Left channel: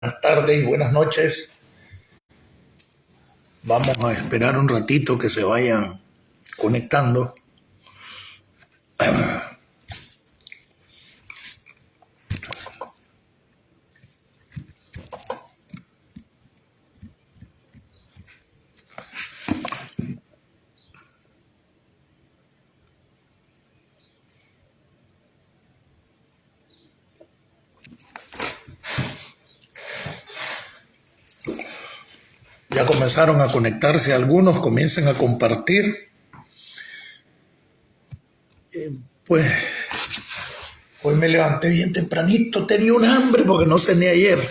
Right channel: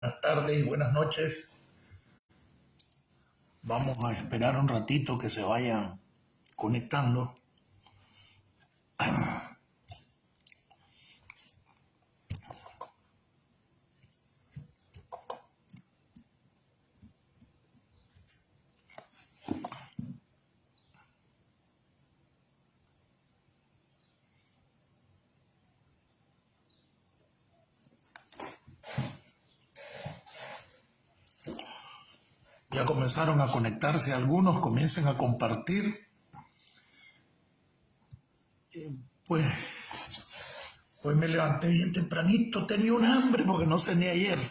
Buenas tardes y buenas noches. Vamos a esperar un ratito que se vayan conectando. Ya comenzaron a conectarse algunos, comiencen a compartir. Pues hoy me levanté bien tempranito, tenía un hambre porque no cené ayer.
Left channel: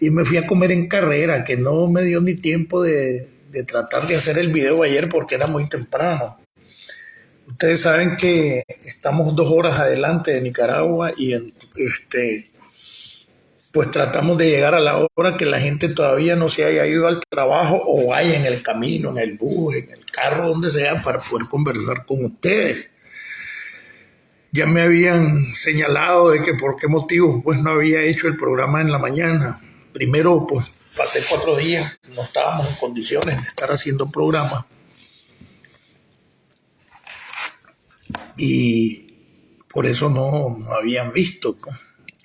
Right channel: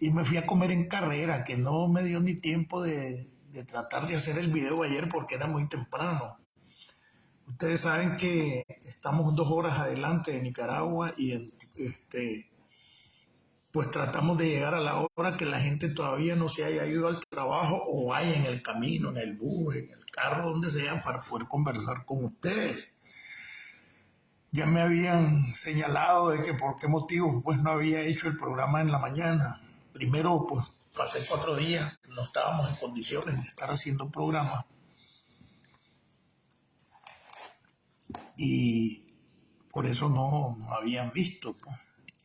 Y me fui a comer en carrera, que no me dio ni tiempo de tratar de hacer el video ayer porque era muy temprano. Ustedes saben que estamos 2 horas adelante de Nicaragua y pues tratamos de llegar a la hora que la gente todavía no se haya ido al trabajo o vaya en el camino, en el bus, en el carro, donde sea, para poder conversar con ustedes. Ya me habían señalado de que por qué motivo pues no había hecho el programa en la mañana. Primero, pues pasé 4 días, no estábamos en condiciones de estar haciendo programa. Y por eso no habían visto pues,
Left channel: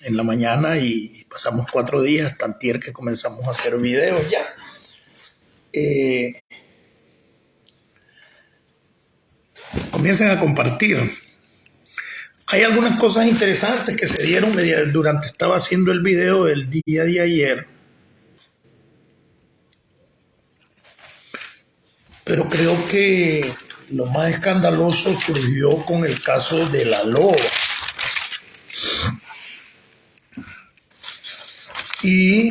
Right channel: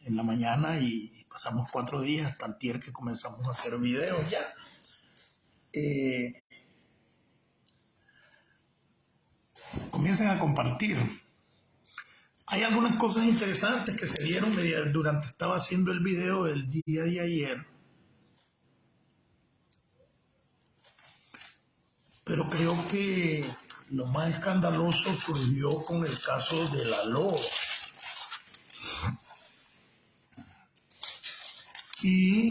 en la mañana y pasamos 4 días, tantier que comenzamos a hacer videos ya. Comiencen a compartir. Hay algunas cosas interesantes que se dieron durante estaba haciendo el video el día de ayer. Pero creo que lo más escandaloso surgió con el caso de la loba. Y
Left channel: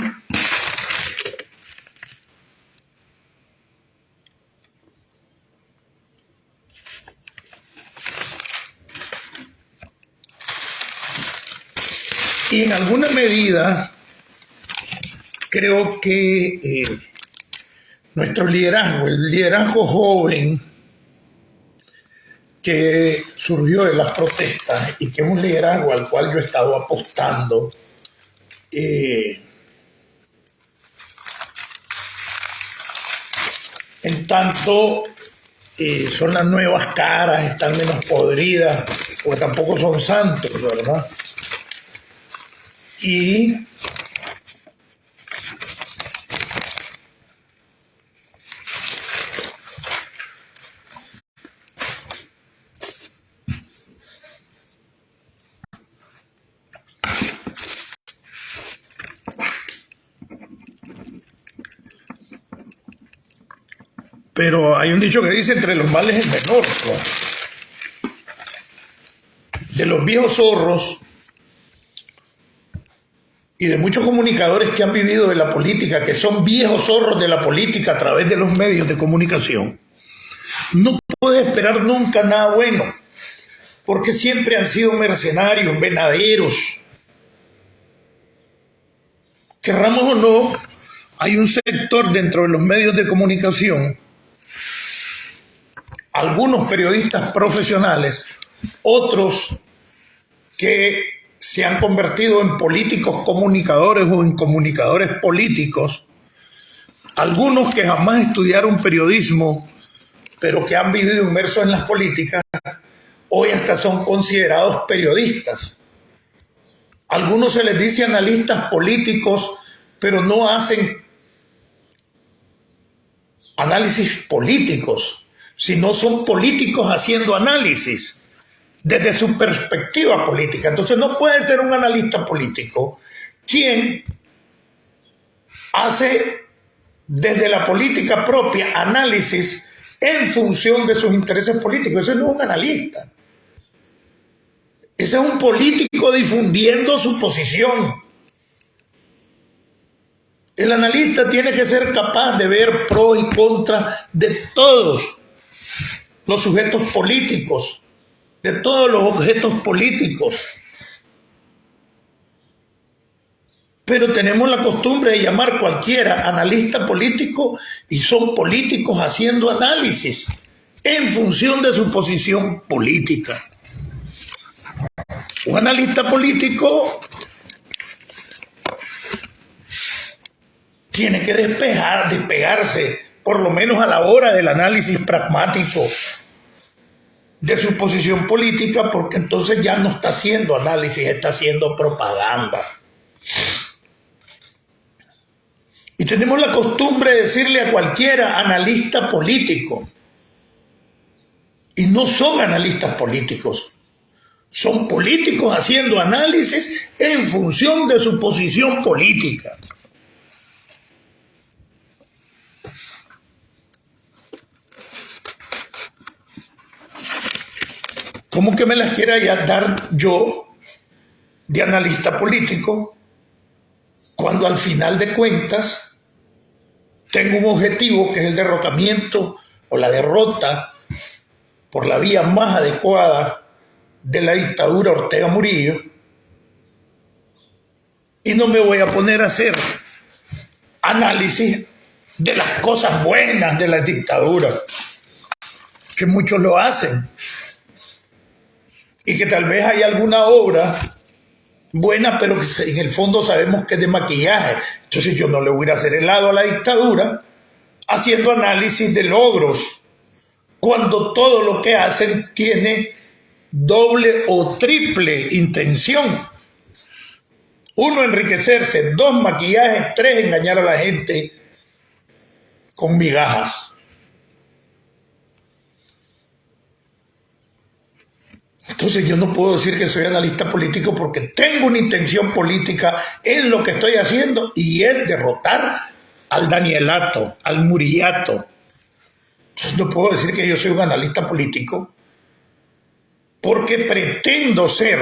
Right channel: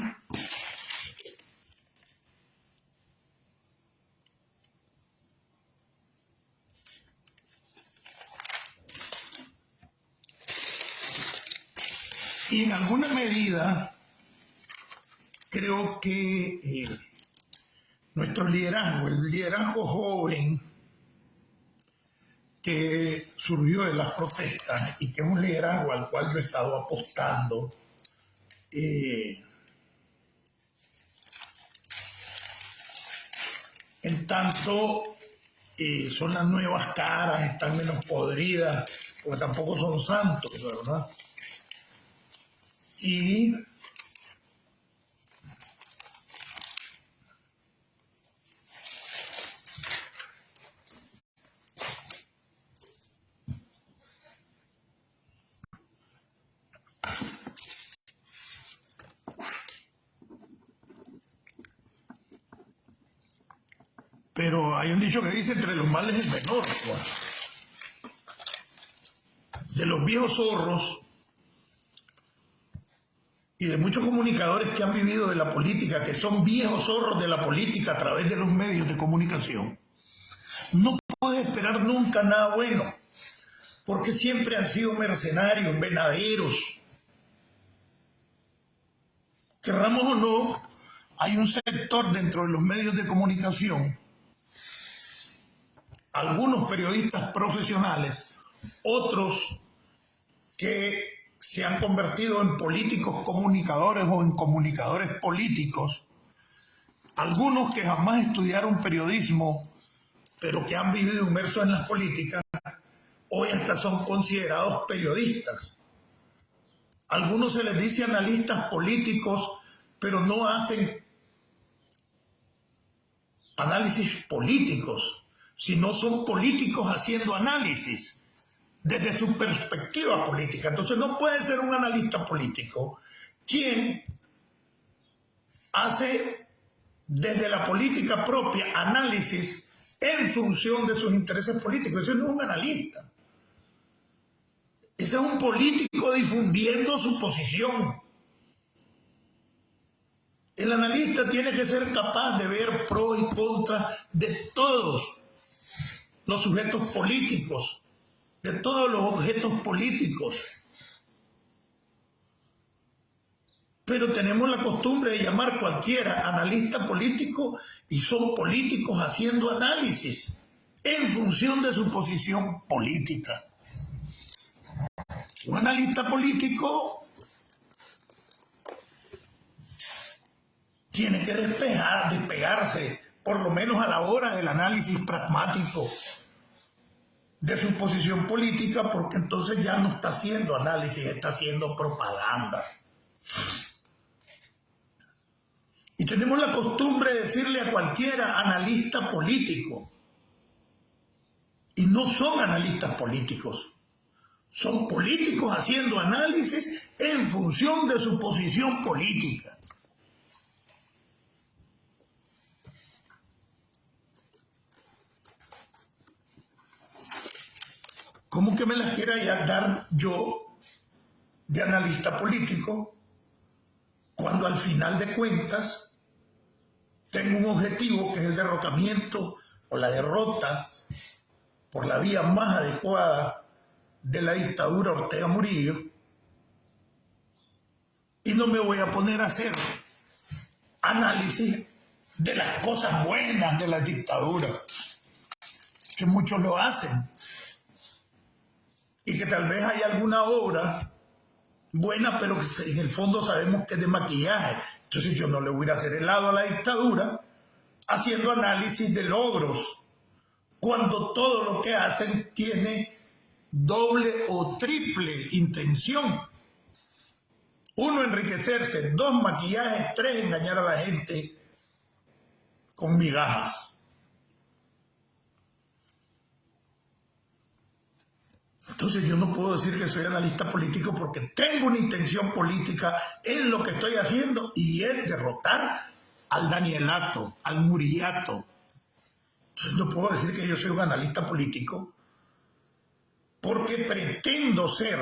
en alguna medida creo que nuestro liderazgo, el liderazgo joven que surgió de las protestas y que es un liderazgo al cual yo he estado apostando, en tanto son las nuevas caras, están menos podridas, porque tampoco son santos, ¿verdad? Y pero hay un dicho que dice entre los males el menor, ¿no? De los viejos zorros y de muchos comunicadores que han vivido de la política, que son viejos zorros de la política a través de los medios de comunicación, no puede esperar nunca nada bueno, porque siempre han sido mercenarios, venaderos. Querramos o no, hay un sector dentro de los medios de comunicación, algunos periodistas profesionales, otros que se han convertido en políticos comunicadores o en comunicadores políticos, algunos que jamás estudiaron periodismo, pero que han vivido inmersos en las políticas, hoy hasta son considerados periodistas. Algunos se les dice analistas políticos, pero no hacen análisis políticos, sino son políticos haciendo análisis desde su perspectiva política. Entonces no puede ser un analista político quien hace desde la política propia análisis en función de sus intereses políticos. Ese no es un analista. Ese es un político difundiendo su posición. El analista tiene que ser capaz de ver pros y contras de todos los sujetos políticos, de todos los objetos políticos. Pero tenemos la costumbre de llamar cualquiera analista político y son políticos haciendo análisis en función de su posición política. Un analista político tiene que despegarse, por lo menos a la hora del análisis pragmático de su posición política, porque entonces ya no está haciendo análisis, está haciendo propaganda. Y tenemos la costumbre de decirle a cualquiera analista político. Y no son analistas políticos. Son políticos haciendo análisis en función de su posición política. ¿Cómo que me las quiera ya dar yo de analista político cuando al final de cuentas tengo un objetivo que es el derrocamiento o la derrota por la vía más adecuada de la dictadura Ortega Murillo, y no me voy a poner a hacer análisis de las cosas buenas de la dictadura, que muchos lo hacen, y que tal vez hay alguna obra buena, pero que en el fondo sabemos que es de maquillaje. Entonces yo no le voy a hacer helado a la dictadura haciendo análisis de logros, cuando todo lo que hacen tiene doble o triple intención. Uno, enriquecerse; dos, maquillaje; tres, engañar a la gente con migajas. Entonces yo no puedo decir que soy analista político porque tengo una intención política en lo que estoy haciendo, y es derrotar al Danielato, al Murillato. Entonces no puedo decir que yo soy un analista político porque pretendo ser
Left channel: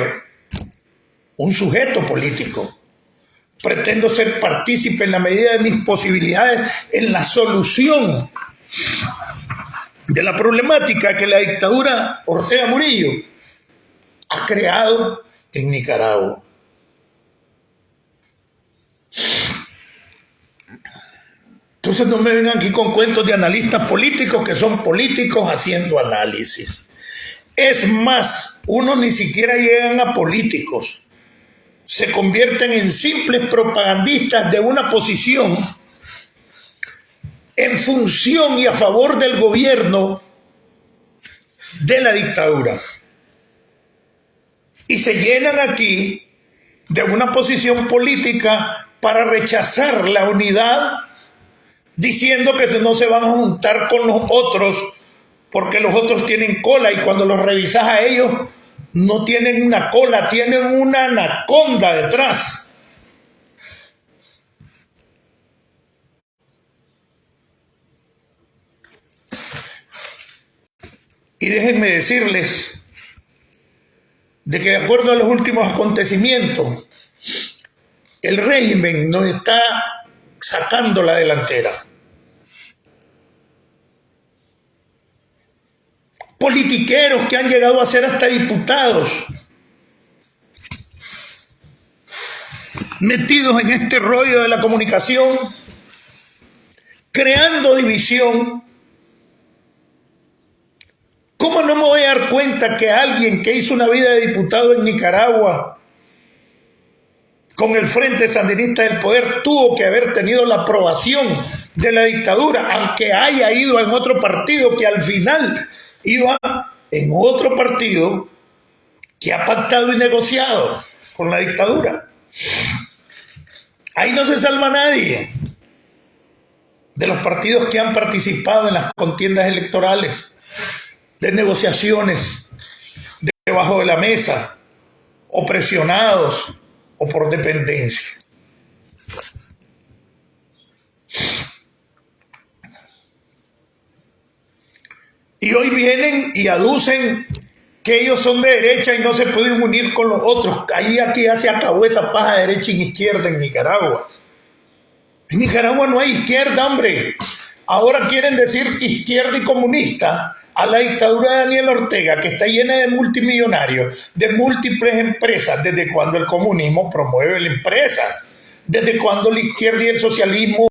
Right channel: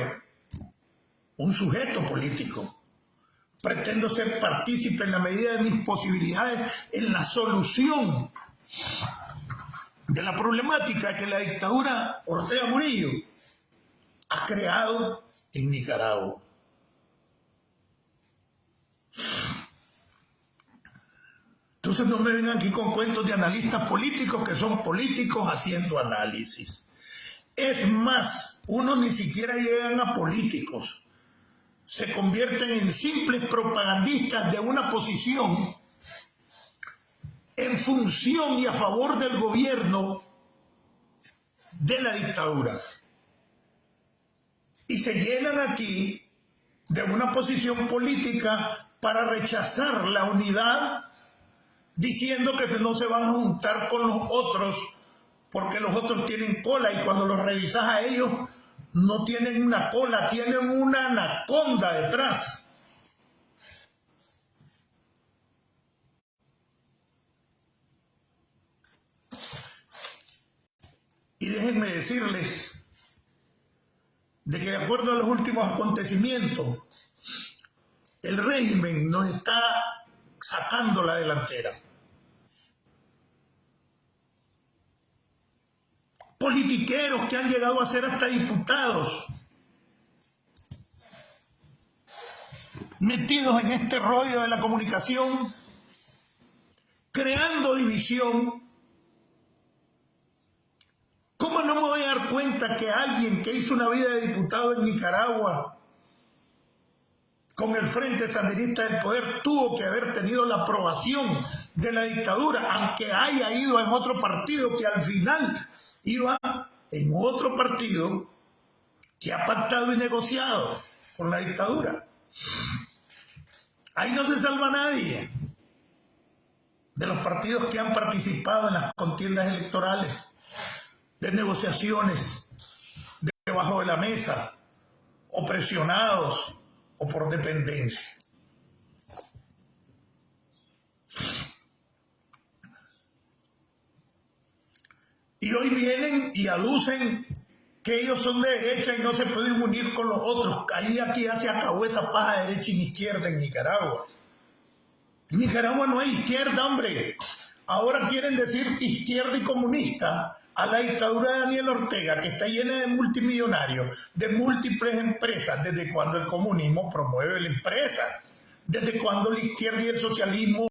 un sujeto político. Pretendo ser partícipe en la medida de mis posibilidades en la solución de la problemática que la dictadura Ortega Murillo ha creado en Nicaragua. Entonces no me vengan aquí con cuentos de analistas políticos que son políticos haciendo análisis. Es más, unos ni siquiera llegan a políticos. Se convierten en simples propagandistas de una posición en función y a favor del gobierno de la dictadura. Y se llenan aquí de una posición política para rechazar la unidad, diciendo que no se van a juntar con los otros porque los otros tienen cola, y cuando los revisas a ellos no tienen una cola, tienen una anaconda detrás. Y déjenme decirles de que, de acuerdo a los últimos acontecimientos, el régimen nos está sacando la delantera. Politiqueros que han llegado a ser hasta diputados, metidos en este rollo de la comunicación, creando división. ¿Cómo no me voy a dar cuenta que alguien que hizo una vida de diputado en Nicaragua con el Frente Sandinista del Poder tuvo que haber tenido la aprobación de la dictadura, aunque haya ido en otro partido, que al final iba en otro partido que ha pactado y negociado con la dictadura? Ahí no se salva nadie de los partidos que han participado en las contiendas electorales, de negociaciones debajo de la mesa, o presionados, o por dependencia. Y hoy vienen y aducen que ellos son de derecha y no se pueden unir con los otros. Ahí aquí ya se acabó esa paja de derecha y izquierda en Nicaragua. En Nicaragua no hay izquierda, hombre. Ahora quieren decir izquierda y comunista a la dictadura de Daniel Ortega, que está llena de multimillonarios, de múltiples empresas. ¿Desde cuando el comunismo promueve empresas? ¿Desde cuando la izquierda y el socialismo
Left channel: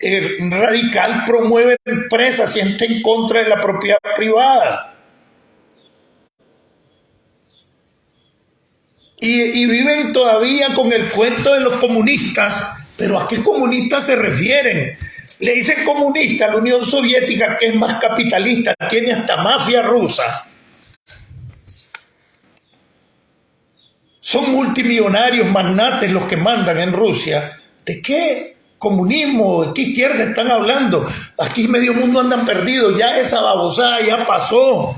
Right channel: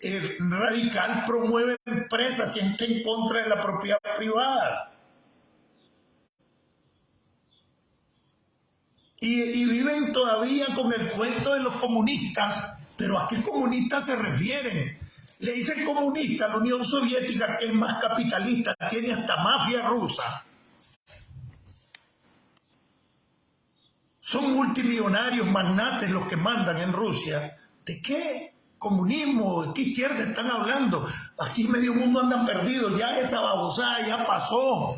radical promueve empresas y está en contra de la propiedad privada? Y viven todavía con el cuento de los comunistas Pero ¿a qué comunistas se refieren? Le dicen comunista a la Unión Soviética, que es más capitalista, tiene hasta mafia rusa. Son multimillonarios, magnates los que mandan en Rusia. ¿De qué comunismo, de qué izquierda están hablando? Aquí medio mundo andan perdidos, ya esa babosada ya pasó.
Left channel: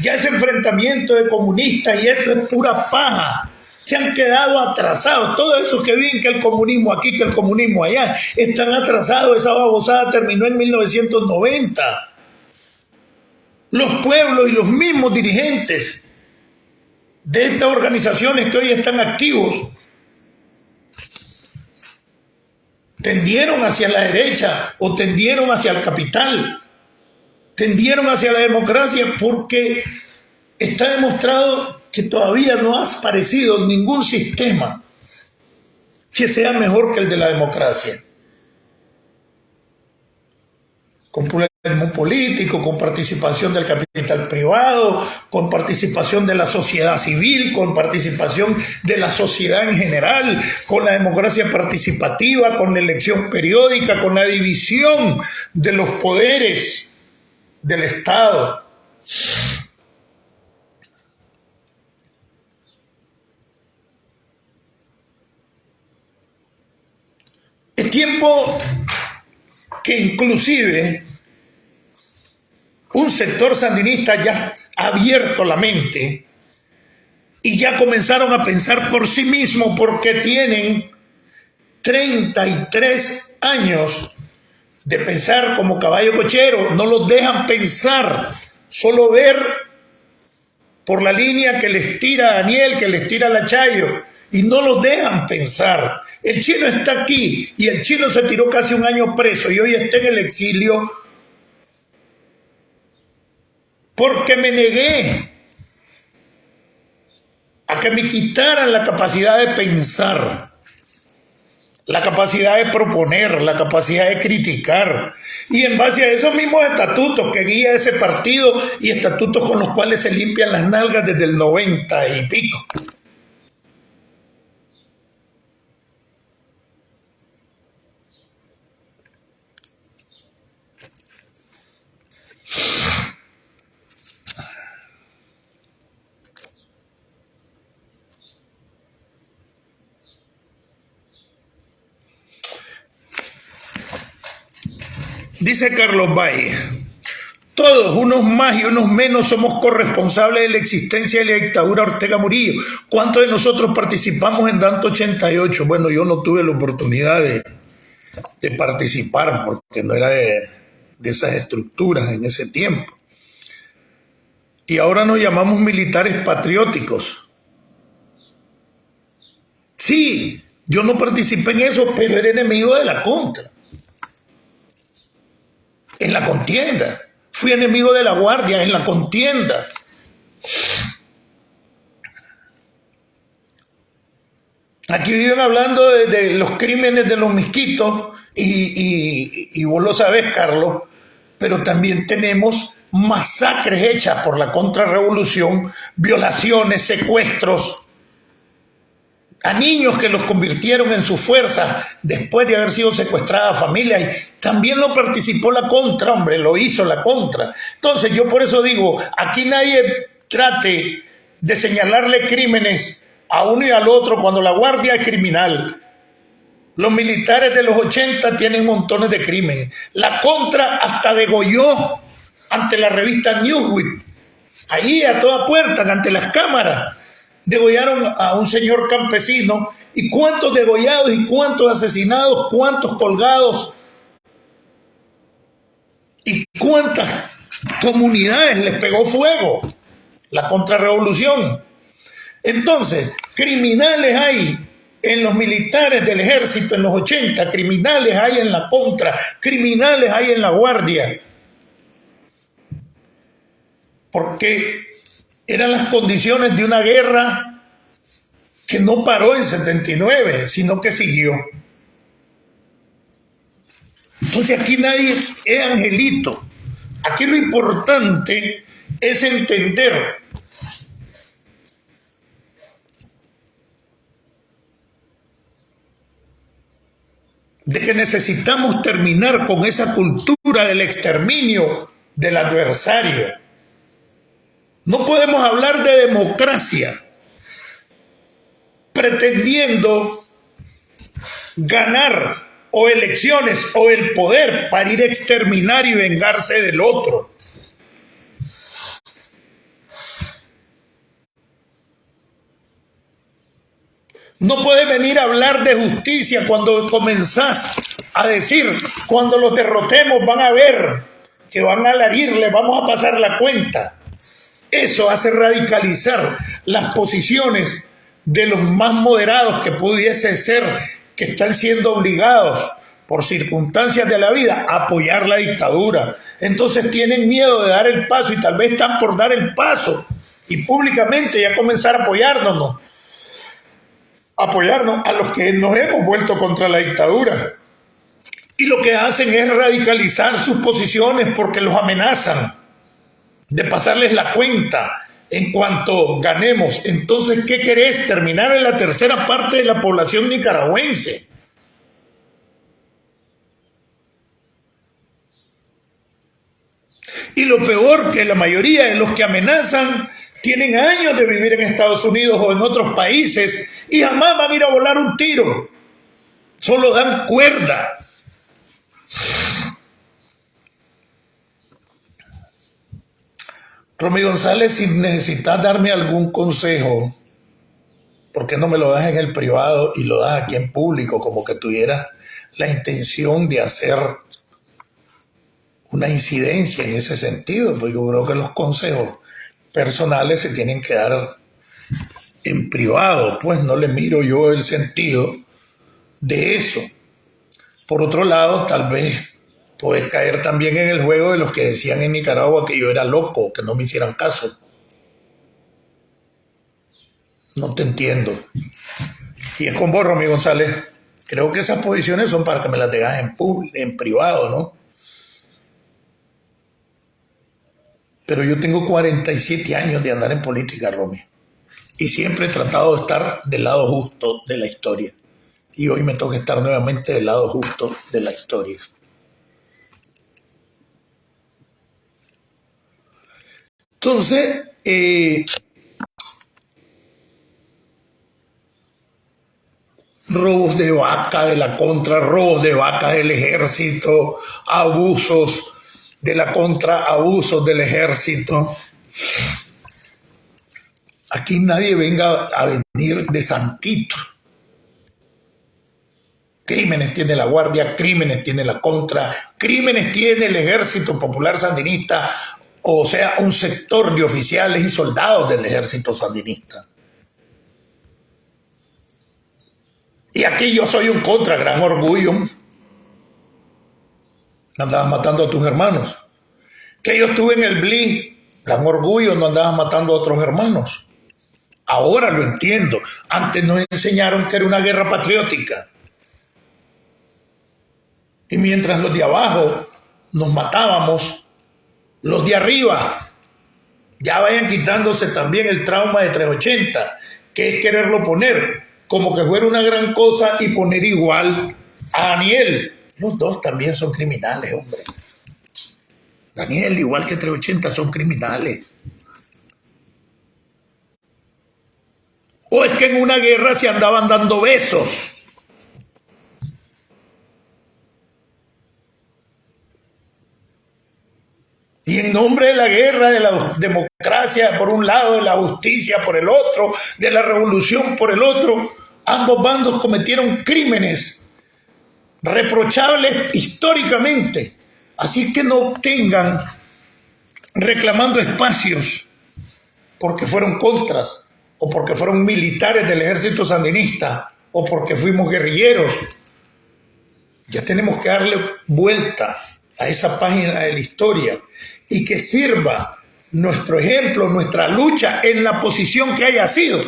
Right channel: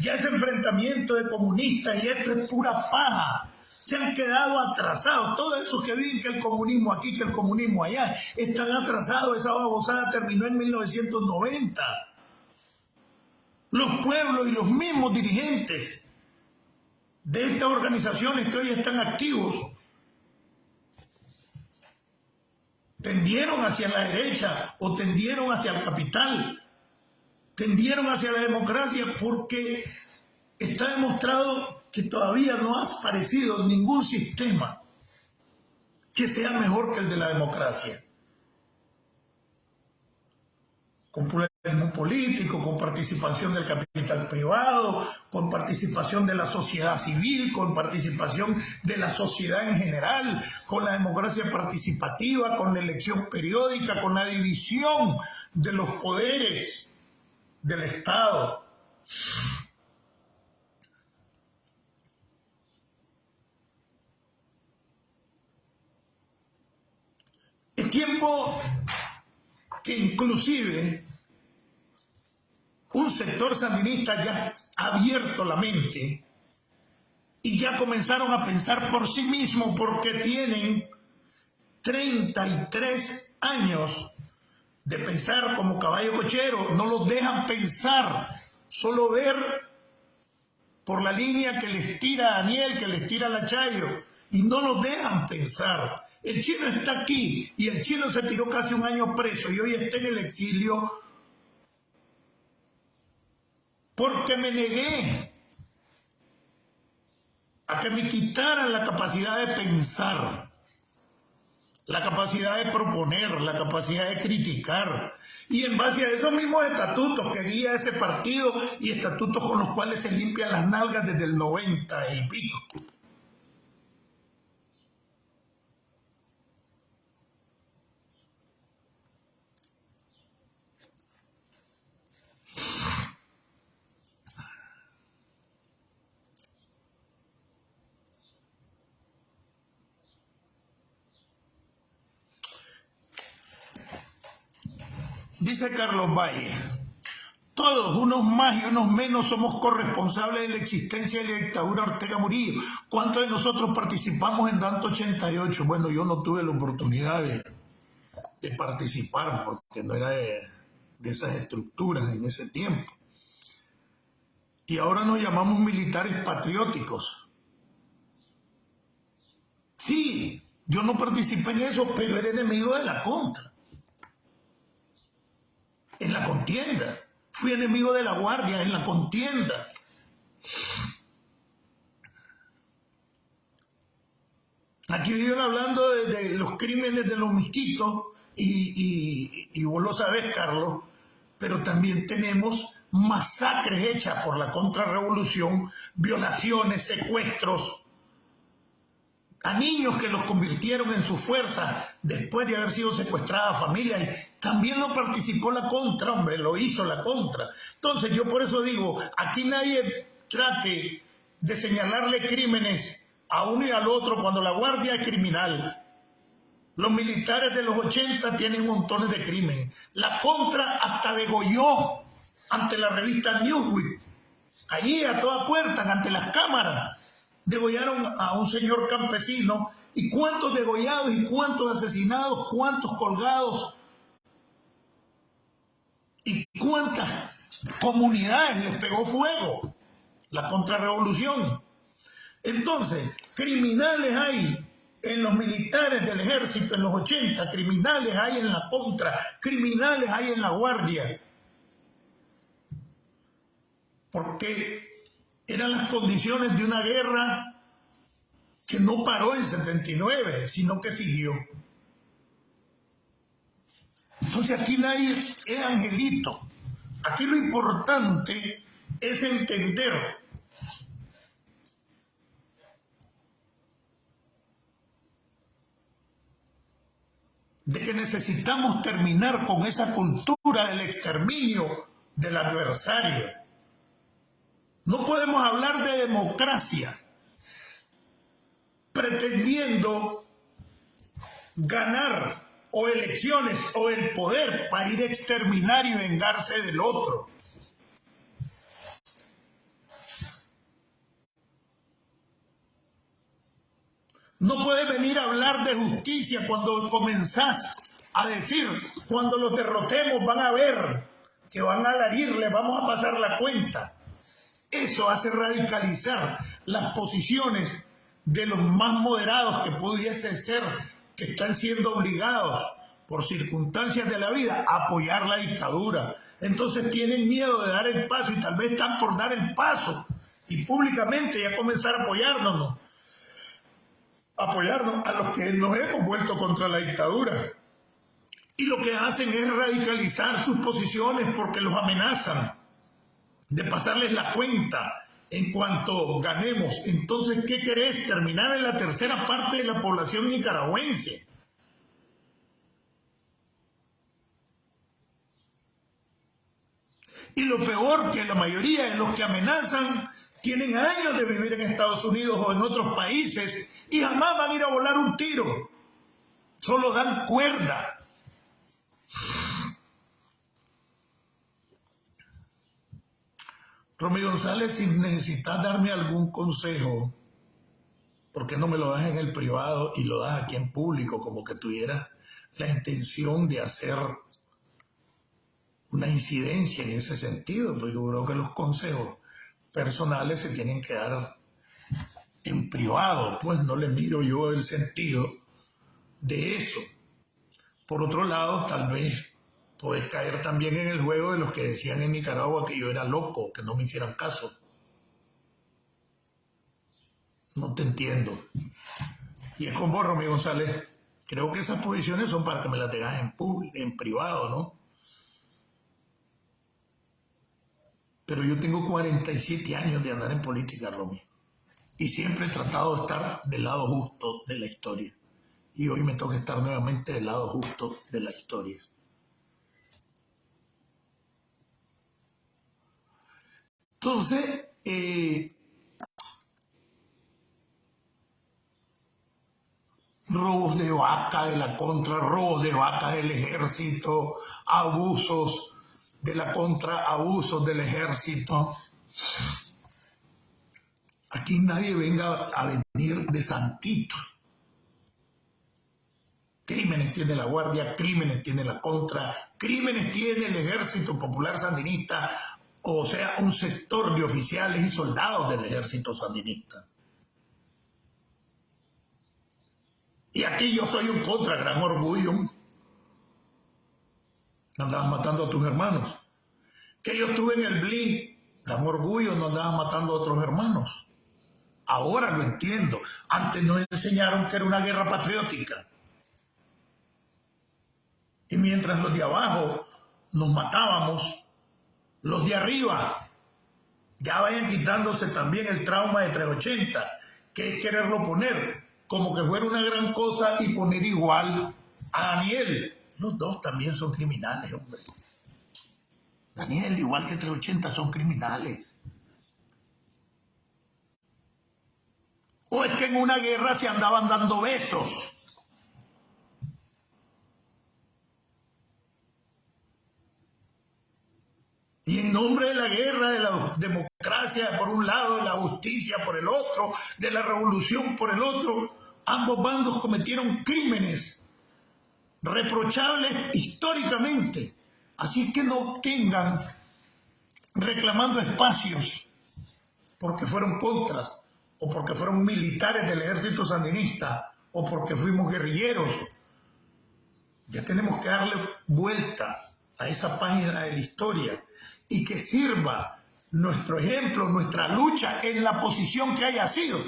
Ya ese enfrentamiento de comunistas y esto es pura paja. Se han quedado atrasados. Todos esos que viven que el comunismo aquí, que el comunismo allá, están atrasados. Esa babosada terminó en 1990. Los pueblos y los mismos dirigentes de estas organizaciones que hoy están activos tendieron hacia la derecha o tendieron hacia el capital, tendieron hacia la democracia, porque está demostrado que todavía no ha aparecido ningún sistema que sea mejor que el de la democracia. Con pluralismo político, con participación del capital privado, con participación de la sociedad civil, con participación de la sociedad en general, con la democracia participativa, con la elección periódica, con la división de los poderes del Estado. Es tiempo que inclusive un sector sandinista ya ha abierto la mente y ya comenzaron a pensar por sí mismos, porque tienen 33 años de pensar como caballo cochero. No los dejan pensar, solo ver por la línea que les tira Daniel, que les tira la Chayo, y no los dejan pensar. El chino está aquí y el chino se tiró casi un año preso y hoy está en el exilio porque me negué a que me quitaran la capacidad de pensar, la capacidad de proponer, la capacidad de criticar. Y en base a esos mismos estatutos que guía ese partido y estatutos con los cuales se limpian las nalgas desde el 90 y pico. Dice Carlos Valle: todos, unos más y unos menos, somos corresponsables de la existencia de la dictadura Ortega Murillo. ¿Cuántos de nosotros participamos en Danto 88? Bueno, yo no tuve la oportunidad de participar porque no era de esas estructuras en ese tiempo. Y ahora nos llamamos militares patrióticos. Sí, yo no participé en eso, pero era enemigo de la contra. En la contienda. Fui enemigo de la Guardia en la contienda. Aquí viven hablando de los crímenes de los misquitos y vos lo sabés, Carlos, pero también tenemos masacres hechas por la contrarrevolución, violaciones, secuestros a niños que los convirtieron en sus fuerzas después de haber sido secuestradas familias. Y también lo participó la contra, hombre, lo hizo la contra. Entonces yo por eso digo, aquí nadie trate de señalarle crímenes a uno y al otro cuando la Guardia es criminal. Los militares de los 80 tienen montones de crímenes. La contra hasta degolló ante la revista Newsweek, ahí a toda puerta, ante las cámaras. Degollaron a un señor campesino. ¿Y cuántos degollados y cuántos asesinados, cuántos colgados y cuántas comunidades les pegó fuego la contrarrevolución? Entonces, criminales hay en los militares del ejército en los 80, criminales hay en la contra, criminales hay en la Guardia, porque eran las condiciones de una guerra que no paró en 79, sino que siguió. Entonces aquí nadie es angelito. Aquí lo importante es entender de que necesitamos terminar con esa cultura del exterminio del adversario. No podemos hablar de democracia pretendiendo ganar o elecciones o el poder para ir a exterminar y vengarse del otro. No puedes venir a hablar de justicia cuando comenzás a decir, cuando los derrotemos van a ver que van a larirle, vamos a pasar la cuenta. Eso hace radicalizar las posiciones de los más moderados que pudiese ser, que están siendo obligados por circunstancias de la vida a apoyar la dictadura. Entonces tienen miedo de dar el paso y tal vez están por dar el paso y públicamente ya comenzar a apoyarnos a los que nos hemos vuelto contra la dictadura. Y lo que hacen es radicalizar sus posiciones porque los amenazan de pasarles la cuenta en cuanto ganemos. Entonces, ¿qué querés? Terminar en la tercera parte de la población nicaragüense. Y lo peor, que la mayoría de los que amenazan tienen años de vivir en Estados Unidos o en otros países y jamás van a ir a volar un tiro. Solo dan cuerda. Romy González, si necesitas darme algún consejo, ¿por qué no me lo das en el privado y lo das aquí en público? Como que tuvieras la intención de hacer una incidencia en ese sentido, porque yo creo que los consejos personales se tienen que dar en privado, pues no le miro yo el sentido de eso. Por otro lado, tal vez puedes caer también en el juego de los que decían en Nicaragua que yo era loco, que no me hicieran caso. No te entiendo. Y es con vos, Romy González. Creo que esas posiciones son para que me las digas en privado, ¿no? Pero yo tengo 47 años de andar en política, Romy. Y siempre he tratado de estar del lado justo de la historia. Y hoy me toca estar nuevamente del lado justo de la historia. Entonces, robos de vaca de la contra, robos de vaca del ejército, abusos de la contra, abusos del ejército. Aquí nadie venga a venir de santito. Crímenes tiene la Guardia, crímenes tiene la Contra, crímenes tiene el Ejército Popular Sandinista, o sea, un sector de oficiales y soldados del Ejército Sandinista. Y aquí yo soy un Contra, gran orgullo. Andabas matando a tus hermanos. Que yo estuve en el BLI, gran orgullo, no andabas matando a otros hermanos. Ahora lo entiendo. Antes nos enseñaron que era una guerra patriótica. Y mientras los de abajo nos matábamos, los de arriba ya vayan quitándose también el trauma de 380, que es quererlo poner como que fuera una gran cosa y poner igual a Daniel. Los dos también son criminales, hombre. Daniel, igual que 380, son criminales. O es que en una guerra se andaban dando besos. Y en nombre de la guerra, de la democracia por un lado, de la justicia por el otro, de la revolución por el otro, ambos bandos cometieron crímenes reprochables históricamente. Así que no tengan reclamando espacios porque fueron contras o porque fueron militares del ejército sandinista o porque fuimos guerrilleros. Ya tenemos que darle vuelta a esa página de la historia y que sirva nuestro ejemplo, nuestra lucha en la posición que haya sido,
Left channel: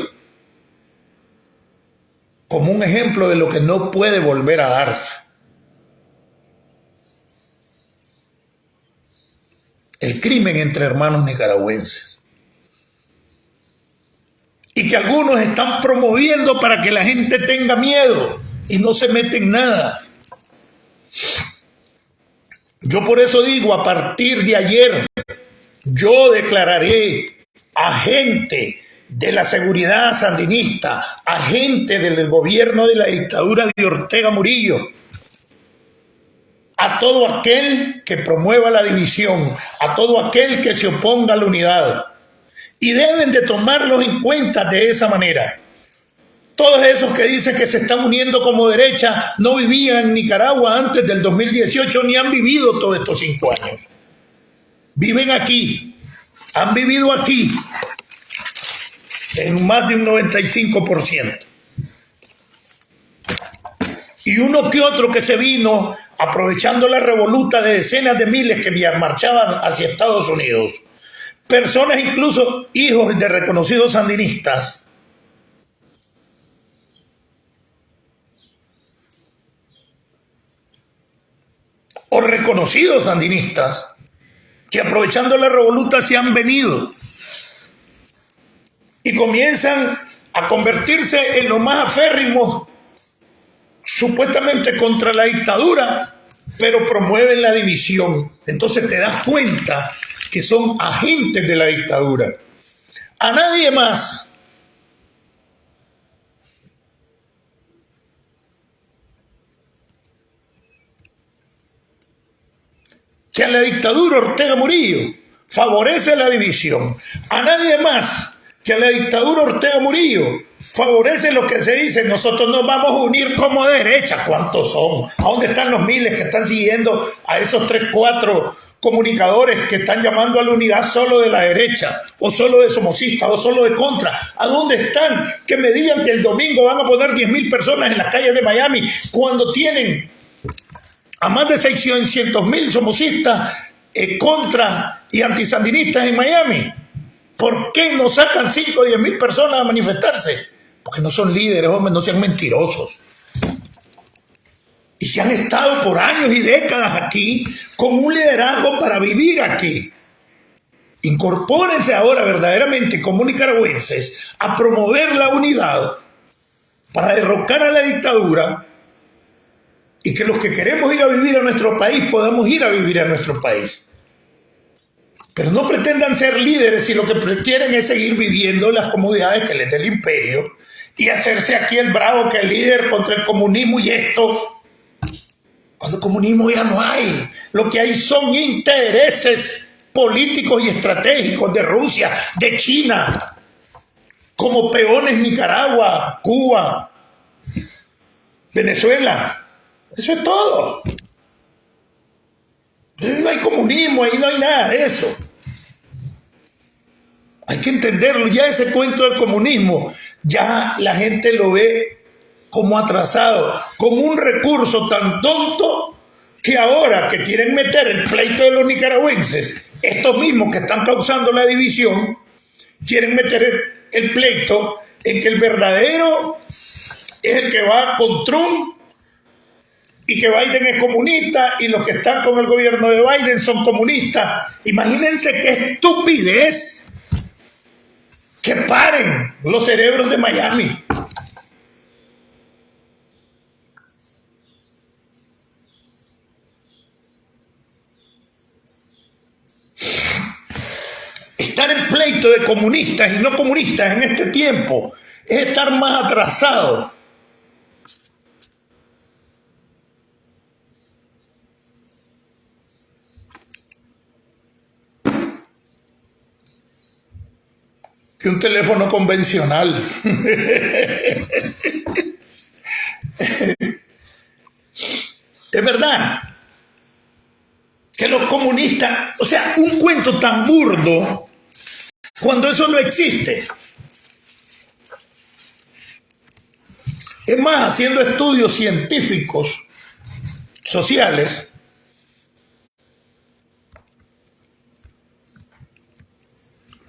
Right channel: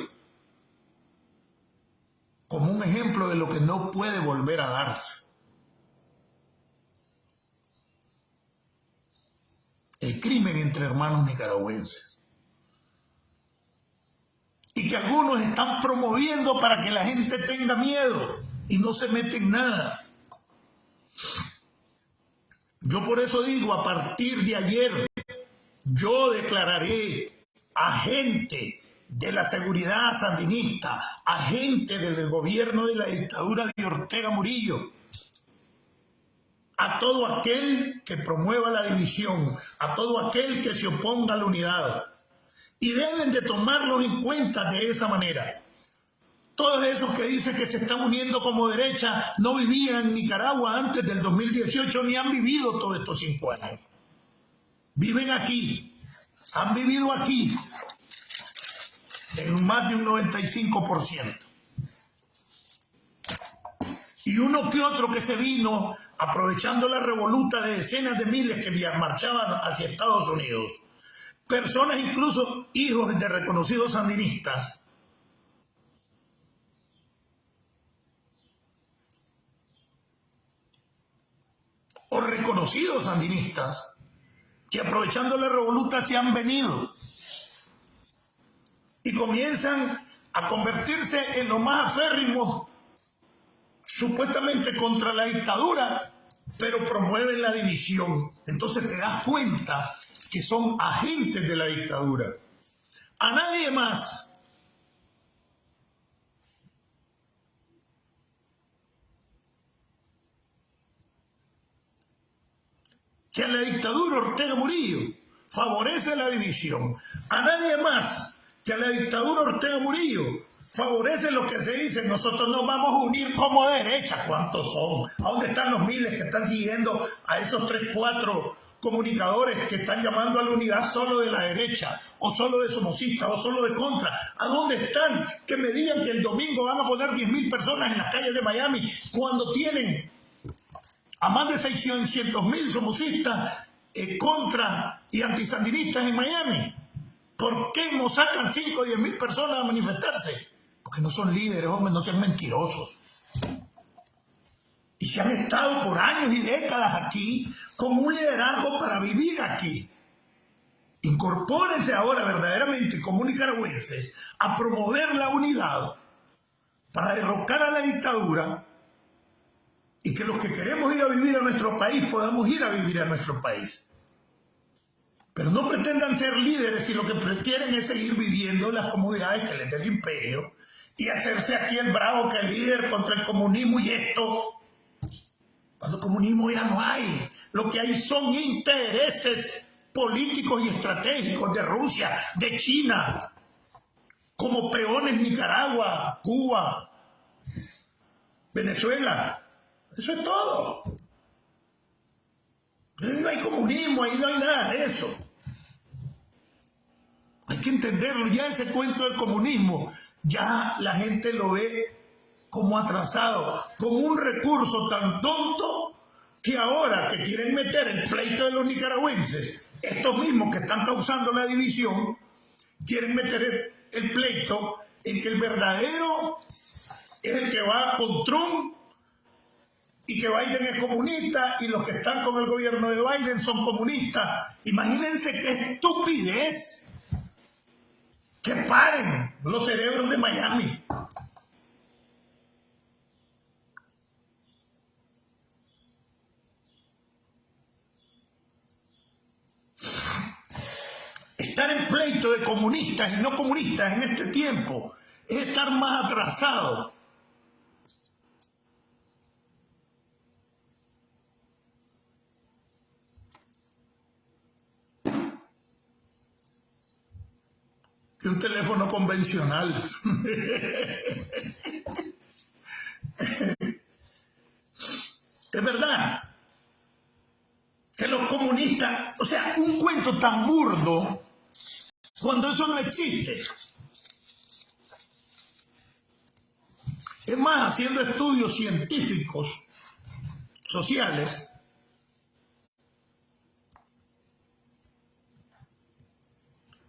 como un ejemplo de lo que no puede volver a darse. El crimen entre hermanos nicaragüenses. Y que algunos están promoviendo para que la gente tenga miedo y no se mete en nada. Yo por eso digo, a partir de ayer, yo declararé agente de la seguridad sandinista, agente del gobierno de la dictadura de Ortega Murillo, a todo aquel que promueva la división, a todo aquel que se oponga a la unidad. Y deben de tomarlos en cuenta de esa manera. Todos esos que dicen que se están uniendo como derecha no vivían en Nicaragua antes del 2018 ni han vivido todos estos 5 años. Viven aquí, han vivido aquí en más de un 95%. Y uno que otro que se vino aprovechando la revoluta de decenas de miles que marchaban hacia Estados Unidos. Personas, incluso hijos de reconocidos sandinistas, o reconocidos sandinistas, que aprovechando la revoluta se han venido y comienzan a convertirse en los más aférrimos, supuestamente contra la dictadura, pero promueven la división. Entonces te das cuenta que son agentes de la dictadura. A nadie más que a la dictadura Ortega Murillo favorece la división. A nadie más que a la dictadura Ortega Murillo favorece lo que se dice, nosotros nos vamos a unir como derecha. ¿Cuántos son? ¿A dónde están los miles que están siguiendo a esos 3, 4 comunicadores que están llamando a la unidad solo de la derecha, o solo de somocistas, o solo de contra? ¿A dónde están? Que me digan que el domingo van a poner 10,000 personas en las calles de Miami cuando tienen a más de 600,000 somocistas contra y antisandinistas en Miami. ¿Por qué no sacan 5 o 10,000 personas a manifestarse? Porque no son líderes, hombre, no sean mentirosos. Y se han estado por años y décadas aquí con un liderazgo para vivir aquí. Incorpórense ahora verdaderamente como nicaragüenses a promover la unidad para derrocar a la dictadura y que los que queremos ir a vivir a nuestro país podamos ir a vivir a nuestro país. Pero no pretendan ser líderes si lo que quieren es seguir viviendo las comodidades que les dé el imperio y hacerse aquí el bravo que es líder contra el comunismo y esto. Cuando el comunismo ya no hay, lo que hay son intereses políticos y estratégicos de Rusia, de China, como peones Nicaragua, Cuba, Venezuela. Eso es todo. No hay comunismo, ahí no hay nada de eso. Hay que entenderlo. Ya ese cuento del comunismo, ya la gente lo ve como atrasado, como un recurso tan tonto que ahora que quieren meter el pleito de los nicaragüenses, estos mismos que están causando la división, quieren meter el pleito en que el verdadero es el que va con Trump y que Biden es comunista y los que están con el gobierno de Biden son comunistas. Imagínense qué estupidez. Que paren los cerebros de Miami. Estar en pleito de comunistas y no comunistas en este tiempo es estar más atrasado. Que un teléfono convencional. Es verdad que los comunistas, o sea, un cuento tan burdo cuando eso no existe. Es más, haciendo estudios científicos, sociales,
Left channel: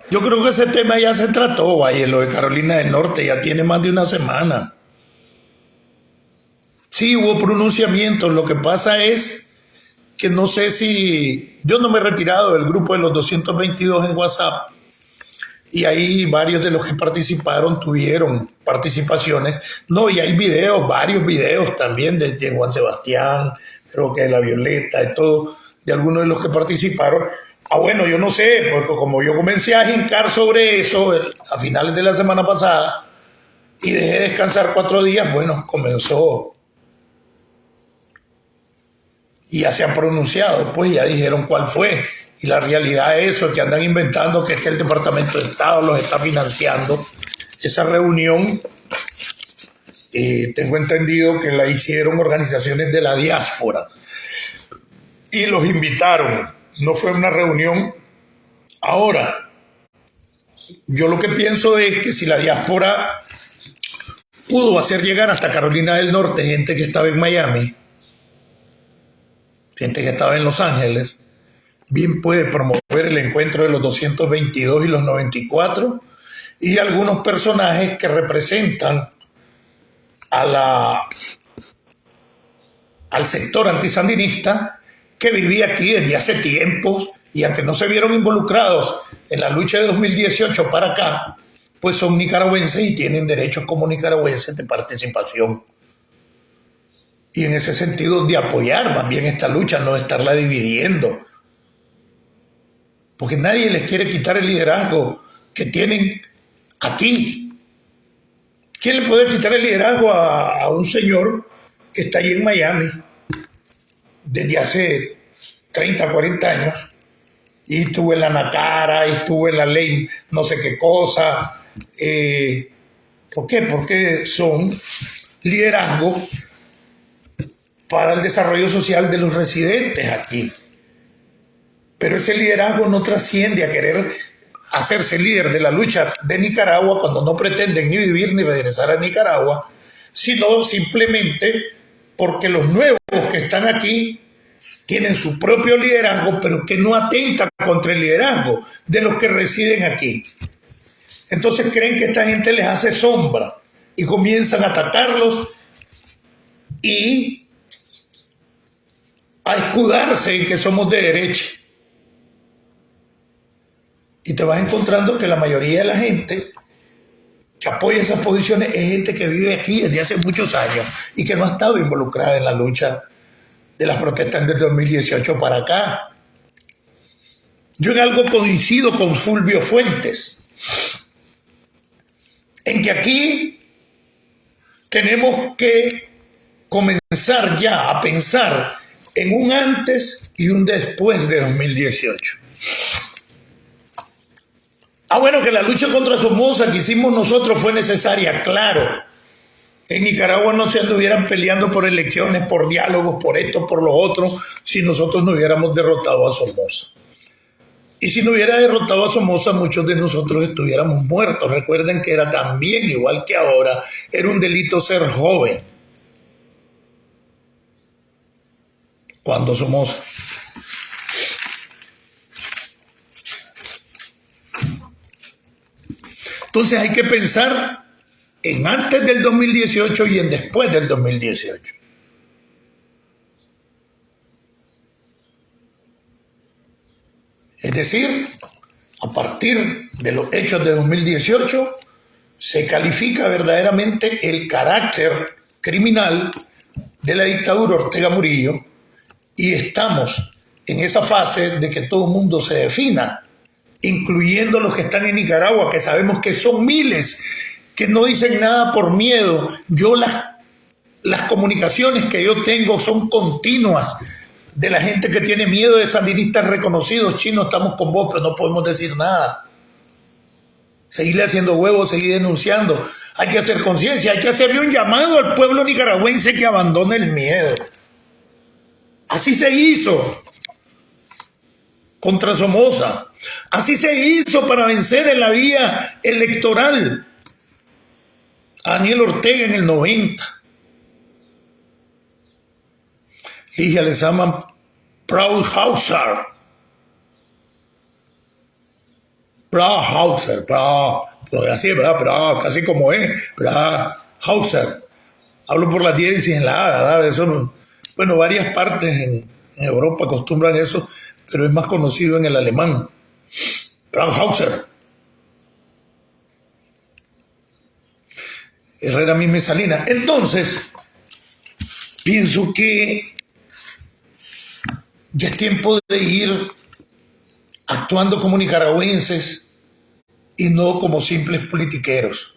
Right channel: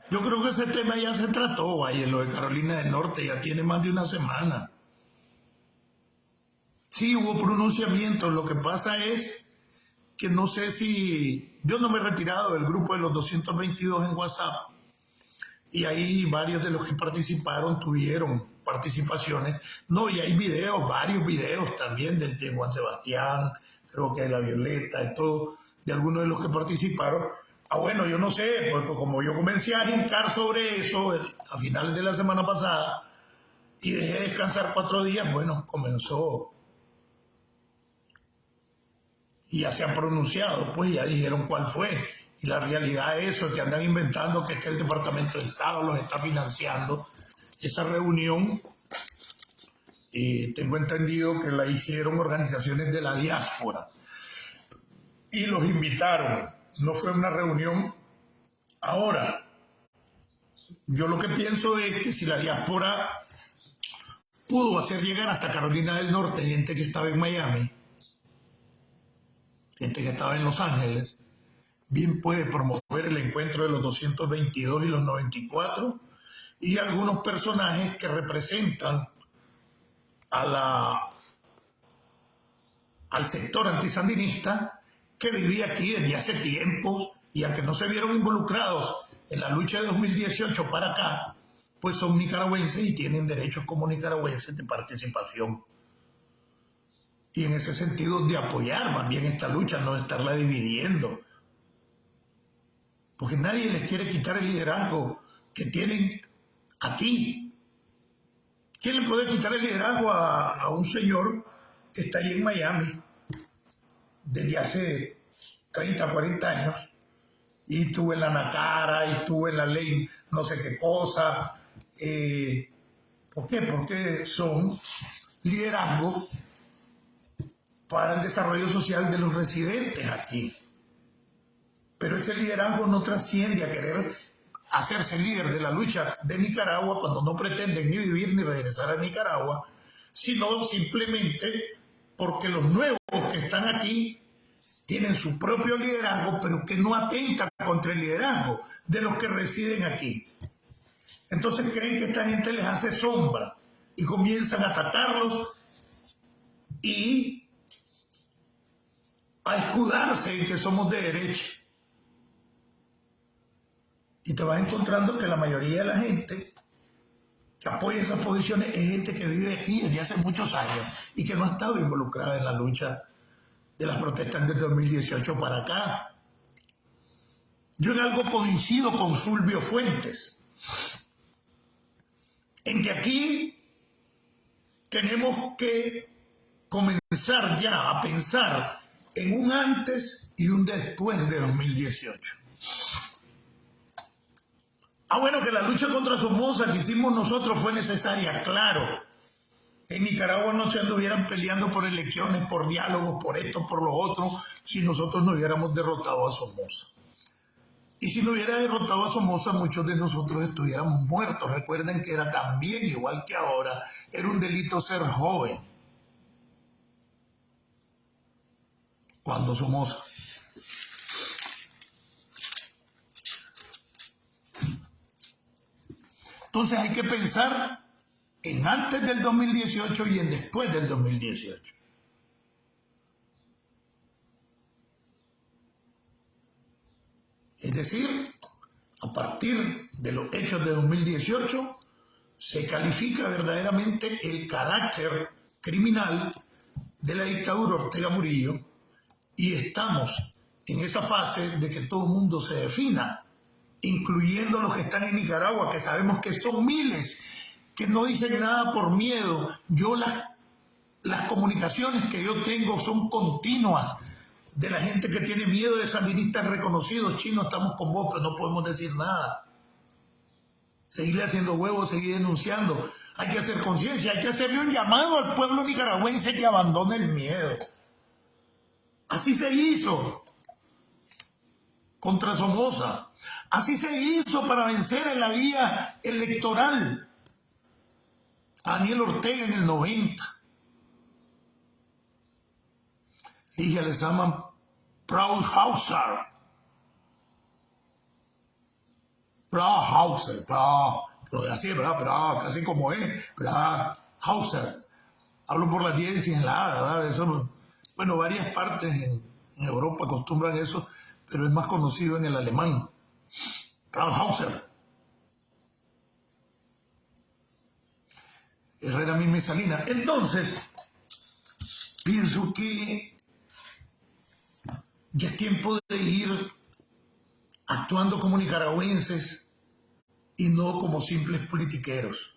yo creo que ese tema ya se trató, vaya, lo de Carolina del Norte ya tiene más de una semana. Sí, hubo pronunciamientos, lo que pasa es que no sé si... Yo no me he retirado del grupo de los 222 en WhatsApp y ahí varios de los que participaron tuvieron participaciones. No, y hay videos, varios videos también de Juan Sebastián, creo que de La Violeta, de todo, de algunos de los que participaron. Bueno, yo no sé, porque como yo comencé a hincar sobre eso a finales de la semana pasada y dejé descansar 4 días, bueno, comenzó y ya se han pronunciado, pues ya dijeron cuál fue. Y la realidad es eso, que andan inventando que es que el Departamento de Estado los está financiando. Esa reunión, tengo entendido que la hicieron organizaciones de la diáspora y los invitaron. No fue una reunión. Ahora, yo lo que pienso es que si la diáspora pudo hacer llegar hasta Carolina del Norte gente que estaba en Miami, gente que estaba en Los Ángeles, bien puede promover el encuentro de los 222 y los 94 y algunos personajes que representan al sector antisandinista que vivía aquí desde hace tiempos y aunque no se vieron involucrados en la lucha de 2018 para acá, pues son nicaragüenses y tienen derechos como nicaragüenses de participación. Y en ese sentido de apoyar más bien esta lucha, no de estarla dividiendo. Porque nadie les quiere quitar el liderazgo que tienen aquí. ¿Quién le puede quitar el liderazgo a un señor que está allí en Miami desde hace 30, 40 años? Y estuvo en la Nacara, y estuvo en la ley no sé qué cosa. ¿Por qué? Porque son liderazgos para el desarrollo social de los residentes aquí. Pero ese liderazgo no trasciende a querer hacerse líder de la lucha de Nicaragua cuando no pretenden ni vivir ni regresar a Nicaragua, sino simplemente porque los nuevos que están aquí tienen su propio liderazgo, pero que no atenta contra el liderazgo de los que residen aquí. Entonces creen que esta gente les hace sombra y comienzan a atacarlos y a escudarse en que somos de derecha. Y te vas encontrando que la mayoría de la gente que apoya esas posiciones es gente que vive aquí desde hace muchos años y que no ha estado involucrada en la lucha de las protestas del 2018 para acá. Yo en algo coincido con Fulvio Fuentes, en que aquí tenemos que comenzar ya a pensar en un antes y un después de 2018. Bueno, que la lucha contra Somoza que hicimos nosotros fue necesaria, claro. En Nicaragua no se anduvieran peleando por elecciones, por diálogos, por esto, por lo otro, si nosotros no hubiéramos derrotado a Somoza. Y si no hubiera derrotado a Somoza, muchos de nosotros estuviéramos muertos. Recuerden que era también, igual que ahora, era un delito ser joven cuando Somoza. Entonces hay que pensar en antes del 2018 y en después del 2018. Es decir, a partir de los hechos de 2018 se califica verdaderamente el carácter criminal de la dictadura Ortega Murillo y estamos en esa fase de que todo el mundo se defina, incluyendo los que están en Nicaragua, que sabemos que son miles, que no dicen nada por miedo. Yo las comunicaciones que yo tengo son continuas de la gente que tiene miedo de sandinistas reconocidos. Chino, estamos con vos, pero no podemos decir nada. Seguirle haciendo huevos, seguir denunciando. Hay que hacer conciencia, hay que hacerle un llamado al pueblo nicaragüense que abandone el miedo. Así se hizo contra Somoza. Así se hizo para vencer en la vía electoral a Daniel Ortega en el 90. Ligia les llaman Brauhauser. Brauhauser, pero así es, ¿verdad? Casi como es, Brauhauser. Hablo por la diéresis en la A, ¿verdad? Eso, bueno, varias partes en Europa acostumbran eso, pero es más conocido en el alemán. Brauhauser. Herrera Misme Salinas. Entonces, pienso que Ya es tiempo de ir actuando como nicaragüenses y no como simples politiqueros.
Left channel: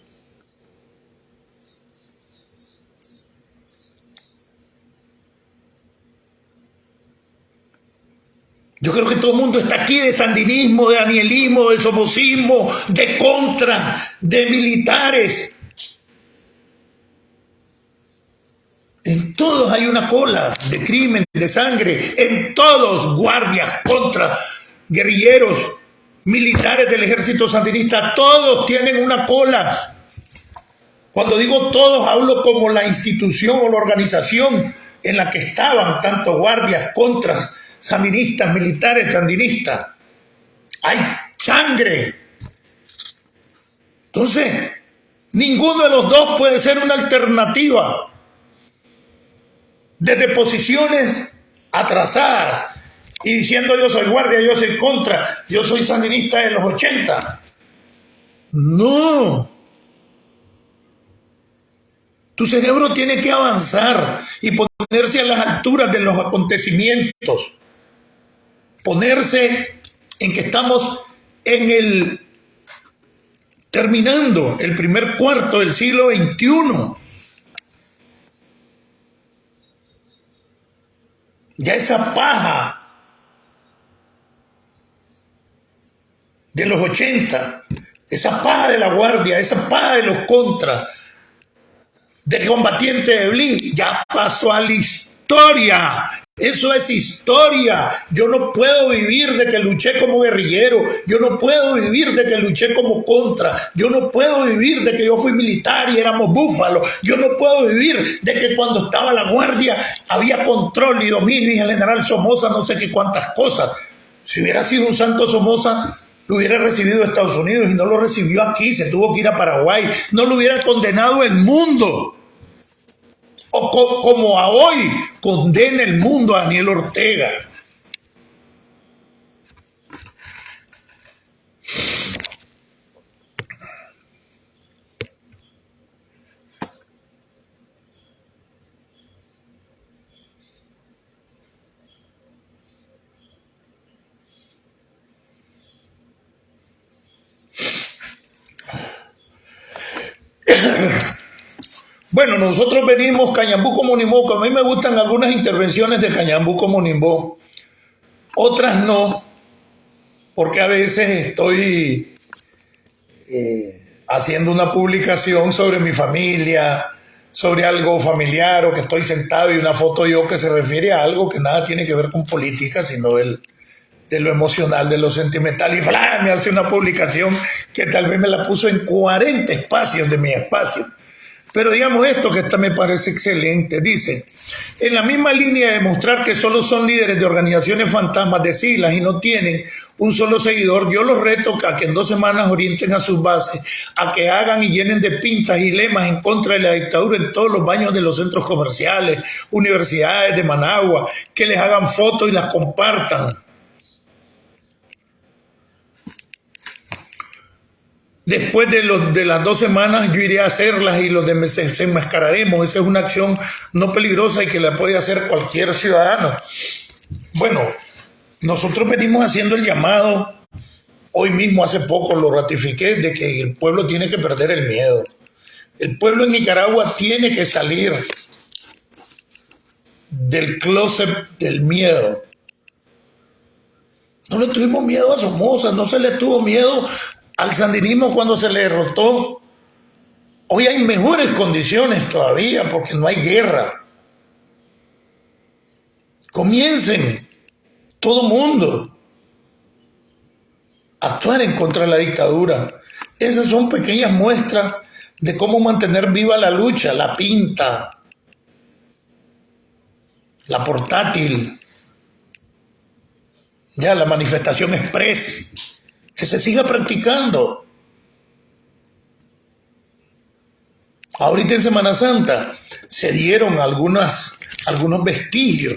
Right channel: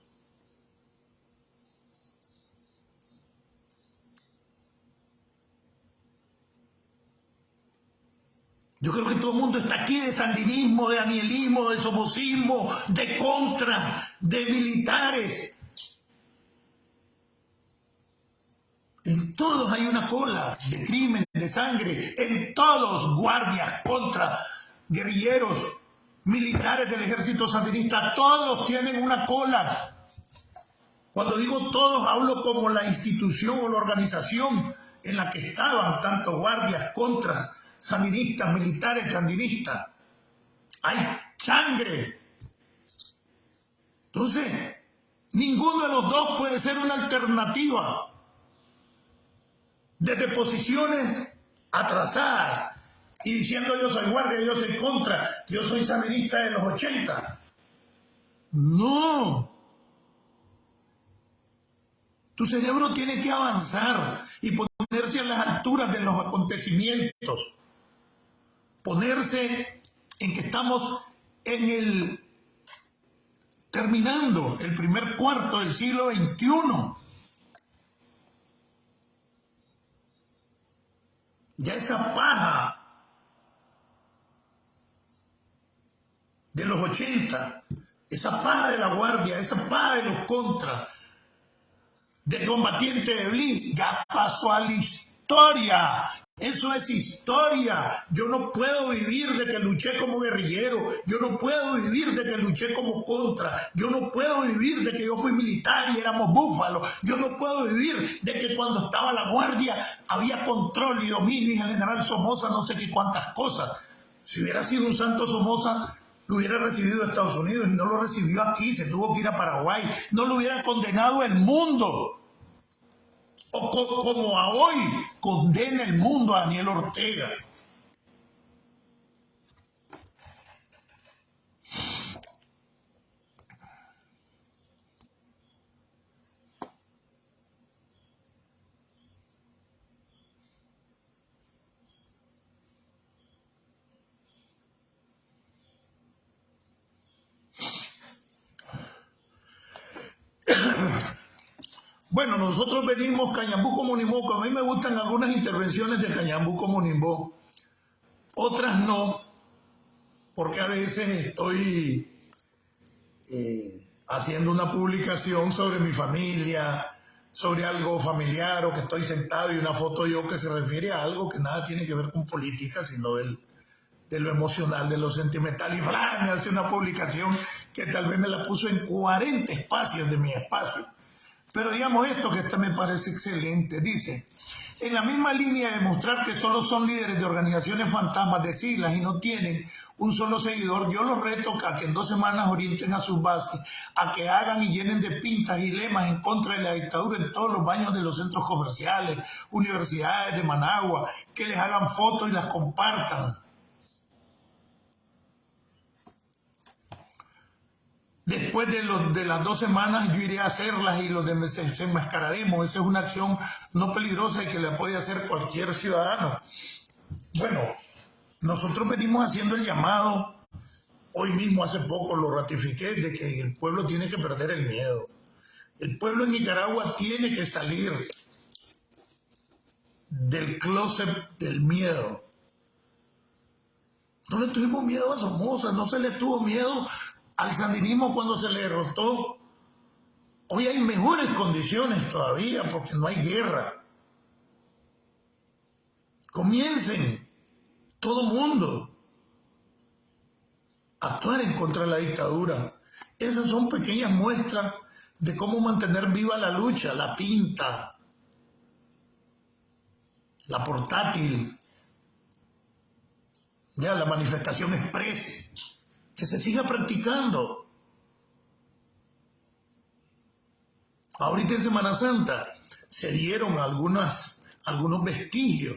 Yo creo que todo el mundo está aquí de sandinismo, de danielismo, de somocismo, de contra, de militares. En todos hay una cola de crimen, de sangre. En todos, guardias, contra, guerrilleros, militares del ejército sandinista, todos tienen una cola. Cuando digo todos, hablo como la institución o la organización en la que estaban, tanto guardias, contras, sandinistas, militares, sandinistas. Hay sangre. Entonces, ninguno de los dos puede ser una alternativa. Desde posiciones atrasadas y diciendo yo soy guardia, yo soy contra, yo soy sandinista de los 80. No. Tu cerebro tiene que avanzar y ponerse a las alturas de los acontecimientos. Ponerse en que estamos terminando el primer cuarto del siglo XXI. Ya esa paja de los 80, esa paja de la guardia, esa paja de los contras, del combatiente de Bli, ya pasó a la historia. Eso es historia. Yo no puedo vivir de que luché como guerrillero. Yo no puedo vivir de que luché como contra. Yo no puedo vivir de que yo fui militar y éramos búfalos. Yo no puedo vivir de que cuando estaba la guardia había control y dominio y el general Somoza no sé qué cuántas cosas. Si hubiera sido un santo Somoza, lo hubiera recibido Estados Unidos y no lo recibió aquí. Se tuvo que ir a Paraguay. No lo hubiera condenado el mundo. O como a hoy condena el mundo a Daniel Ortega. Bueno, nosotros venimos Cañambuco Monimbó. A mí me gustan algunas intervenciones de Cañambuco Monimbó, otras no, porque a veces estoy haciendo una publicación sobre mi familia, sobre algo familiar, o que estoy sentado y una foto yo que se refiere a algo que nada tiene que ver con política, sino de lo emocional, de lo sentimental, y ¡bla! Me hace una publicación que tal vez me la puso en 40 espacios de mi espacio. Pero digamos esto que esta me parece excelente. Dice, en la misma línea de demostrar que solo son líderes de organizaciones fantasmas de siglas y no tienen un solo seguidor, yo los reto a que en 2 semanas orienten a sus bases, a que hagan y llenen de pintas y lemas en contra de la dictadura en todos los baños de los centros comerciales, universidades de Managua, que les hagan fotos y las compartan. Después de las 2 semanas yo iré a hacerlas y los desenmascararemos. Esa es una acción no peligrosa y que la puede hacer cualquier ciudadano. Bueno, nosotros venimos haciendo el llamado, hoy mismo hace poco lo ratifiqué, de que el pueblo tiene que perder el miedo. El pueblo en Nicaragua tiene que salir del closet del miedo. No le tuvimos miedo a Somoza, no se le tuvo miedo al sandinismo cuando se le derrotó. Hoy hay mejores condiciones todavía porque no hay guerra. Comiencen, todo mundo, a actuar en contra de la dictadura. Esas son pequeñas muestras de cómo mantener viva la lucha, la pinta, la portátil, ya la manifestación express. Que se siga practicando. Ahorita en Semana Santa se dieron algunos vestigios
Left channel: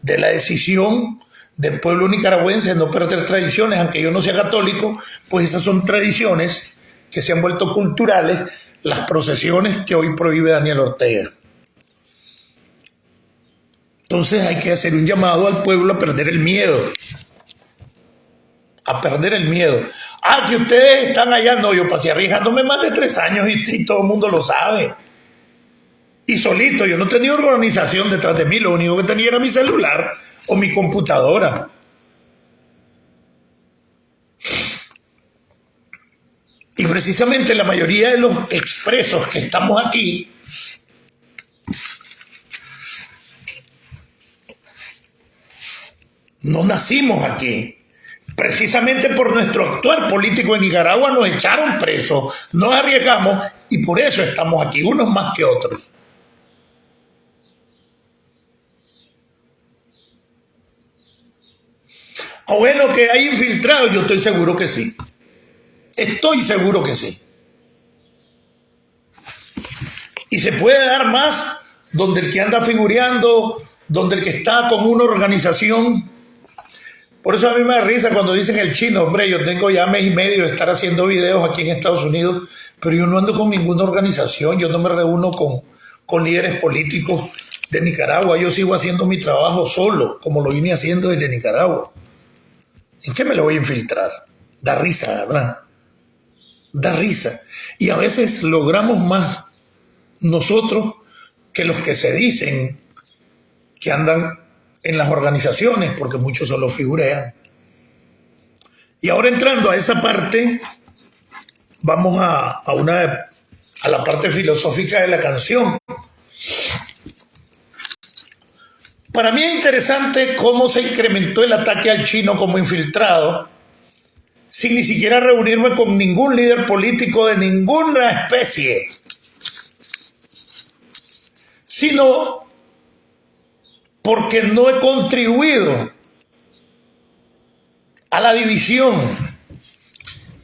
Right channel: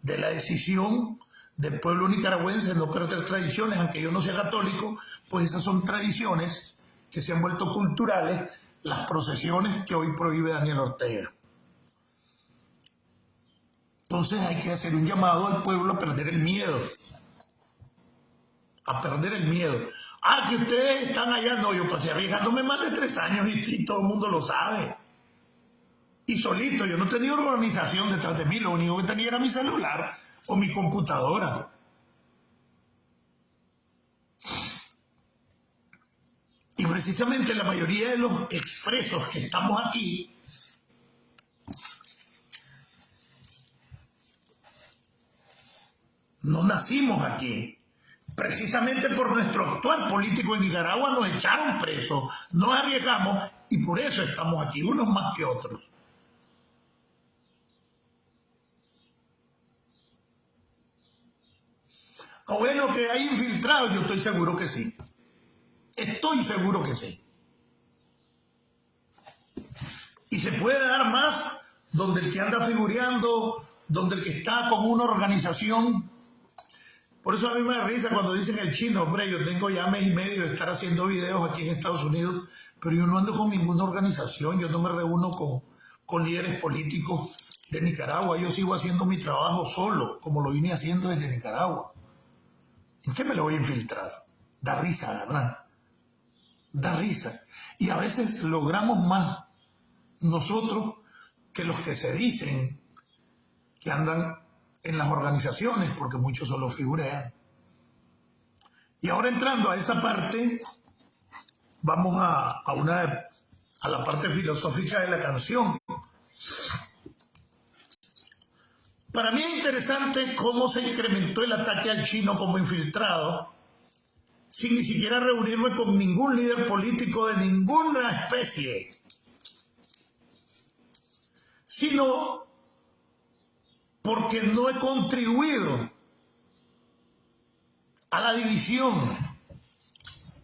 de la decisión del pueblo nicaragüense de no perder tradiciones, aunque yo no sea católico, pues esas son tradiciones que se han vuelto culturales, las procesiones que hoy prohíbe Daniel Ortega. Entonces hay que hacer un llamado al pueblo a perder el miedo. A perder el miedo. Ah, que ustedes están allá. No, yo pasé arriesgándome más de 3 años y todo el mundo lo sabe. Y solito, yo no tenía organización detrás de mí. Lo único que tenía era mi celular o mi computadora. Y precisamente la mayoría de los expresos que estamos aquí no nacimos aquí. Precisamente por nuestro actuar político en Nicaragua nos echaron presos, nos arriesgamos y por eso estamos aquí, unos más que otros. O bueno, que hay infiltrados, yo estoy seguro que sí. Estoy seguro que sí. Y se puede dar más donde el que anda figureando, donde el que está con una organización. Por eso a mí me da risa cuando dicen el chino, hombre, yo tengo ya 1 mes y medio de estar haciendo videos aquí en Estados Unidos, pero yo no ando con ninguna organización, yo no me reúno con líderes políticos de Nicaragua, yo sigo haciendo mi trabajo solo, como lo vine haciendo desde Nicaragua. ¿En qué me lo voy a infiltrar? Da risa, ¿verdad? Da risa. Y a veces logramos más nosotros que los que se dicen que andan en las organizaciones, porque muchos solo figurean. Y ahora entrando a esa parte, vamos a la parte filosófica de la canción. Para mí es interesante cómo se incrementó el ataque al chino como infiltrado, sin ni siquiera reunirme con ningún líder político de ninguna especie, sino porque no he contribuido a la división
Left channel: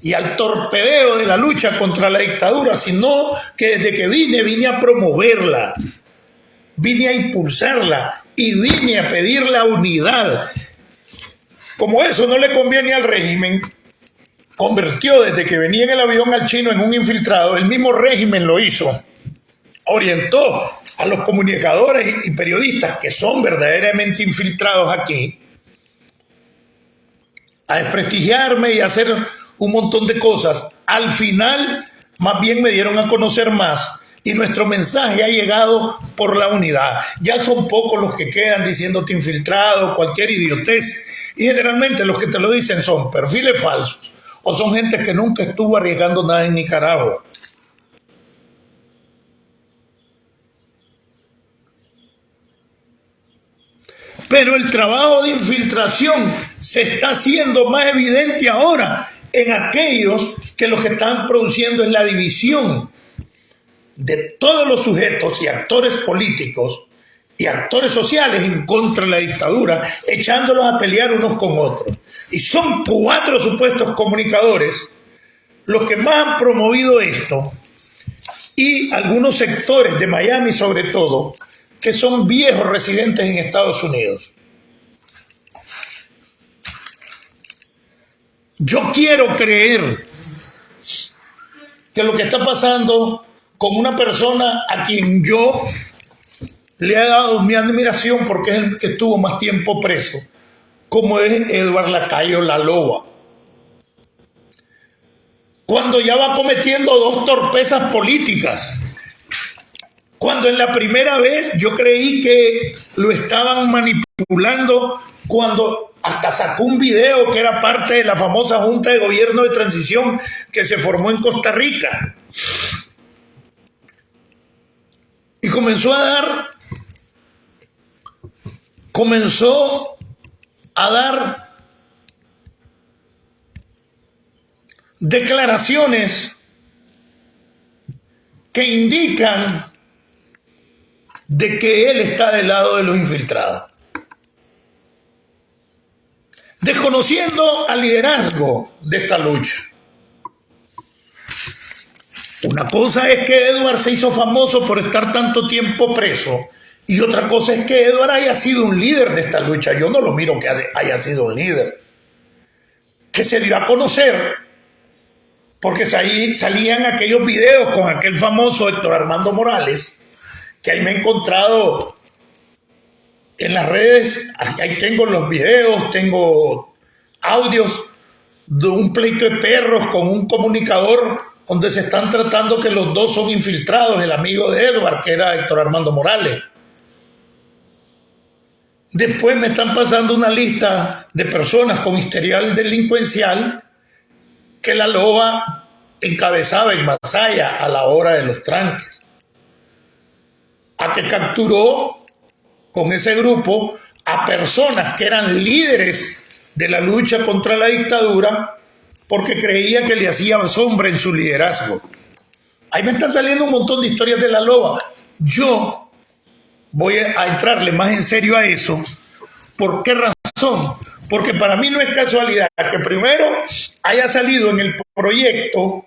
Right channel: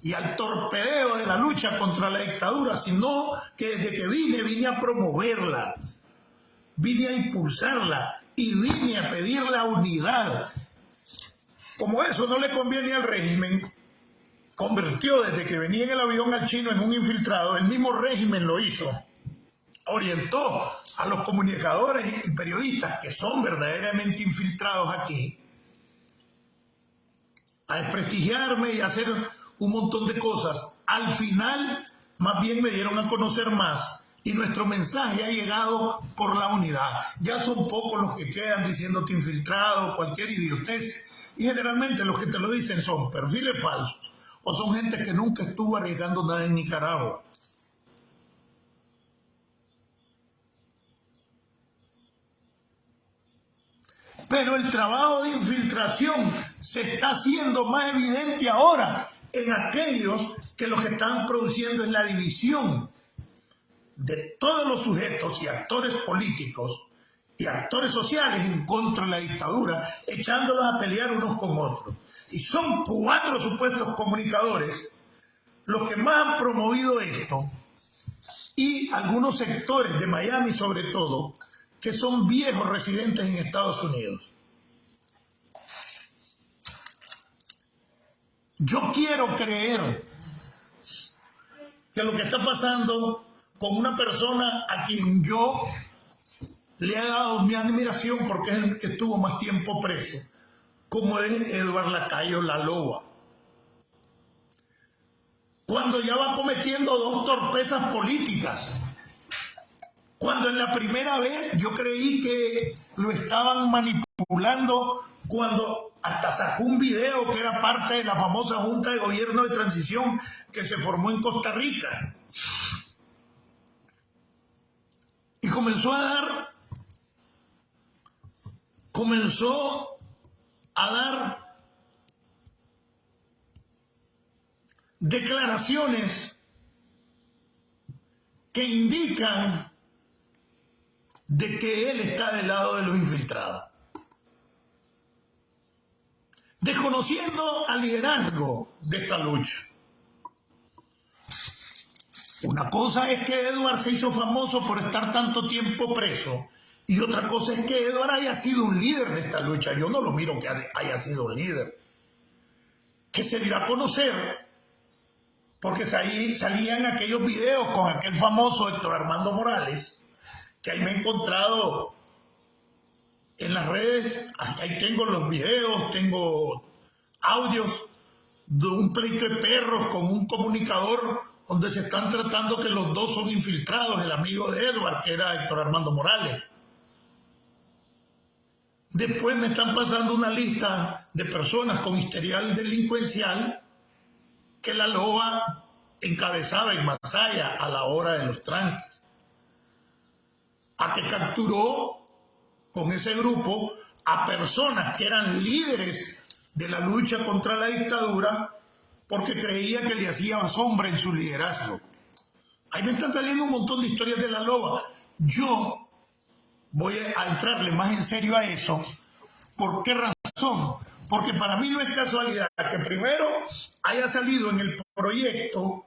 y al torpedeo de la lucha contra la dictadura, sino que desde que vine a promoverla, vine a impulsarla y vine a pedir la unidad. Como eso no le conviene al régimen, convirtió desde que venía en el avión al chino en un infiltrado. El mismo régimen lo hizo. Orientó a los comunicadores y periodistas que son verdaderamente infiltrados aquí a desprestigiarme y a hacer un montón de cosas. Al final, más bien me dieron a conocer más y nuestro mensaje ha llegado por la unidad. Ya son pocos los que quedan diciéndote infiltrado, cualquier idiotez. Y generalmente los que te lo dicen son perfiles falsos o son gente que nunca estuvo arriesgando nada en Nicaragua. Pero el trabajo de infiltración se está haciendo más evidente ahora en aquellos que lo que están produciendo es la división de todos los sujetos y actores políticos y actores sociales en contra de la dictadura, echándolos a pelear unos con otros. Y son 4 supuestos comunicadores los que más han promovido esto, y algunos sectores de Miami sobre todo, que son viejos residentes en Estados Unidos. Yo quiero creer que lo que está pasando con una persona a quien yo le he dado mi admiración porque es el que estuvo más tiempo preso, como es Edward Lacayo La Loba, cuando ya va cometiendo 2 torpezas políticas. Cuando en la primera vez yo creí que lo estaban manipulando, cuando hasta sacó un video que era parte de la famosa Junta de Gobierno de Transición que se formó en Costa Rica. Y comenzó a dar declaraciones que indican de que él está del lado de los infiltrados, desconociendo al liderazgo de esta lucha. Una cosa es que Edward se hizo famoso por estar tanto tiempo preso, y otra cosa es que Edward haya sido un líder de esta lucha. Yo no lo miro que haya sido un líder, que se dio a conocer porque ahí salían aquellos videos con aquel famoso Héctor Armando Morales, que ahí me he encontrado En las redes, ahí tengo los videos, tengo audios de un pleito de perros con un comunicador donde se están tratando que los dos son infiltrados, el amigo de Edward, que era Héctor Armando Morales. Después me están pasando una lista de personas con historial delincuencial que la loba encabezaba en Masaya a la hora de los tranques. A que capturó con ese grupo a personas que eran líderes de la lucha contra la dictadura porque creía que le hacía sombra en su liderazgo. Ahí me están saliendo un montón de historias de la loba. Yo voy a entrarle más en serio a eso. ¿Por qué razón? Porque para mí no es casualidad que primero haya salido en el proyecto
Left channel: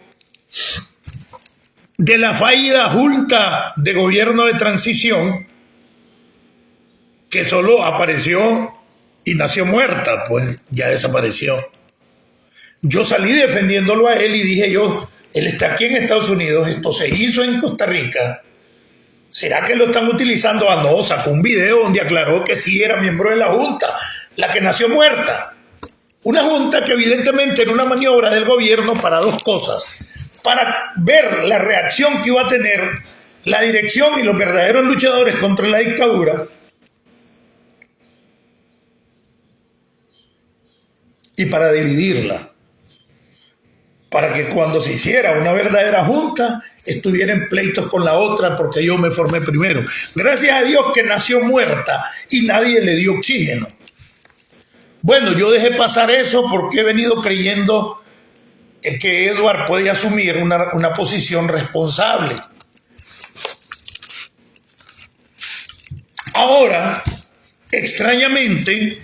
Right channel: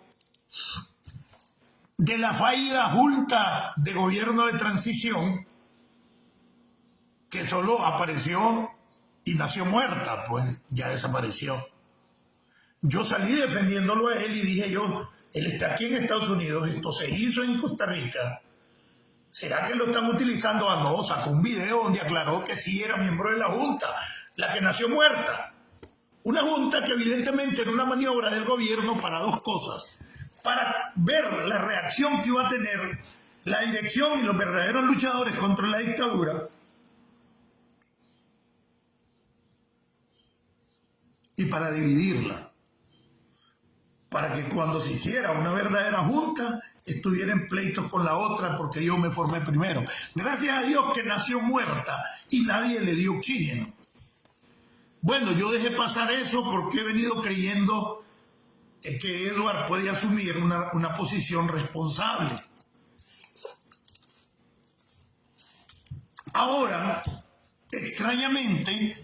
de la fallida Junta de Gobierno de Transición, que solo apareció y nació muerta, pues ya desapareció. Yo salí defendiéndolo a él y dije yo, él está aquí en Estados Unidos, esto se hizo en Costa Rica. ¿Será que lo están utilizando? Ah, no, sacó un video donde aclaró que sí era miembro de la Junta, la que nació muerta. Una Junta que evidentemente era una maniobra del gobierno para dos cosas. Para ver la reacción que iba a tener la dirección y los verdaderos luchadores contra la dictadura. Y para dividirla. Para que cuando se hiciera una verdadera junta estuviera en pleitos con la otra porque yo me formé primero. Gracias a Dios que nació muerta y nadie le dio oxígeno. Bueno, yo dejé pasar eso porque he venido creyendo que Edward puede asumir una posición responsable. Ahora, extrañamente,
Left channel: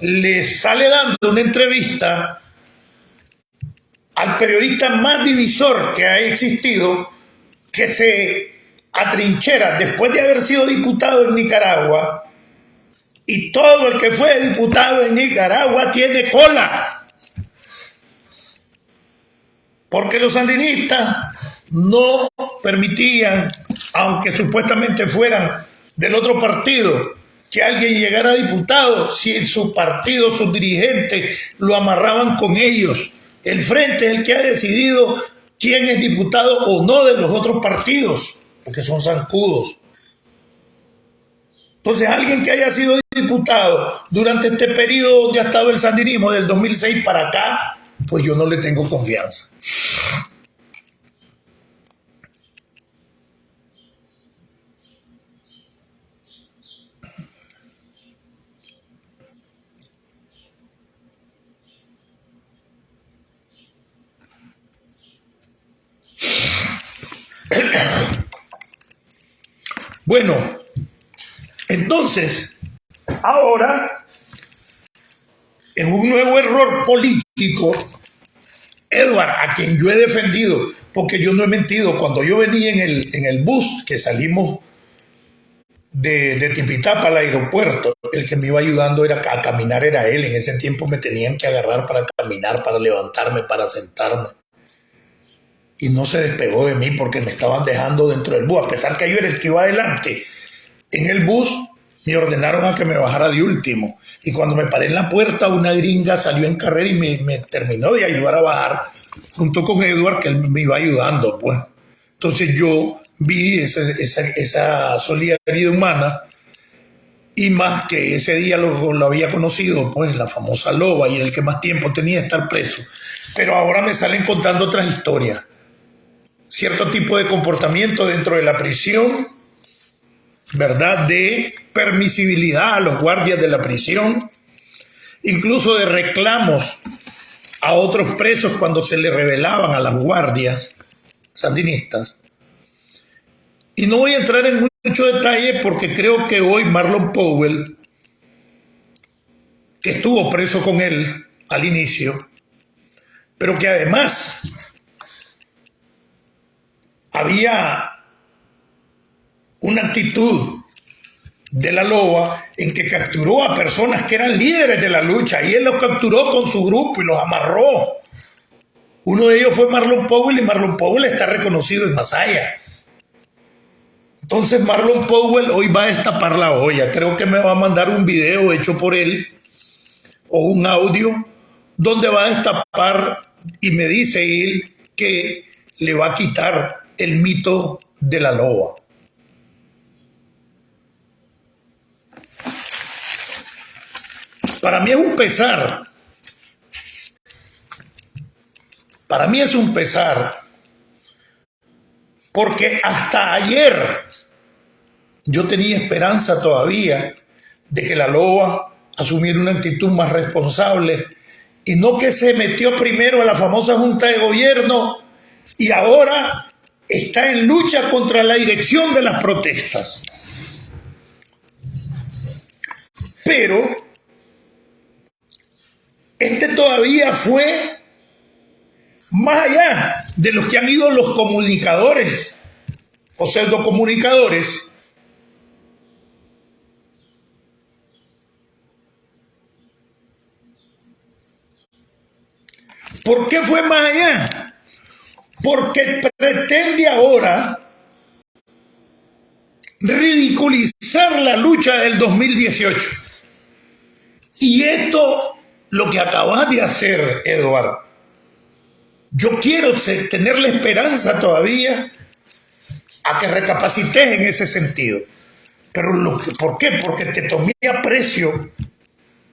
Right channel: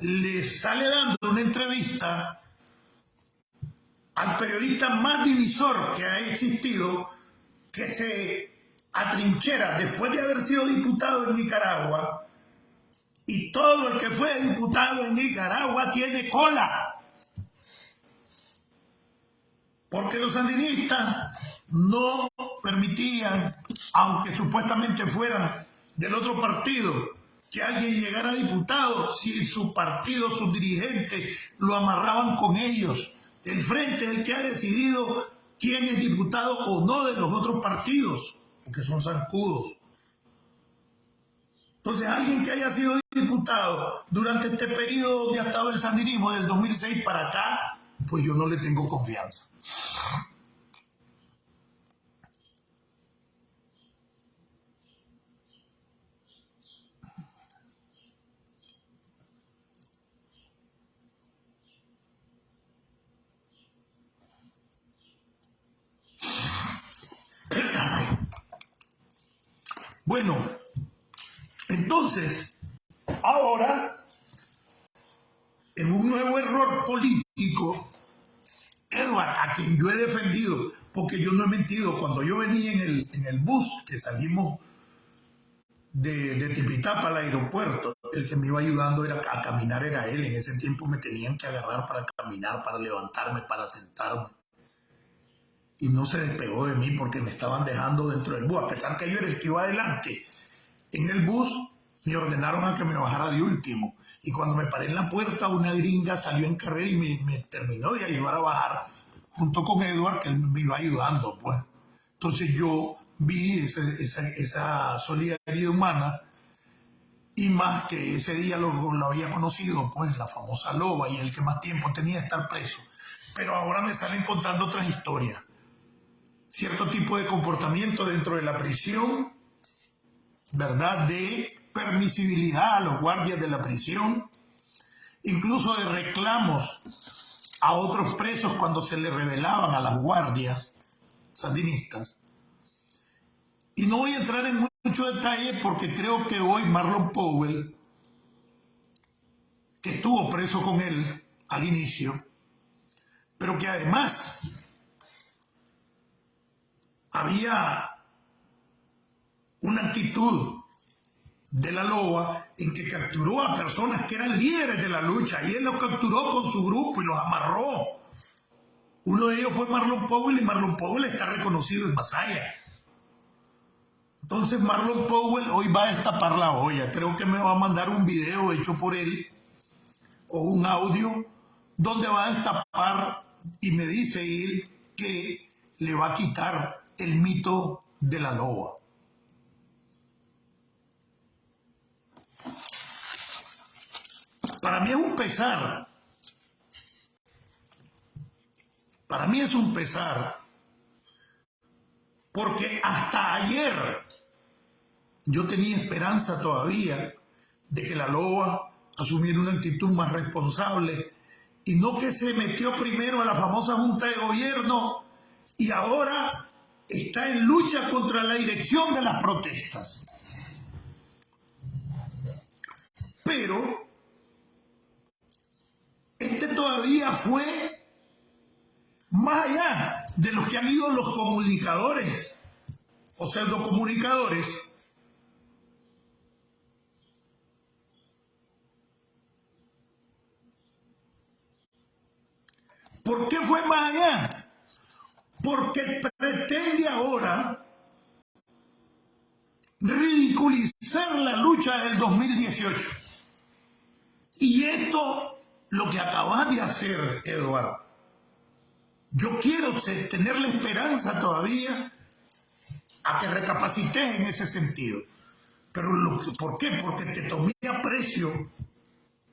le sale dando una entrevista al periodista más divisor que ha existido, que se atrinchera después de haber sido diputado en Nicaragua, y todo el que fue diputado en Nicaragua tiene cola, porque los sandinistas no permitían, aunque supuestamente fueran del otro partido, que alguien llegara a diputado si su partido, sus dirigentes lo amarraban con ellos. El Frente es el que ha decidido quién es diputado o no de los otros partidos, porque son zancudos. Entonces, alguien que haya sido diputado durante este periodo donde ha estado el sandinismo, del 2006 para acá, pues yo no le tengo confianza. Bueno, entonces, ahora, en un nuevo error político, Edward, a quien yo he defendido, porque yo no he mentido, cuando yo venía en el bus que salimos de Tipitapa al aeropuerto, el que me iba ayudando a caminar era él. En ese tiempo me tenían que agarrar para caminar, para levantarme, para sentarme. Y no se despegó de mí porque me estaban dejando dentro del bus, a pesar que yo era el que iba adelante. En el bus me ordenaron a que me bajara de último. Y cuando me paré en la puerta, una gringa salió en carrera y me terminó de ayudar a bajar, junto con Edward, que él me iba ayudando, pues. Entonces yo vi esa solidaridad humana, y más que ese día lo había conocido, pues, la famosa loba y el que más tiempo tenía de estar preso. Pero ahora me salen contando otras historias. Cierto tipo de comportamiento dentro de la prisión, ¿verdad? De permisibilidad a los guardias de la prisión, incluso de reclamos a otros presos cuando se le rebelaban a las guardias sandinistas. Y no voy a entrar en mucho detalle porque creo que hoy Marlon Powell, que estuvo preso con él al inicio, pero que además había una actitud de la loba en que capturó a personas que eran líderes de la lucha, y él los capturó con su grupo y los amarró. Uno de ellos fue Marlon Powell, y Marlon Powell está reconocido en Masaya. Entonces Marlon Powell hoy va a destapar la olla. Creo que me va a mandar un video hecho por él o un audio donde va a destapar y me dice él que le va a quitar el mito de la loba. Para mí es un pesar. Para mí es un pesar. Porque hasta ayer yo tenía esperanza todavía de que la loba asumiera una actitud más responsable y no que se metió primero a la famosa Junta de Gobierno y ahora está en lucha contra la dirección de las protestas. Pero este todavía fue más allá de los que han ido los comunicadores o pseudocomunicadores. ¿Por qué fue más allá? Porque pretende ahora ridiculizar la lucha del 2018. Y esto, lo que acabas de hacer, Eduardo, yo quiero tener la esperanza todavía a que recapacites en ese sentido. Pero ¿por qué? Porque te tomé aprecio.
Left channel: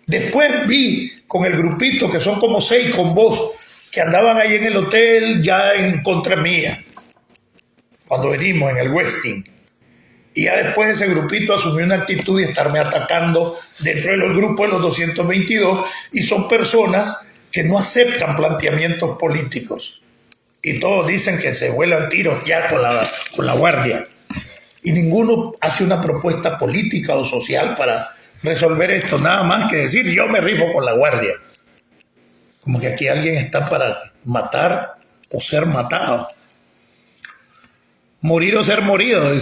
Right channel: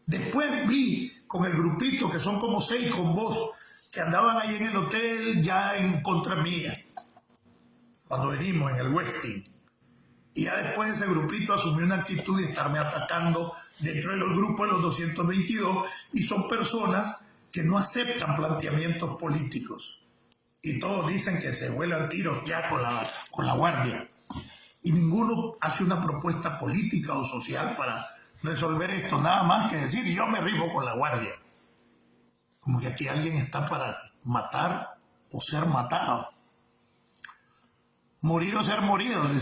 Después vi con el grupito, que son como 6 con vos, que andaban ahí en el hotel ya en contra mía, cuando venimos en el Westin. Y ya después ese grupito asumió una actitud de estarme atacando dentro del grupo de los 222, y son personas que no aceptan planteamientos políticos. Y todos dicen que se vuelan tiros ya con la guardia. Y ninguno hace una propuesta política o social para resolver esto, nada más que decir yo me rifo con la guardia. Como que aquí alguien está para matar o ser matado. Morir o ser morido.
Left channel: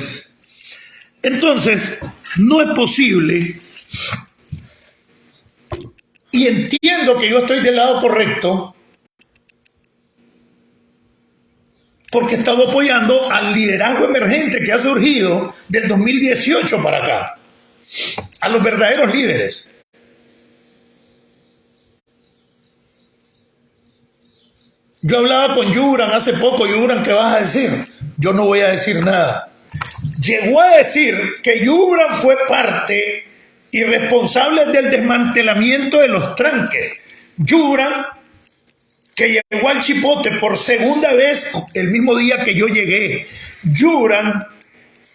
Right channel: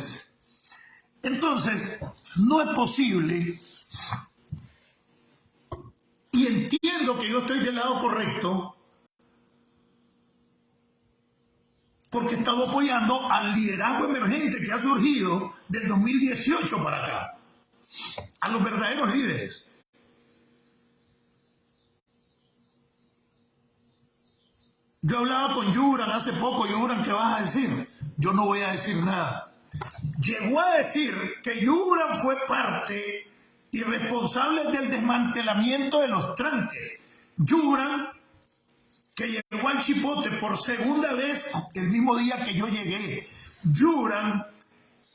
Entonces, no es posible, y entiendo que yo estoy del lado correcto, porque estamos apoyando al liderazgo emergente que ha surgido del 2018 para acá, a los verdaderos líderes. Yo hablaba con Yubran hace poco. Yubran, ¿qué vas a decir? Yo no voy a decir nada. Llegó a decir que Yubran fue parte y responsable del desmantelamiento de los tranques. Yubran, que llegó al Chipote por segunda vez el mismo día que yo llegué. Yubran,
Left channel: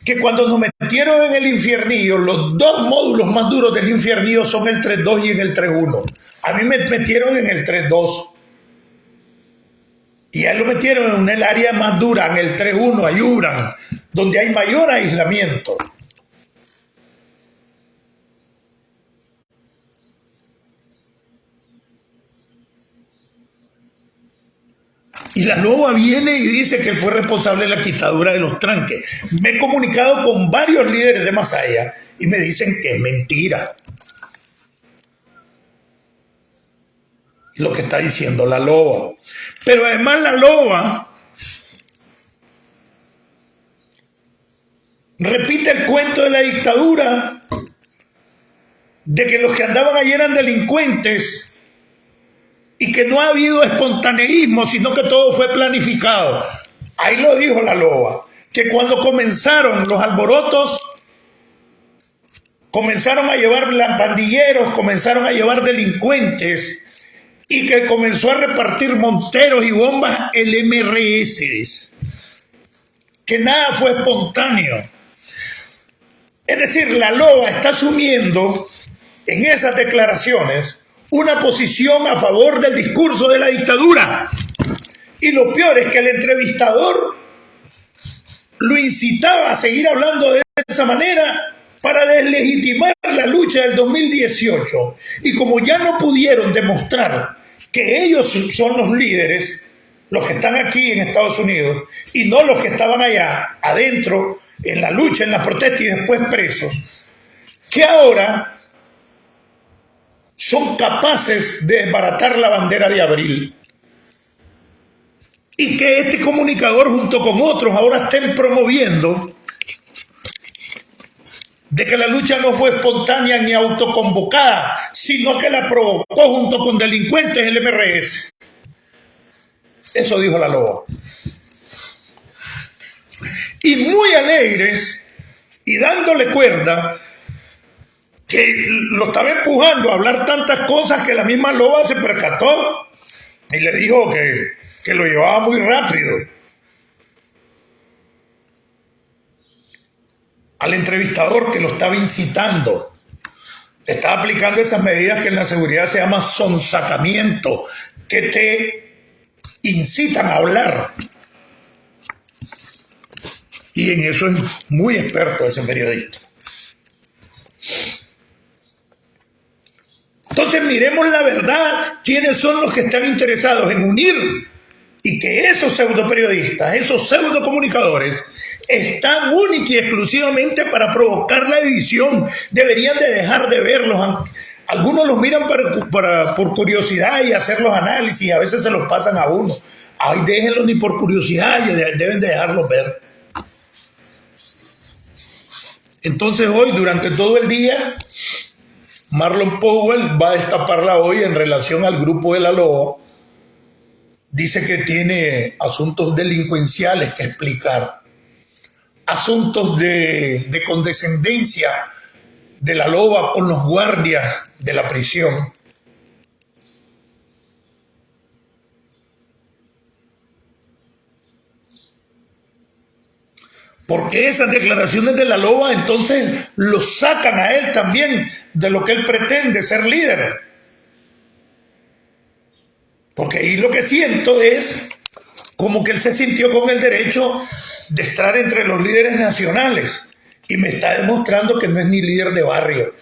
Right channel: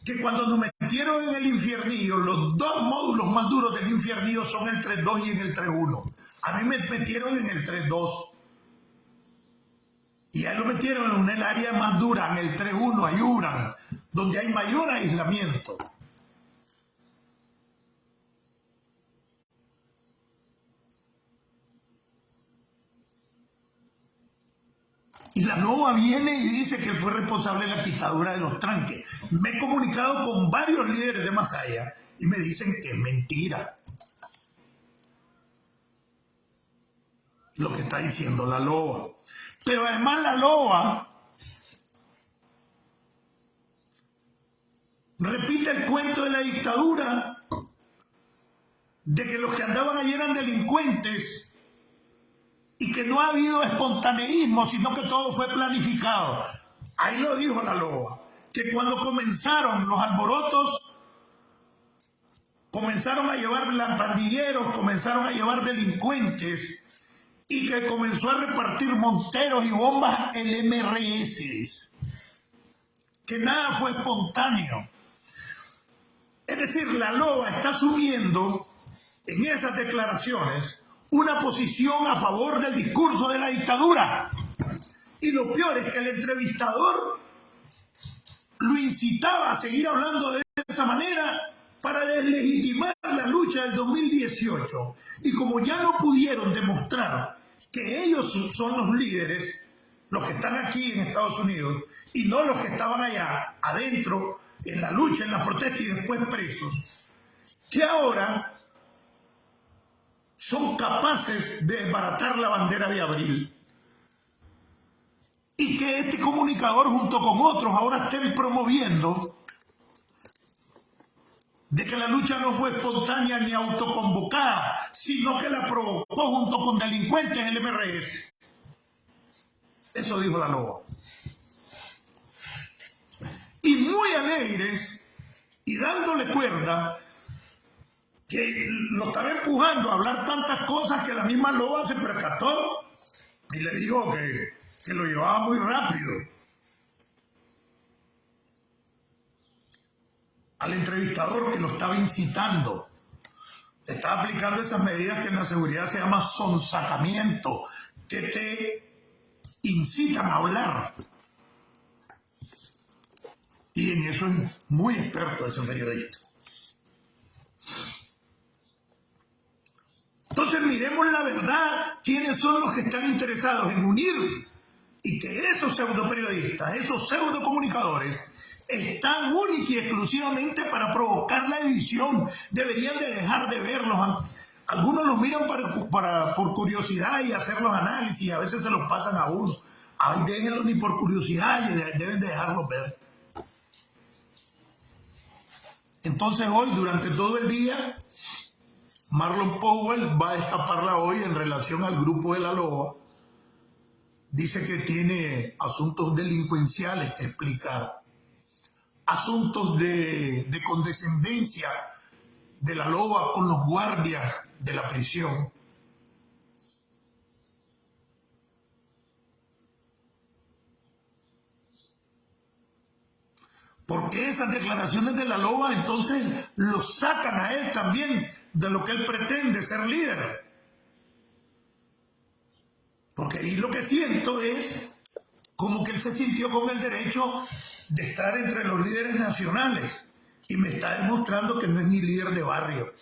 que cuando nos metieron en el infiernillo, los 2 módulos más duros del infiernillo son el 3.2 y en el 3.1. A mí me metieron en el 3.2. Y a él lo metieron en el área más dura, en el 3.1, a Yubran, donde hay mayor aislamiento. Y la loba viene y dice que él fue responsable de la quitadura de los tranques. Me he comunicado con varios líderes de Masaya y me dicen que es mentira lo que está diciendo la loba. Pero además la loba repite el cuento de la dictadura, de que los que andaban allí eran delincuentes y que no ha habido espontaneísmo, sino que todo fue planificado. Ahí lo dijo la loba, que cuando comenzaron los alborotos, comenzaron a llevar pandilleros, comenzaron a llevar delincuentes, y que comenzó a repartir monteros y bombas el MRS, que nada fue espontáneo. Es decir, la loba está asumiendo en esas declaraciones una posición a favor del discurso de la dictadura. Y lo peor es que el entrevistador lo incitaba a seguir hablando de esa manera para deslegitimar la lucha del 2018. Y como ya no pudieron demostrar que ellos son los líderes, los que están aquí en Estados Unidos, y no los que estaban allá adentro en la lucha, en la protesta y después presos, que ahora son capaces de desbaratar la bandera de abril, y que este comunicador junto con otros ahora estén promoviendo de que la lucha no fue espontánea ni autoconvocada, sino que la provocó junto con delincuentes el MRS. Eso dijo la loba. Y muy alegres y dándole cuerda, que lo estaba empujando a hablar tantas cosas que la misma loba se percató y le dijo que lo llevaba muy rápido. Al entrevistador que lo estaba incitando, le estaba aplicando esas medidas que en la seguridad se llama sonsacamiento, que te incitan a hablar. Y en eso es muy experto ese periodista. Entonces miremos la verdad, quiénes son los que están interesados en unir, y que esos pseudoperiodistas, esos pseudocomunicadores, están única y exclusivamente para provocar la división. Deberían de dejar de verlos. Algunos los miran por curiosidad y hacer los análisis, y a veces se los pasan a uno. Ay, déjenlos ni por curiosidad, deben de dejarlos ver. Entonces hoy, durante todo el día, Marlon Powell va a destaparla hoy en relación al grupo de la loba. Dice que tiene asuntos delincuenciales que explicar, asuntos de condescendencia de la loba con los guardias de la prisión. Porque esas declaraciones de la loba entonces lo sacan a él también de lo que él pretende ser líder. Porque ahí lo que siento es como que él se sintió con el derecho de estar entre los líderes nacionales y me está demostrando que no es ni líder de barrio.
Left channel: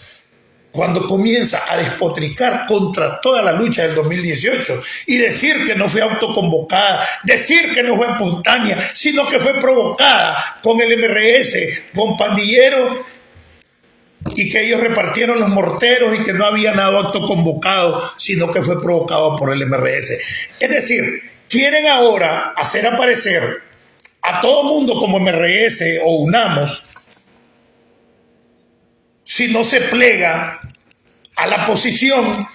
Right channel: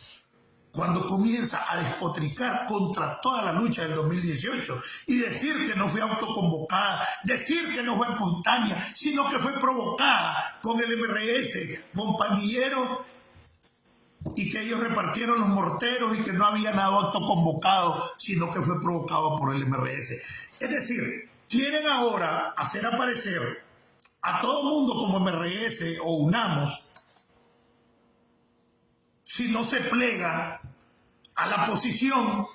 Cuando comienza a despotricar contra toda la lucha del 2018 y decir que no fue autoconvocada, decir que no fue espontánea, sino que fue provocada con el MRS, con pandilleros, y que ellos repartieron los morteros y que no había nada autoconvocado, sino que fue provocado por el MRS. Es decir, quieren ahora hacer aparecer a todo mundo como MRS o UNAMOS si no se plega a la posición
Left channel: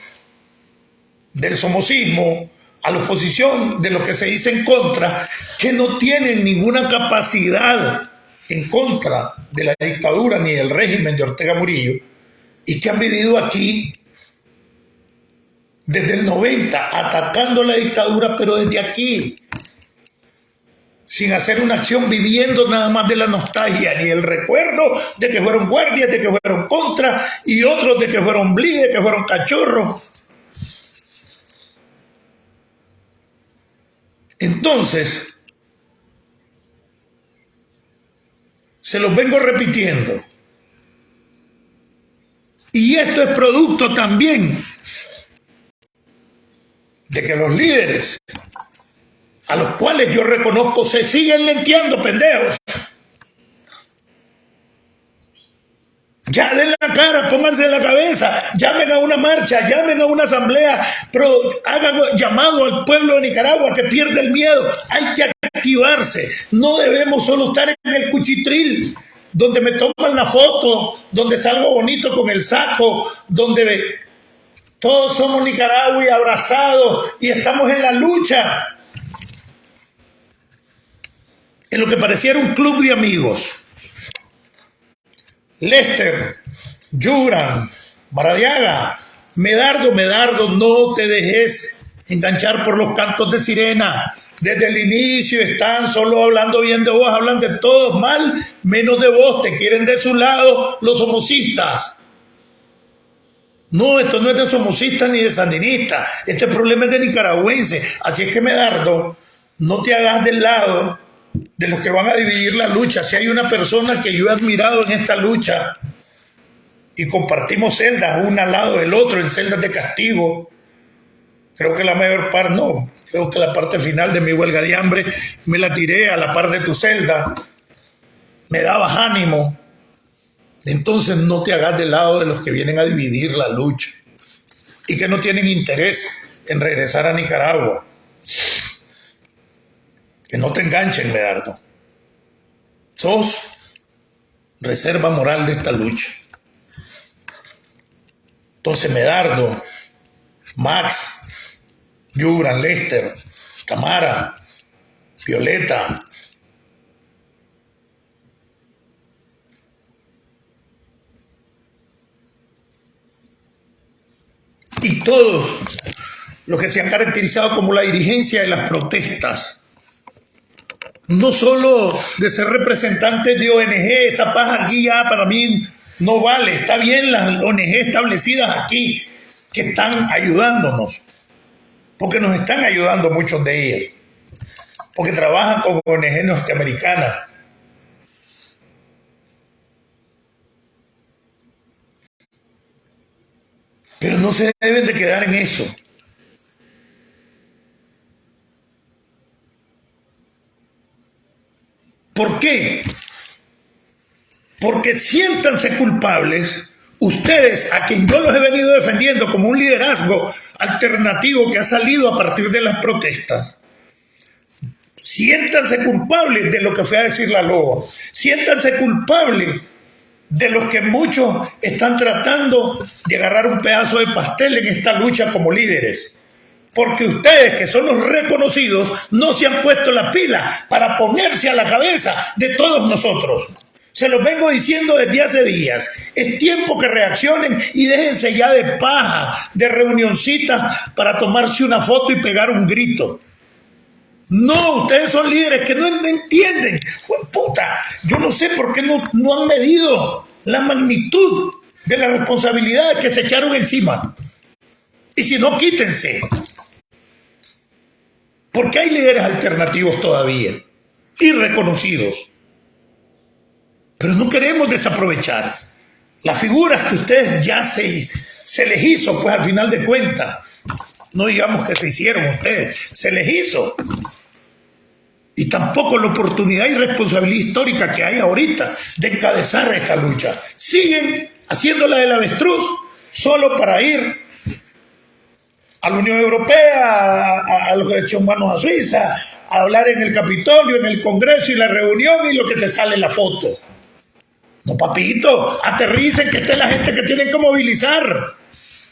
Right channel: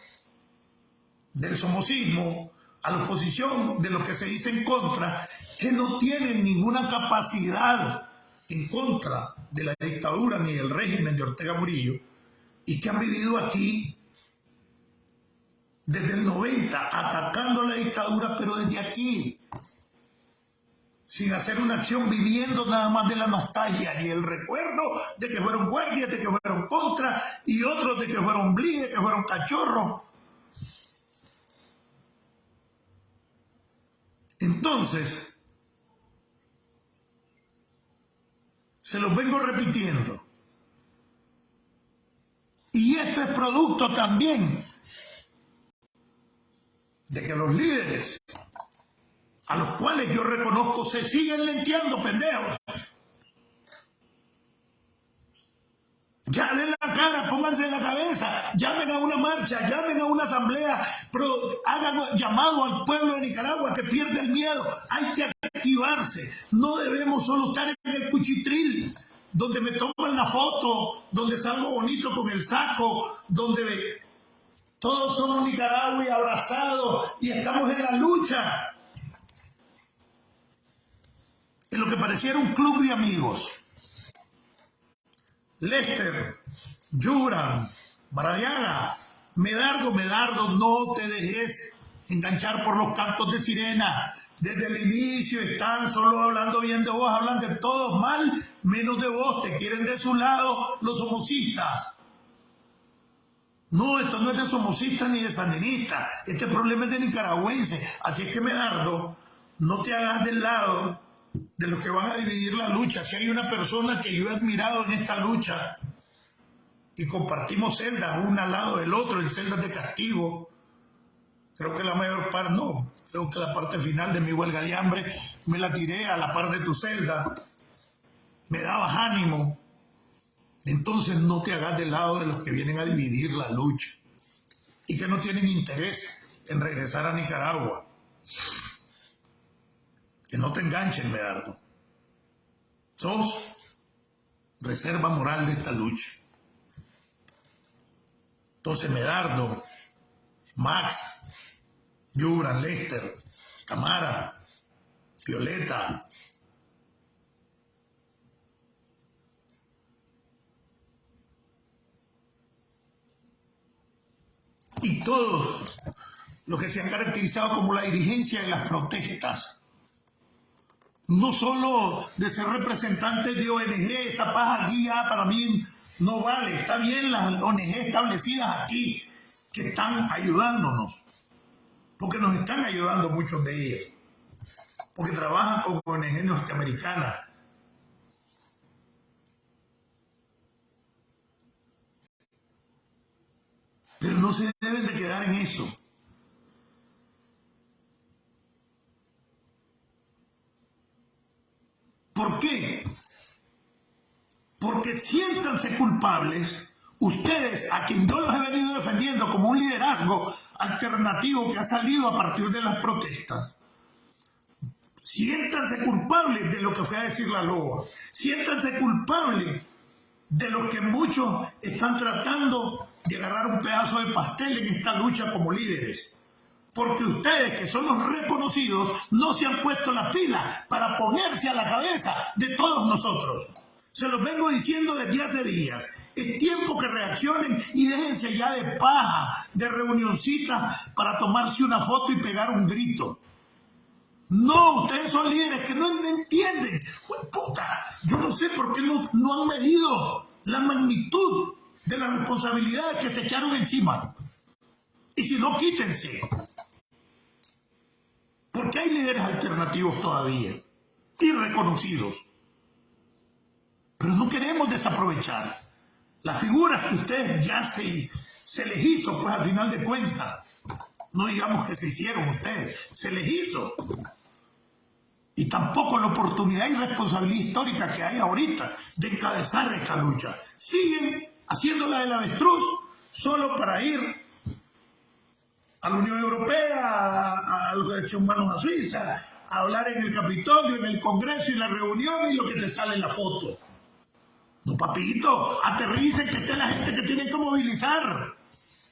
del somocismo, a la oposición de los que se dicen contra, que no tienen ninguna capacidad en contra de la dictadura ni del régimen de Ortega Murillo, y que han vivido aquí desde el 90 atacando la dictadura, pero desde aquí, sin hacer una acción, viviendo nada más de la nostalgia, ni el recuerdo de que fueron guardias, de que fueron contra, y otros de que fueron blides, que fueron cachorros. Entonces, se los vengo repitiendo. Y esto es producto también de que los líderes, a los cuales yo reconozco, se siguen lenteando, pendejos. Ya den la cara, pónganse en la cabeza, llamen a una marcha, llamen a una asamblea, hagan llamado al pueblo de Nicaragua que pierde el miedo. Hay que activarse. No debemos solo estar en el cuchitril, donde me toman la foto, donde salgo bonito con el saco, donde todos somos Nicaragua y abrazados y estamos en la lucha, en lo que pareciera un club de amigos. Lester, Yuran, Maradiaga, Medardo, no te dejes enganchar por los cantos de sirena. Desde el inicio están solo hablando bien de vos, hablan de todos mal, menos de vos, te quieren de su lado los somocistas. No, esto no es de somocistas ni de sandinistas, este problema es de nicaragüenses. Así es que, Medardo, no te hagas del lado de los que van a dividir la lucha. Si hay una persona que yo he admirado en esta lucha y compartimos celdas una al lado del otro en celdas de castigo, creo que la mayor parte, no, creo que la parte final de mi huelga de hambre me la tiré a la par de tu celda, me dabas ánimo. Entonces no te hagas del lado de los que vienen a dividir la lucha y que no tienen interés en regresar a Nicaragua. Que no te enganchen, Medardo. reserva moral de esta lucha. Entonces Medardo, Max, Yubran, Lester, Tamara, Violeta, y todos los que se han caracterizado como la dirigencia de las protestas, no solo de ser representantes de ONG, esa paja aquí ya para mí no vale, está bien las ONG establecidas aquí que están ayudándonos, porque nos están ayudando muchos de ellas, porque trabajan con ONG norteamericanas. Pero no se deben de quedar en eso. ¿Por qué? Porque siéntanse culpables, ustedes a quien yo los he venido defendiendo como un liderazgo alternativo que ha salido a partir de las protestas. Siéntanse culpables de lo que fue a decir la loba. Siéntanse culpables de los que muchos están tratando de agarrar un pedazo de pastel en esta lucha como líderes. Porque ustedes, que son los reconocidos, no se han puesto la pila para ponerse a la cabeza de todos nosotros. Se los vengo diciendo desde hace días. Es tiempo que reaccionen y déjense ya de paja, de reunioncitas para tomarse una foto y pegar un grito. No, ustedes son líderes que no entienden. Puta, yo no sé por qué no han medido la magnitud de las responsabilidades que se echaron encima. Y si no, quítense. Porque hay líderes alternativos todavía y reconocidos. Pero no queremos desaprovechar las figuras que ustedes ya se les hizo, pues al final de cuentas. No digamos que se hicieron ustedes, se les hizo. Y tampoco la oportunidad y responsabilidad histórica que hay ahorita de encabezar esta lucha. Siguen haciéndola del avestruz solo para ir a la Unión Europea, a los derechos humanos a Suiza, a hablar en el Capitolio, en el Congreso y la reunión y lo que te sale en la foto. No, papito, aterricen, que esté la gente que tienen que movilizar.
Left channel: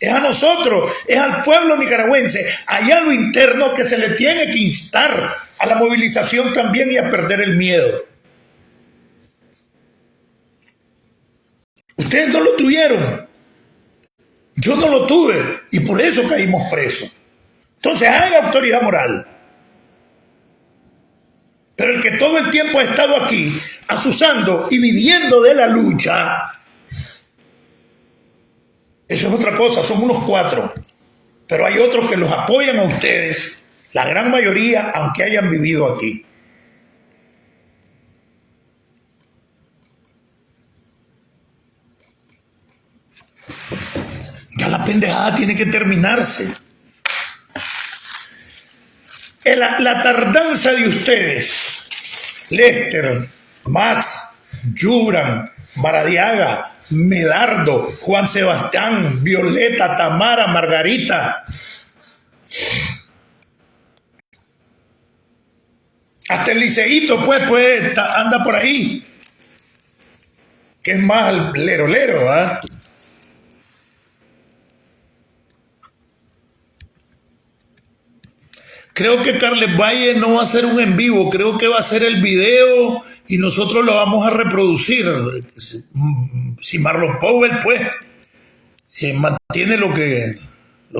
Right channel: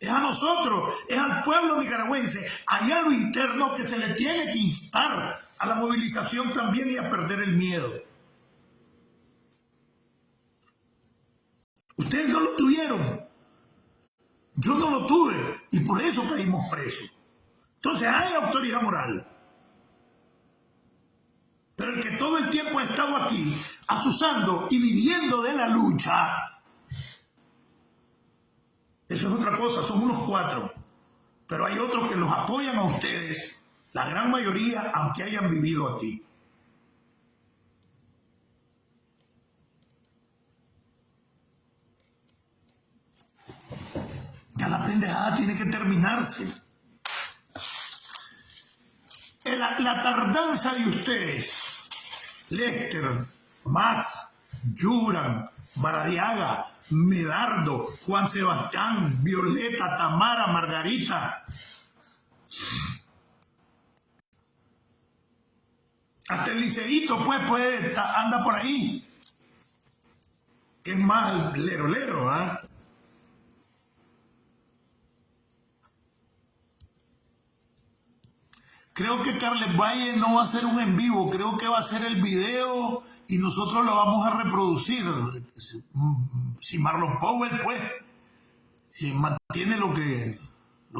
Es a nosotros, es al pueblo nicaragüense, allá a lo interno que se le tiene que instar a la movilización también y a perder el miedo. Ustedes no lo tuvieron. Yo no lo tuve y por eso caímos presos. Entonces hay autoridad moral. Pero el que todo el tiempo ha estado aquí, asusando y viviendo de la lucha, eso es otra cosa, son unos 4. Pero hay otros que los apoyan a ustedes, la gran mayoría, aunque hayan vivido aquí. Ya la pendejada tiene que terminarse. La tardanza de ustedes, Lester, Max, Yubran, Maradiaga, Medardo, Juan Sebastián, Violeta, Tamara, Margarita, hasta el liceíto pues anda por ahí, que es más lero, ¿verdad? Creo que Carles Valle no va a hacer un en vivo, creo que va a hacer el video y nosotros lo vamos a reproducir. Si Marlon Powell, pues, mantiene lo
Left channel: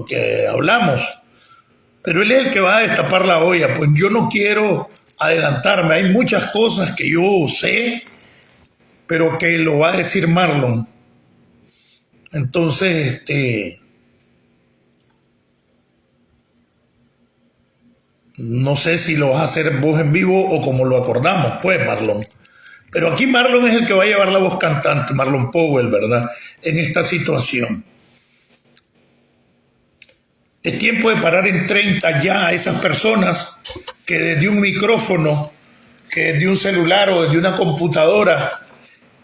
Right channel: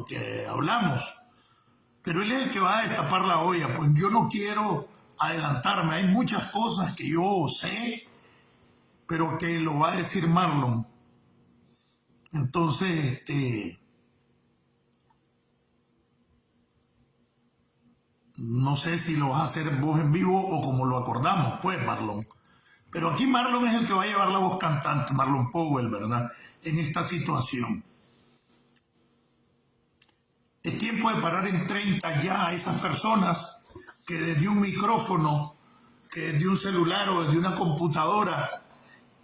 que hablamos. Pero él es el que va a destapar la olla. Pues yo no quiero adelantarme. Hay muchas cosas que yo sé, pero que lo va a decir Marlon. Entonces, no sé si lo vas a hacer vos en vivo o como lo acordamos, pues, Marlon. Pero aquí Marlon es el que va a llevar la voz cantante, Marlon Powell, ¿verdad? En esta situación. Es tiempo de parar en 30 ya a esas personas que desde un micrófono, que desde un celular o desde una computadora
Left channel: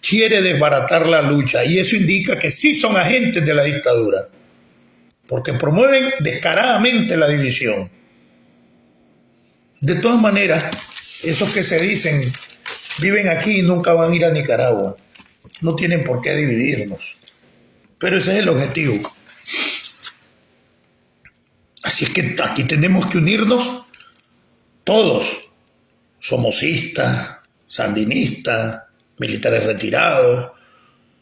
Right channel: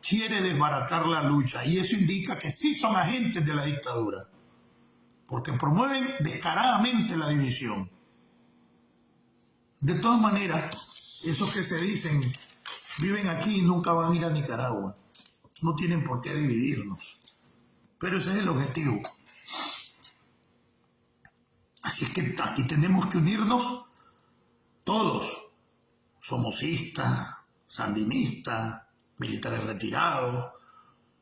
quiere desbaratar la lucha. Y eso indica que sí son agentes de la dictadura, porque promueven descaradamente la división. De todas maneras, esos que se dicen viven aquí y nunca van a ir a Nicaragua. no tienen por qué dividirnos. Pero ese es el objetivo. Así es que aquí tenemos que unirnos todos, somocistas, sandinistas, militares retirados,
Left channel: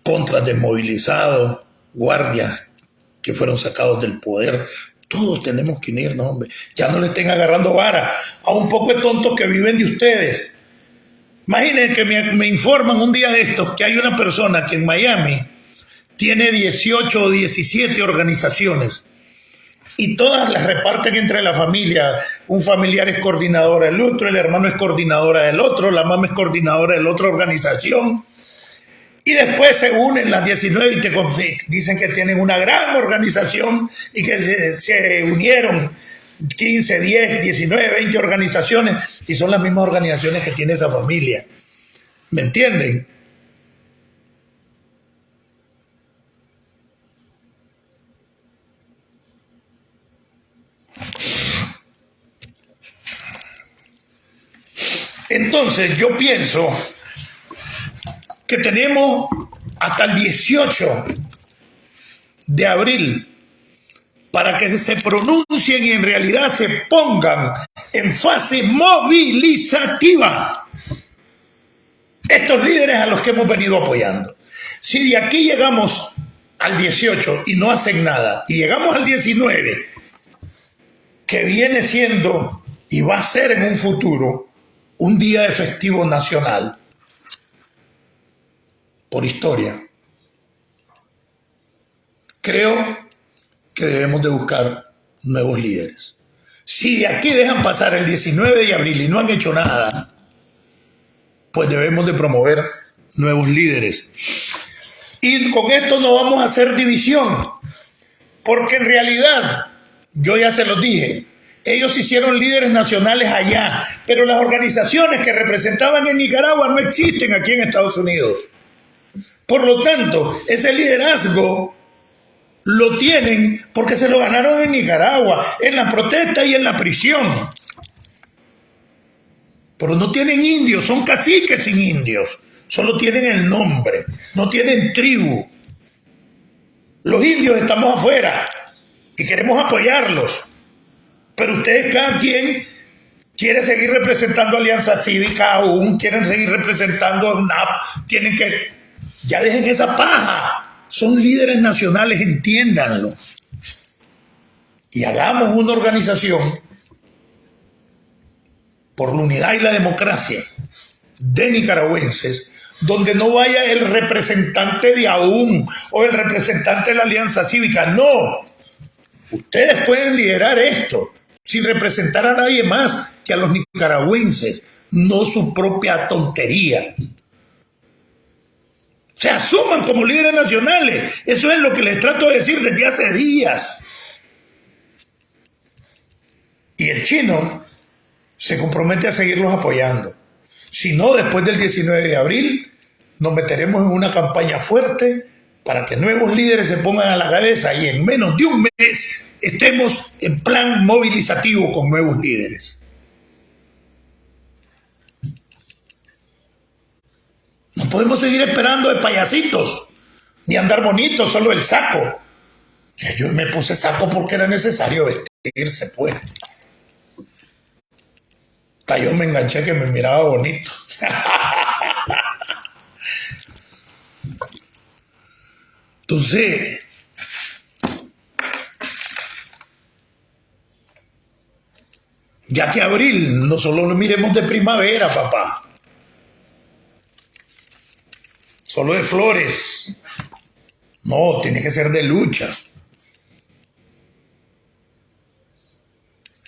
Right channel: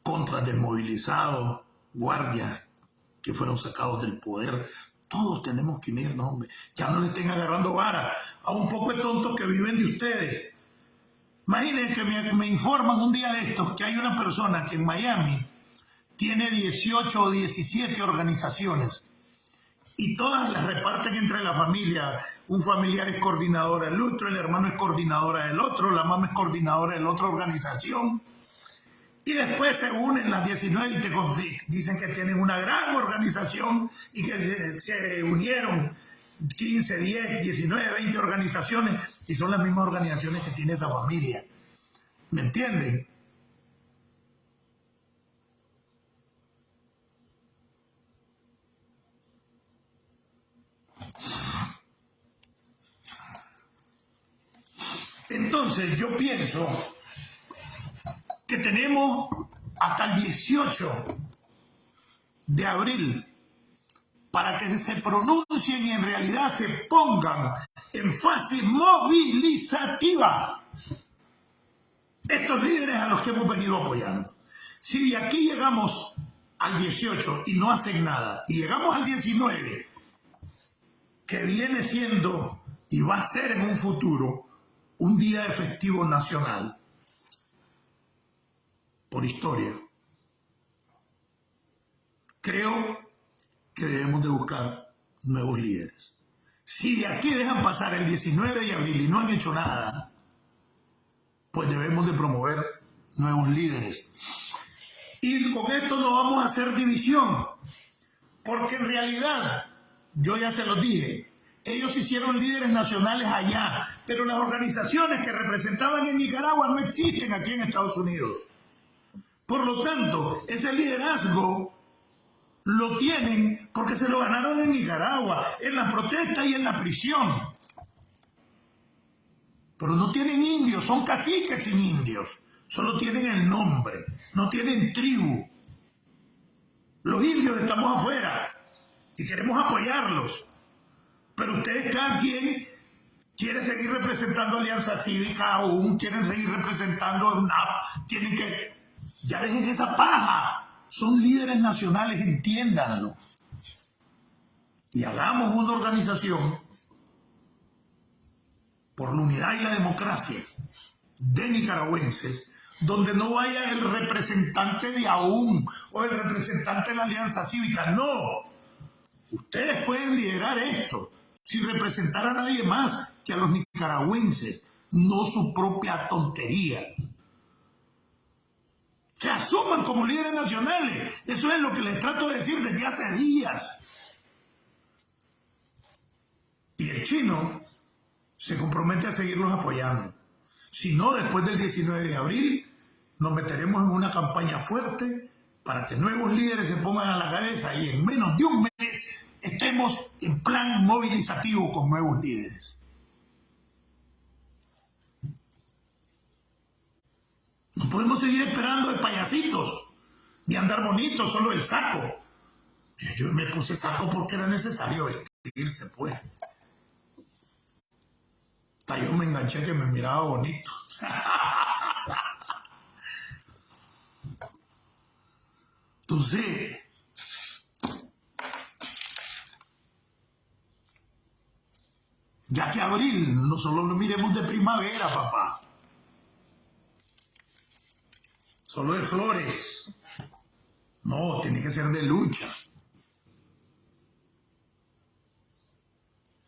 contras desmovilizados, guardias que fueron sacados del poder. Todos tenemos que unirnos, hombre. Ya no le estén agarrando vara a un poco de tontos que viven de ustedes. Imaginen que me informan un día de estos que hay una persona que en Miami tiene 18 o 17 organizaciones y todas las reparten entre la familia. Un familiar es coordinadora del otro, el hermano es coordinadora del otro, la mamá es coordinadora de la otra organización. Y después se unen las 19 y te dicen que tienen una gran organización y que se unieron 15, 10, 19, 20 organizaciones y son las mismas organizaciones que tiene esa familia. ¿Me entienden? Entonces yo pienso que tenemos hasta el 18 de abril para que se pronuncien y en realidad se pongan en fase movilizativa estos líderes a los que hemos venido apoyando. Si de aquí llegamos al 18 y no hacen nada, y llegamos al 19, que viene siendo y va a ser en un futuro un día de festivo nacional, por historia, creo que debemos de buscar nuevos líderes. Si de aquí dejan pasar el 19 de abril y no han hecho nada, pues debemos de promover nuevos líderes. Y con esto no vamos a hacer división, porque en realidad, yo ya se los dije, ellos hicieron líderes nacionales allá, pero las organizaciones que representaban en Nicaragua no existen aquí en Estados Unidos. Por lo tanto, ese liderazgo lo tienen porque se lo ganaron en Nicaragua, en la protesta y en la prisión. Pero no tienen indios, son caciques sin indios. Solo tienen el nombre, no tienen tribu. Los indios estamos afuera y queremos apoyarlos. Pero ustedes, cada quien quiere seguir representando a Alianza Cívica aún, quieren seguir representando a UNAP, tienen que... Ya dejen esa paja. Son líderes nacionales, entiéndanlo. Y hagamos una organización por la unidad y la democracia de nicaragüenses, donde no vaya el representante de AUN o el representante de la Alianza Cívica. No. Ustedes pueden liderar esto sin representar a nadie más que a los nicaragüenses, no su propia tontería. Se asuman como líderes nacionales. Eso es lo que les trato de decir desde hace días. Y el chino se compromete a seguirlos apoyando. Si no, después del 19 de abril, nos meteremos en una campaña fuerte para que nuevos líderes se pongan a la cabeza y en menos de un mes estemos en plan movilizativo con nuevos líderes. No podemos seguir esperando de payasitos, ni andar bonitos, solo el saco. Yo me puse saco porque era necesario vestirse, pues. Hasta yo me enganché que me miraba bonito. Entonces, ya que abril, no solo lo miremos de primavera, papá. Solo de flores. No, tiene que ser de lucha.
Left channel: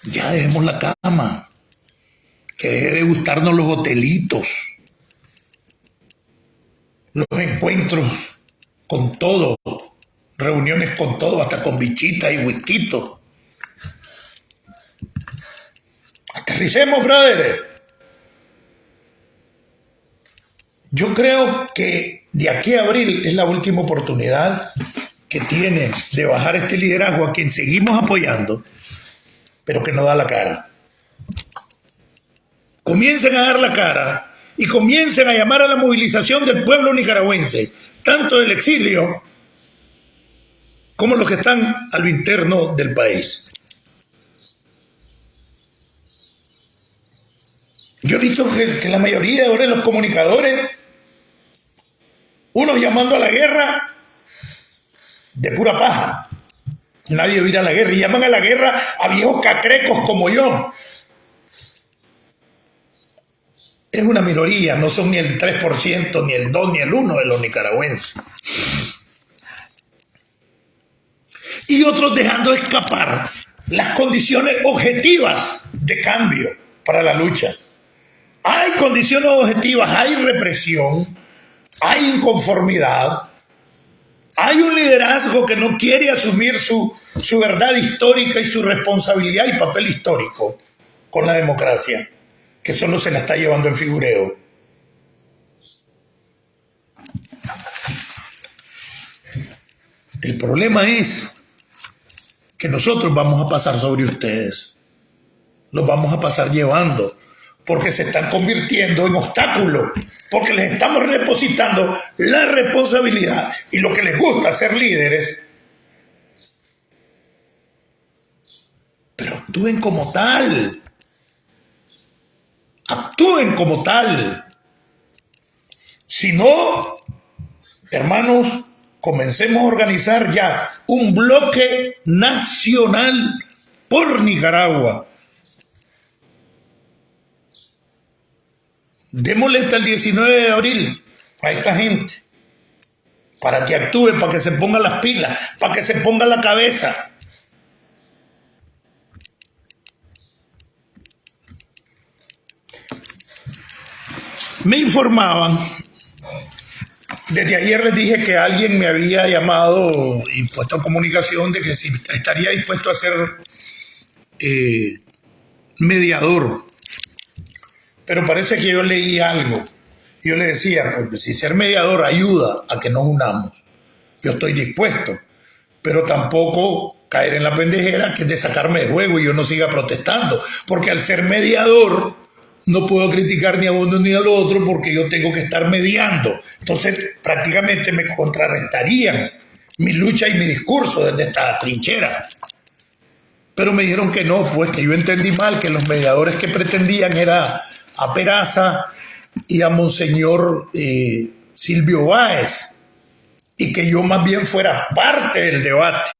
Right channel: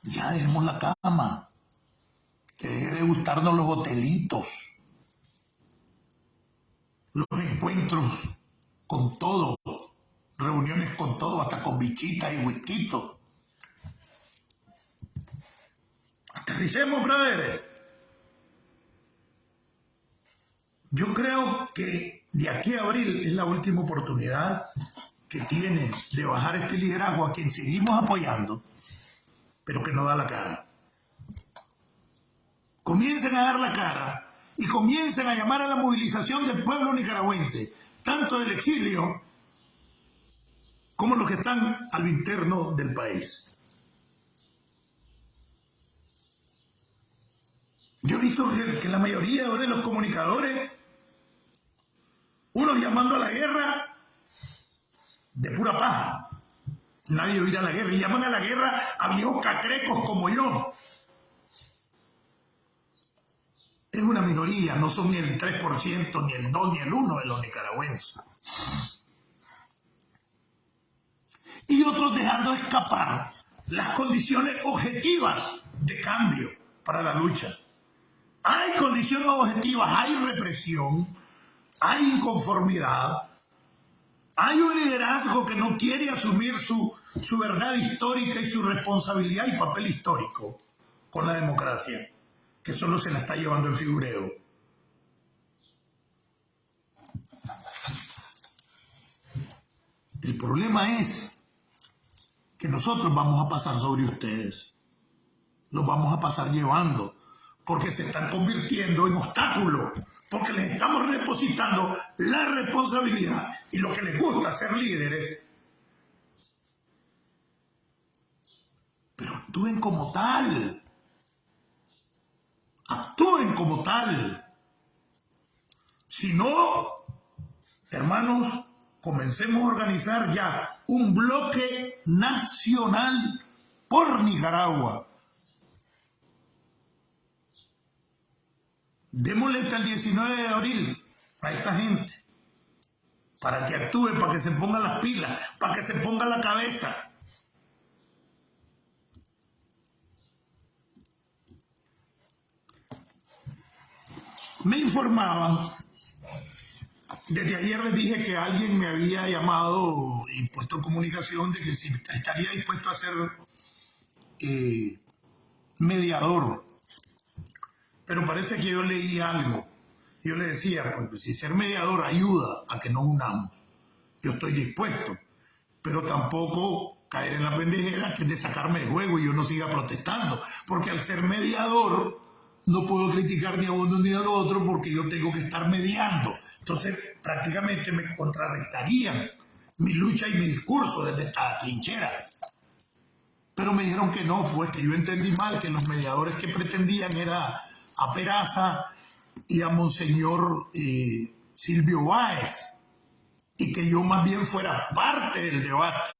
Ya dejemos la cama. Que deje de gustarnos los hotelitos. Los encuentros con todo. Reuniones con todo, hasta con bichita y whisky. Aterricemos, brothers. Yo creo que de aquí a abril es la última oportunidad que tienen de bajar este liderazgo a quien seguimos apoyando, pero que no da la cara. Comiencen a dar la cara y comiencen a llamar a la movilización del pueblo nicaragüense, tanto del exilio como los que están a lo interno del país. Yo he visto que la mayoría de ahora de los comunicadores, unos llamando a la guerra de pura paja. Nadie va a ir a la guerra y llaman a la guerra a viejos cacrecos como yo. Es una minoría, no son ni el 3%, ni el 2%, ni el 1% de los nicaragüenses. Y otros dejando escapar las condiciones objetivas de cambio para la lucha. Hay condiciones objetivas, hay represión, hay inconformidad, hay un liderazgo que no quiere asumir su verdad histórica y su responsabilidad y papel histórico con la democracia, que solo se la está llevando en figureo. El problema es que nosotros vamos a pasar sobre ustedes, los vamos a pasar llevando, porque se están convirtiendo en obstáculos, porque les estamos depositando la responsabilidad y lo que les gusta ser líderes. Pero actúen como tal. Actúen como tal. Si no, hermanos, comencemos a organizar ya un bloque nacional por Nicaragua. Démosle hasta el 19 de abril a esta gente para que actúe, para que se ponga las pilas, para que se ponga la cabeza. Me informaban, desde ayer les dije que alguien me había llamado y puesto en comunicación de que si estaría dispuesto a ser mediador. Pero parece que yo leí algo. Yo le decía, pues si ser mediador ayuda a que nos unamos, yo estoy dispuesto, pero tampoco caer en la pendejera que es de sacarme de juego y yo no siga protestando, porque al ser mediador no puedo criticar ni a uno ni al otro porque yo tengo que estar mediando. Entonces prácticamente me contrarrestarían mi lucha y mi discurso desde esta trinchera. Pero me dijeron que no, pues que yo entendí mal, que los mediadores que pretendían era a Peraza y a Monseñor Silvio Báez, y que yo más bien fuera parte del debate.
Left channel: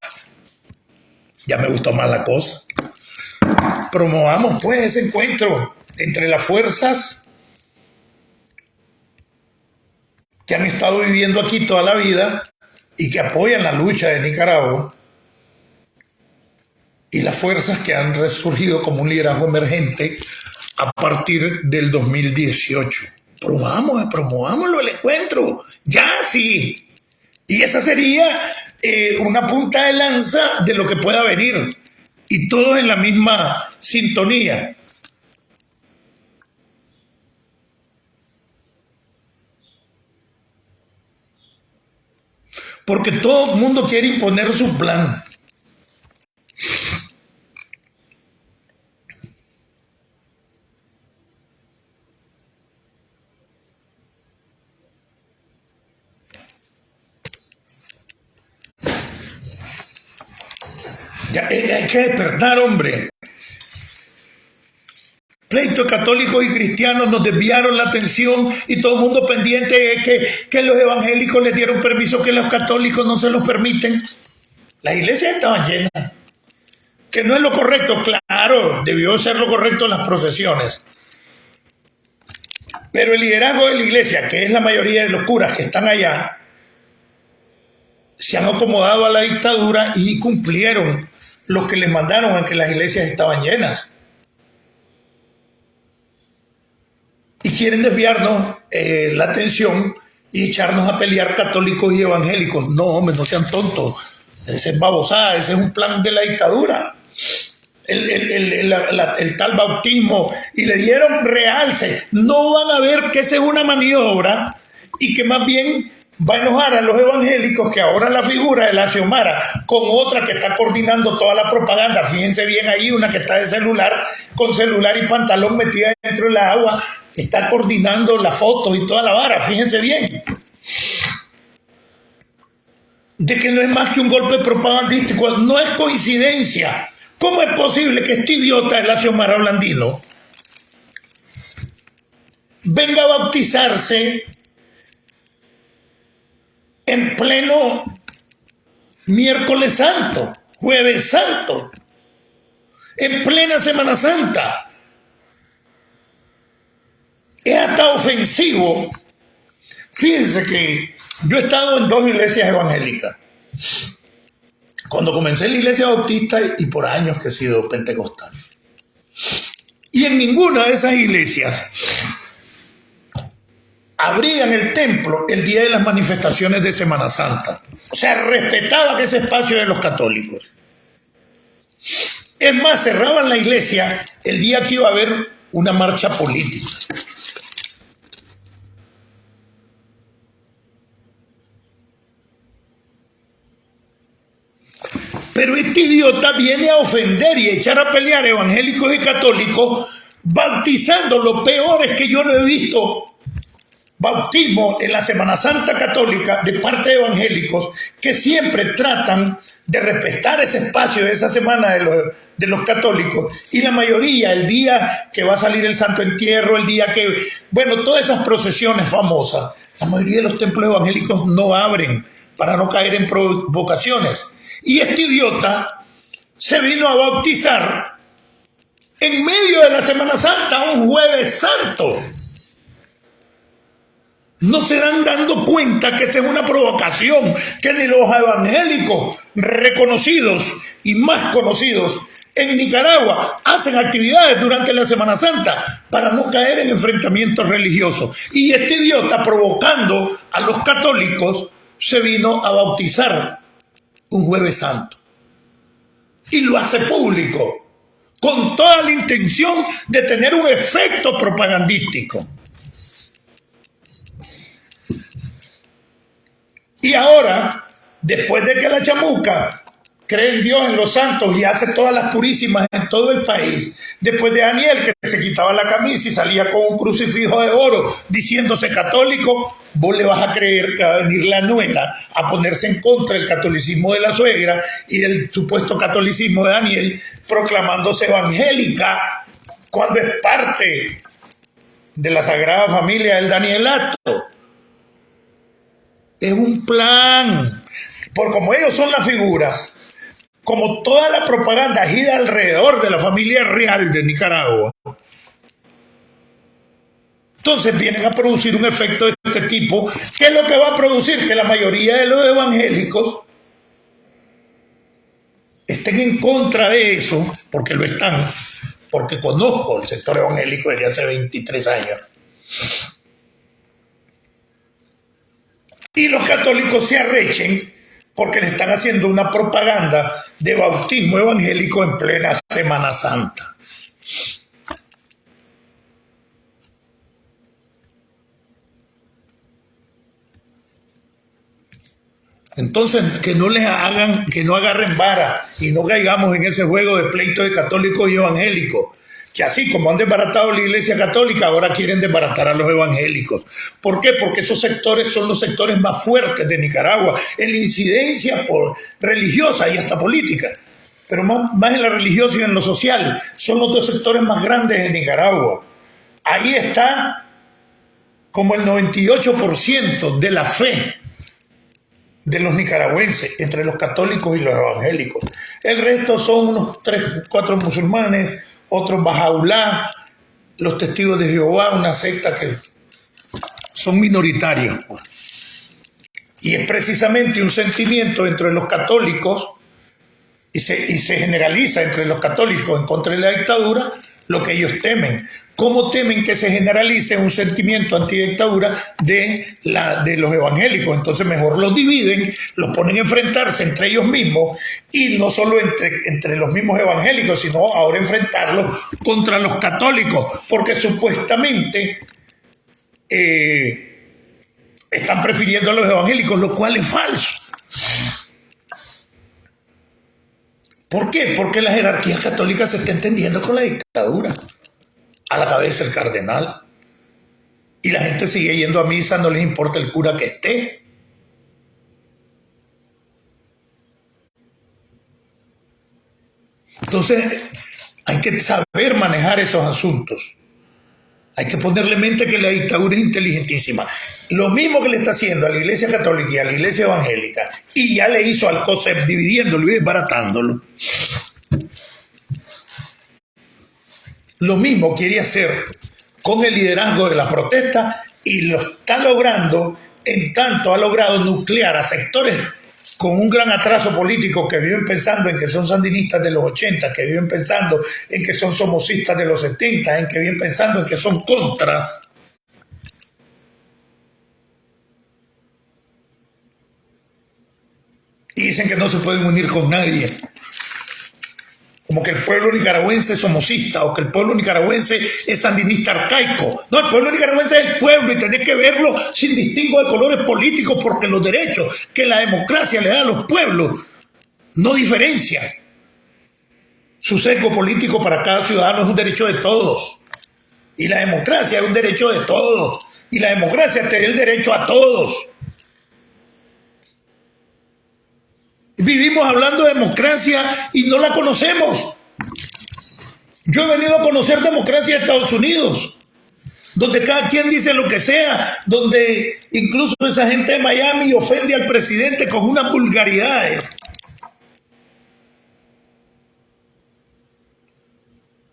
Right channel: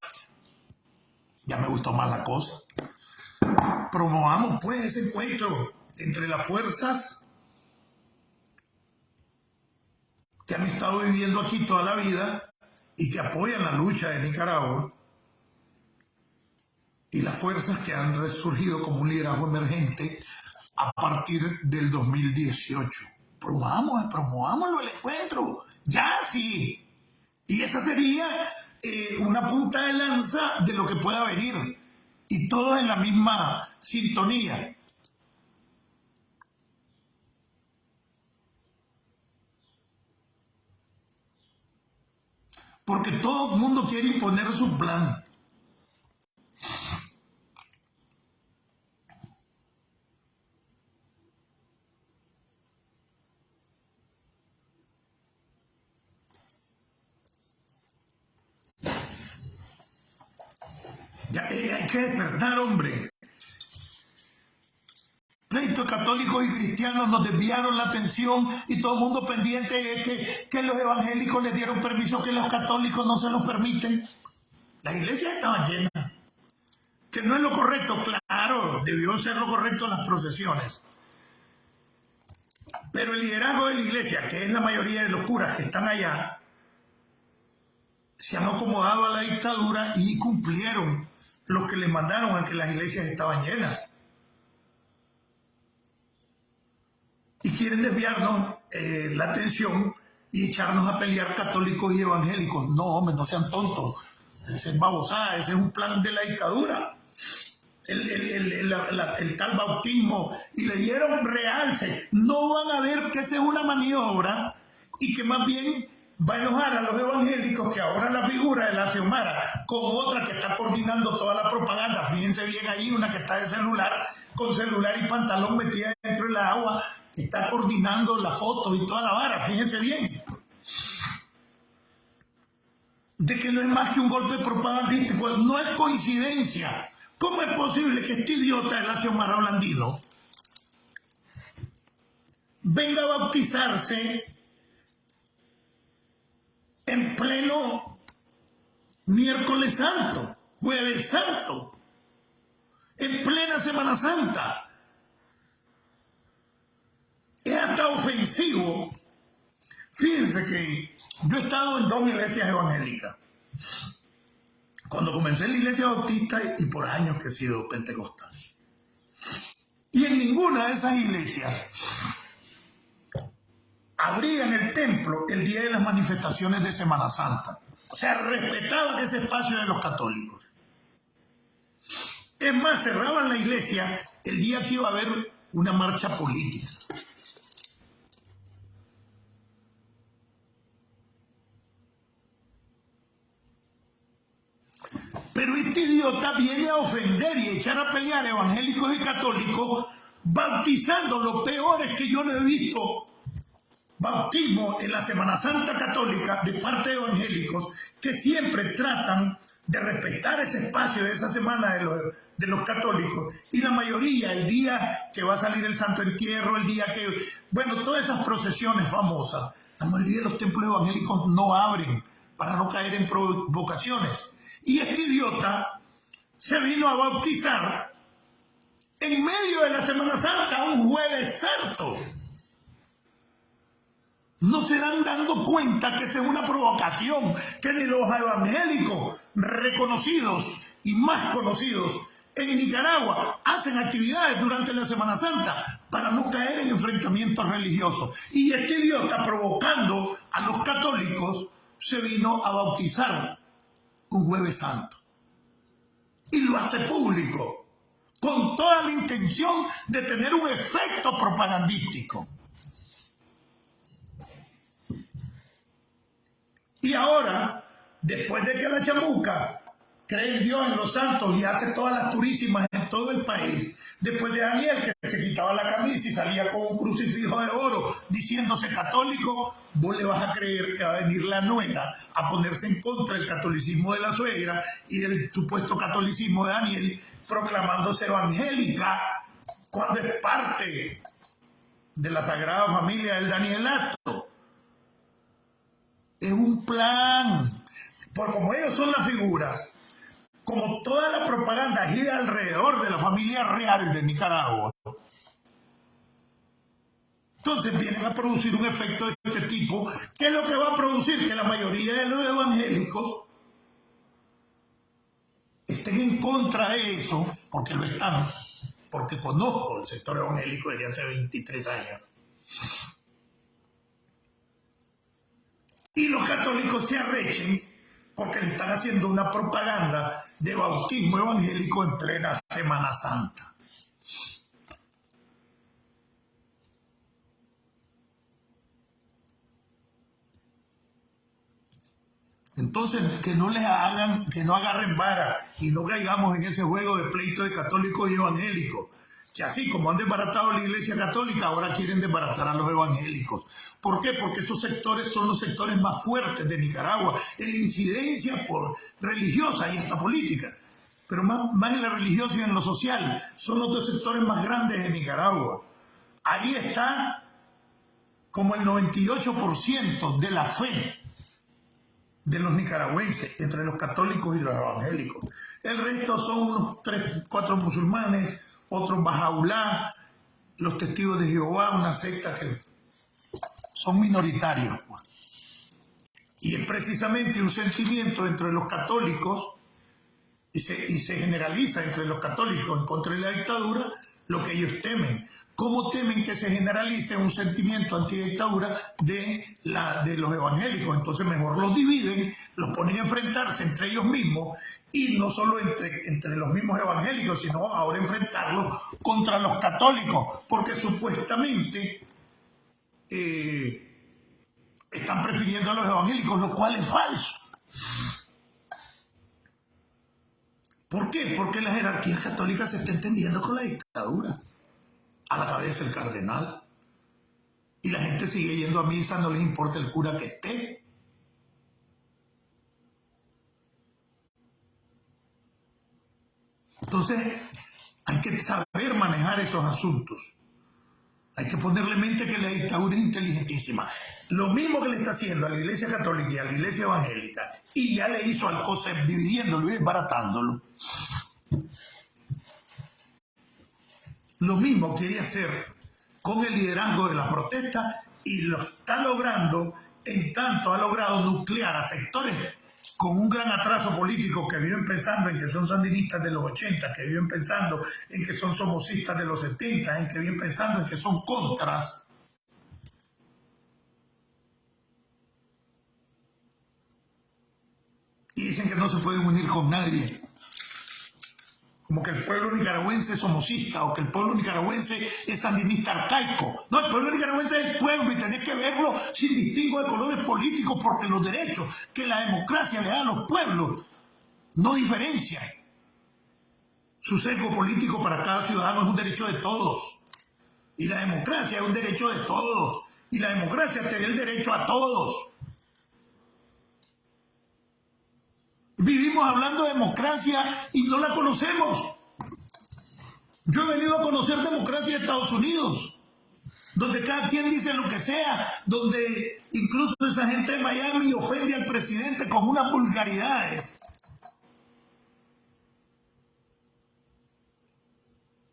Ya me gustó más la cosa. Promovamos pues ese encuentro entre las fuerzas que han estado viviendo aquí toda la vida y que apoyan la lucha de Nicaragua, y las fuerzas que han resurgido como un liderazgo emergente a partir del 2018. Promovámoslo el encuentro, ya sí. Y esa sería una punta de lanza de lo que pueda venir. Y todos en la misma sintonía. Porque todo el mundo quiere imponer su plan. Ya, hay que despertar, hombre. Pleitos católicos y cristianos nos desviaron la atención y todo el mundo pendiente de que los evangélicos les dieron permiso, que los católicos no se los permiten. Las iglesias estaban llenas. Que no es lo correcto, claro, debió ser lo correcto en las procesiones. Pero el liderazgo de la iglesia, que es la mayoría de los curas que están allá, se han acomodado a la dictadura y cumplieron los que les mandaron a que las iglesias estaban llenas. Y quieren desviarnos la atención y echarnos a pelear católicos y evangélicos. No, hombre, no sean tontos. Esa es babosada, ese es un plan de la dictadura. El tal bautismo, y le dieron realce. No van a ver que esa es una maniobra y que más bien va a enojar a los evangélicos, que ahora la figura de la Xiomara con otra que está coordinando toda la propaganda. Fíjense bien ahí, una que está de celular, con celular y pantalón metida dentro dentro del agua, está coordinando las fotos y toda la vara, fíjense bien. De que no es más que un golpe propagandístico, no es coincidencia. ¿Cómo es posible que este idiota de Xiomara Blandino venga a bautizarse en pleno miércoles santo, jueves santo, en plena Semana Santa? Es hasta ofensivo. Fíjense que yo he estado en 2 iglesias evangélicas. Cuando comencé en la iglesia bautista y por años que he sido pentecostal. Y en ninguna de esas iglesias abrían el templo el día de las manifestaciones de Semana Santa. O sea, respetaban ese espacio de los católicos. Es más, cerraban la iglesia el día que iba a haber una marcha política. Pero este idiota viene a ofender y a echar a pelear evangélicos y católicos, bautizando lo peor es que yo no he visto bautismo en la Semana Santa católica de parte de evangélicos que siempre tratan de respetar ese espacio de esa semana de los católicos, y la mayoría el día que va a salir el Santo Entierro, el día que, bueno, todas esas procesiones famosas, la mayoría de los templos evangélicos no abren para no caer en provocaciones. Y este idiota se vino a bautizar en medio de la Semana Santa, un jueves santo. No se dan dando cuenta que esa es una provocación, que ni los evangélicos reconocidos y más conocidos en Nicaragua hacen actividades durante la Semana Santa para no caer en enfrentamientos religiosos. Y este idiota, provocando a los católicos, se vino a bautizar un jueves santo. Y lo hace público, con toda la intención de tener un efecto propagandístico. Y ahora, después de que la chamuca cree en Dios, en los santos y hace todas las purísimas en todo el país, después de Daniel que se quitaba la camisa y salía con un crucifijo de oro diciéndose católico, vos le vas a creer que va a venir la nuera a ponerse en contra del catolicismo de la suegra y del supuesto catolicismo de Daniel, proclamándose evangélica cuando es parte de la Sagrada Familia del Danielato. Es un plan, por como ellos son las figuras, como toda la propaganda gira alrededor de la familia real de Nicaragua. Entonces vienen a producir un efecto de este tipo, que es lo que va a producir que la mayoría de los evangélicos estén en contra de eso, porque lo están, porque conozco el sector evangélico desde hace 23 años. Y los católicos se arrechen porque le están haciendo una propaganda de bautismo evangélico en plena Semana Santa. Entonces, que no les hagan, que no agarren vara y no caigamos en ese juego de pleito de católicos y evangélicos, que así como han desbaratado la Iglesia Católica, ahora quieren desbaratar a los evangélicos. ¿Por qué? Porque esos sectores son los sectores más fuertes de Nicaragua en la incidencia religiosa y hasta política, pero más en la religiosa y en lo social. Son los 2 sectores más grandes de Nicaragua. Ahí está como el 98% de la fe de los nicaragüenses, entre los católicos y los evangélicos. El resto son unos 3, 4 musulmanes, otros Bahá'u'lláh, los testigos de Jehová, una secta que son minoritarios. Y es precisamente un sentimiento entre los católicos, y se generaliza entre los católicos en contra de la dictadura, lo que ellos temen. ¿Cómo temen que se generalice un sentimiento antidictadura de los evangélicos? Entonces mejor los dividen, los ponen a enfrentarse entre ellos mismos, y no solo entre los mismos evangélicos, sino ahora enfrentarlos contra los católicos, porque supuestamente están prefiriendo a los evangélicos, lo cual es falso. ¿Por qué? Porque la jerarquía católica se está entendiendo con la dictadura. a la cabeza el cardenal. Y la gente sigue yendo a misa, no les importa el cura que esté. Entonces, hay que saber manejar esos asuntos. Hay que ponerle mente que la dictadura es inteligentísima. Lo mismo que le está haciendo a la Iglesia Católica y a la Iglesia Evangélica, y ya le hizo al COSEP dividiéndolo y desbaratándolo. Lo mismo quiere hacer con el liderazgo de las protestas y lo está logrando, en tanto ha logrado nuclear a sectores con un gran atraso político que viven pensando en que son sandinistas de los 80, que viven pensando en que son somocistas de los 70, en que viven pensando en que son contras. Y dicen que no se pueden unir con nadie. Como que el pueblo nicaragüense es somocista o que el pueblo nicaragüense es sandinista arcaico. No, el pueblo nicaragüense es el pueblo y tenés que verlo sin distingo de colores políticos, porque los derechos que la democracia le da a los pueblos no diferencian. Su sesgo político para cada ciudadano es un derecho de todos. Y la democracia es un derecho de todos. Y la democracia te da el derecho a todos. Vivimos hablando de democracia y no la conocemos. Yo he venido a conocer democracia de Estados Unidos, donde cada quien dice lo que sea, donde incluso esa gente de Miami ofende al presidente con unas vulgaridades.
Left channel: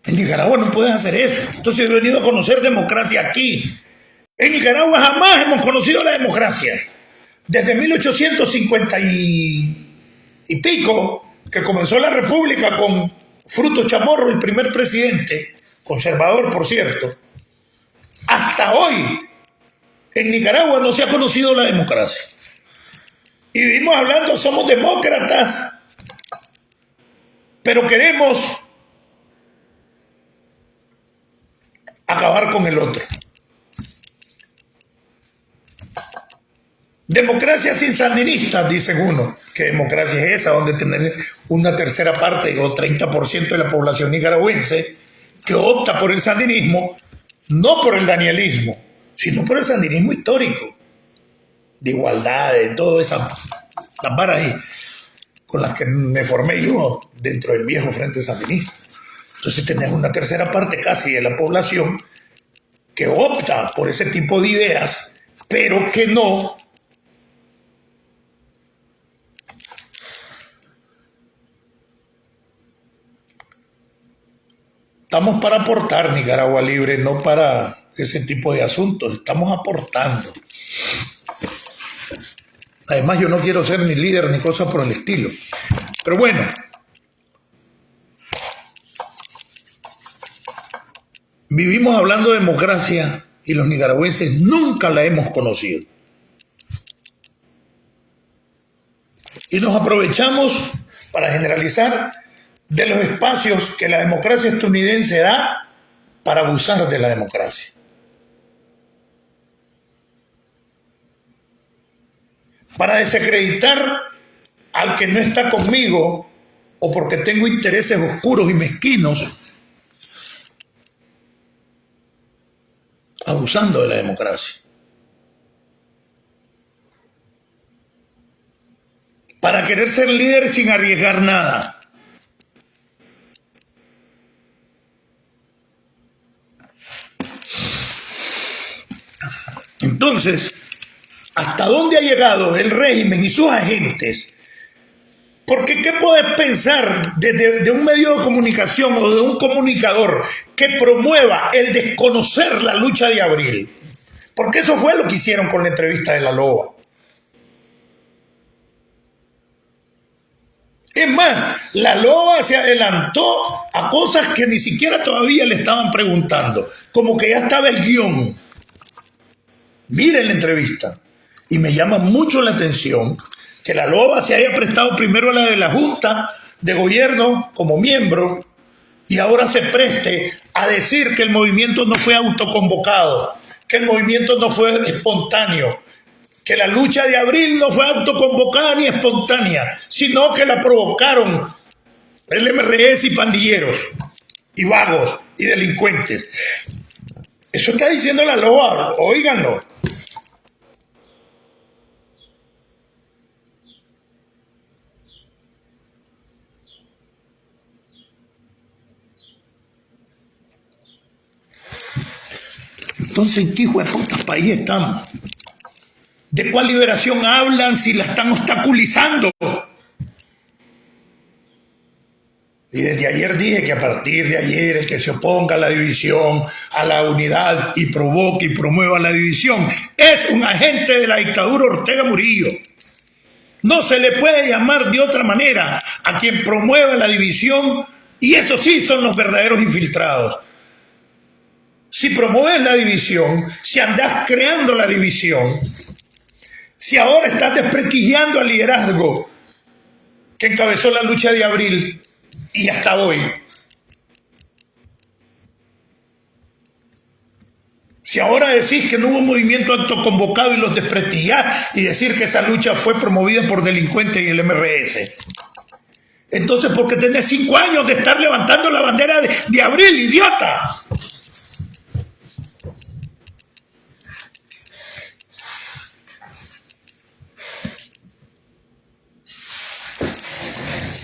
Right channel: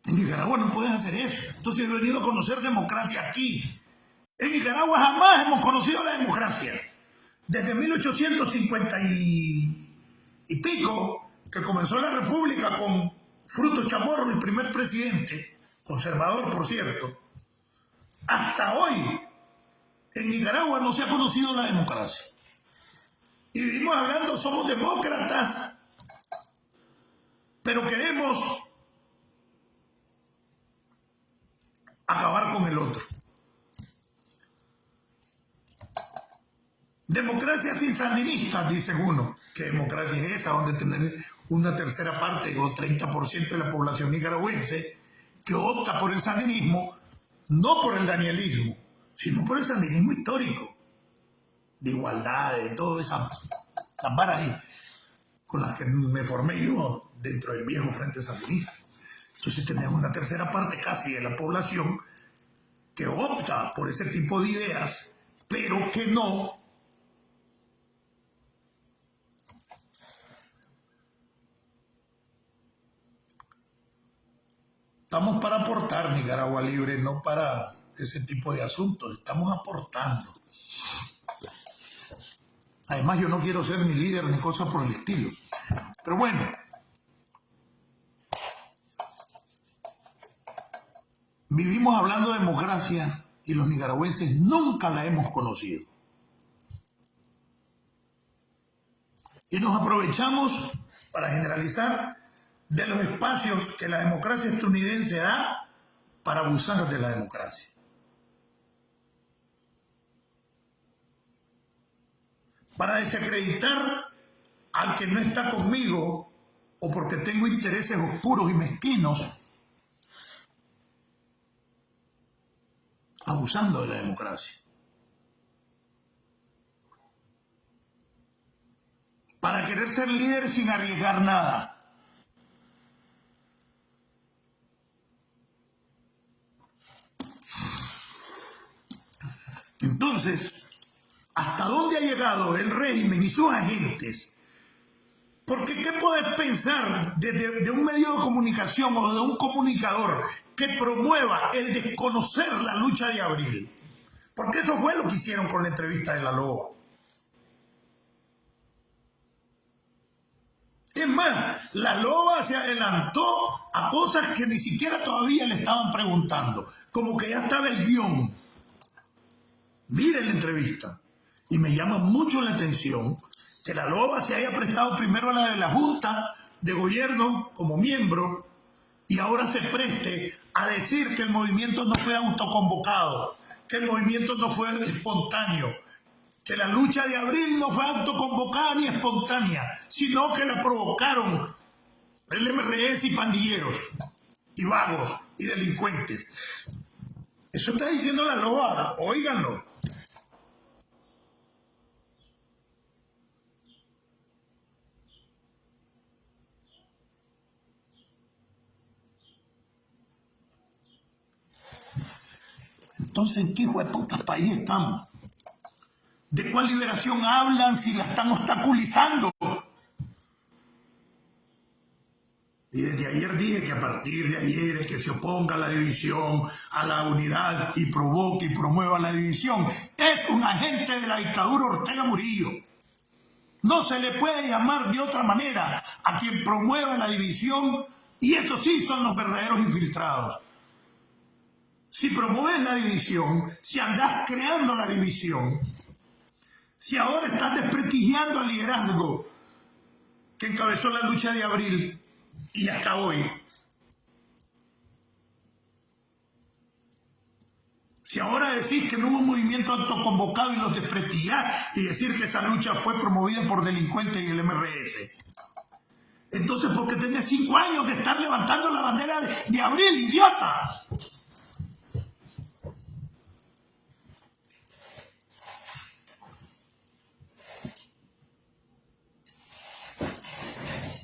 En Nicaragua no puedes hacer eso. Entonces he venido a conocer democracia aquí. En Nicaragua jamás hemos conocido la democracia. Desde 1850 y pico, que comenzó la República con Frutos Chamorro, el primer presidente, conservador por cierto, hasta hoy en Nicaragua no se ha conocido la democracia. Y vivimos hablando, somos demócratas, pero queremos acabar con el otro. Democracia sin sandinistas, dicen uno. ¿Qué democracia es esa? Donde tener una tercera parte o 30% de la población nicaragüense que opta por el sandinismo, no por el danielismo, sino por el sandinismo histórico, de igualdad, de todas esas las varas ahí con las que me formé yo dentro del viejo Frente Sandinista. Entonces tenés una tercera parte casi de la población que opta por ese tipo de ideas, pero que no estamos para aportar Nicaragua Libre, no para ese tipo de asuntos. Estamos aportando. Además, yo no quiero ser ni líder ni cosa por el estilo. Pero bueno, vivimos hablando de democracia y los nicaragüenses nunca la hemos conocido. Y nos aprovechamos para generalizar de los espacios que la democracia estadounidense da para abusar de la democracia. Para desacreditar al que no está conmigo o porque tengo intereses oscuros y mezquinos, abusando de la democracia. Para querer ser líder sin arriesgar nada. Entonces, ¿hasta dónde ha llegado el régimen y sus agentes? Porque ¿qué puedes pensar de un medio de comunicación o de un comunicador que promueva el desconocer la lucha de abril? Porque eso fue lo que hicieron con la entrevista de La Loba. Es más, La Loba se adelantó a cosas que ni siquiera todavía le estaban preguntando, como que ya estaba el guión. Miren la entrevista. Y me llama mucho la atención que La Loba se haya prestado primero a la de la Junta de Gobierno como miembro y ahora se preste a decir que el movimiento no fue autoconvocado, que el movimiento no fue espontáneo, que la lucha de abril no fue autoconvocada ni espontánea, sino que la provocaron el MRS y pandilleros y vagos y delincuentes. Eso está diciendo la LOA, óiganlo. Entonces, ¿en qué hijo de puta país estamos? ¿De cuál liberación hablan si la están obstaculizando? Y desde ayer dije que a partir de ayer el que se oponga a la división, a la unidad y provoque y promueva la división es un agente de la dictadura Ortega Murillo. No se le puede llamar de otra manera a quien promueva la división, y esos sí son los verdaderos infiltrados. Si promueves la división, si andás creando la división, si ahora estás desprestigiando al liderazgo que encabezó la lucha de abril y hasta hoy, si ahora decís que no hubo movimiento autoconvocado y los desprestigiás y decir que esa lucha fue promovida por delincuentes y el MRS, entonces ¿por qué tenés 5 años de estar levantando la bandera de abril, idiota?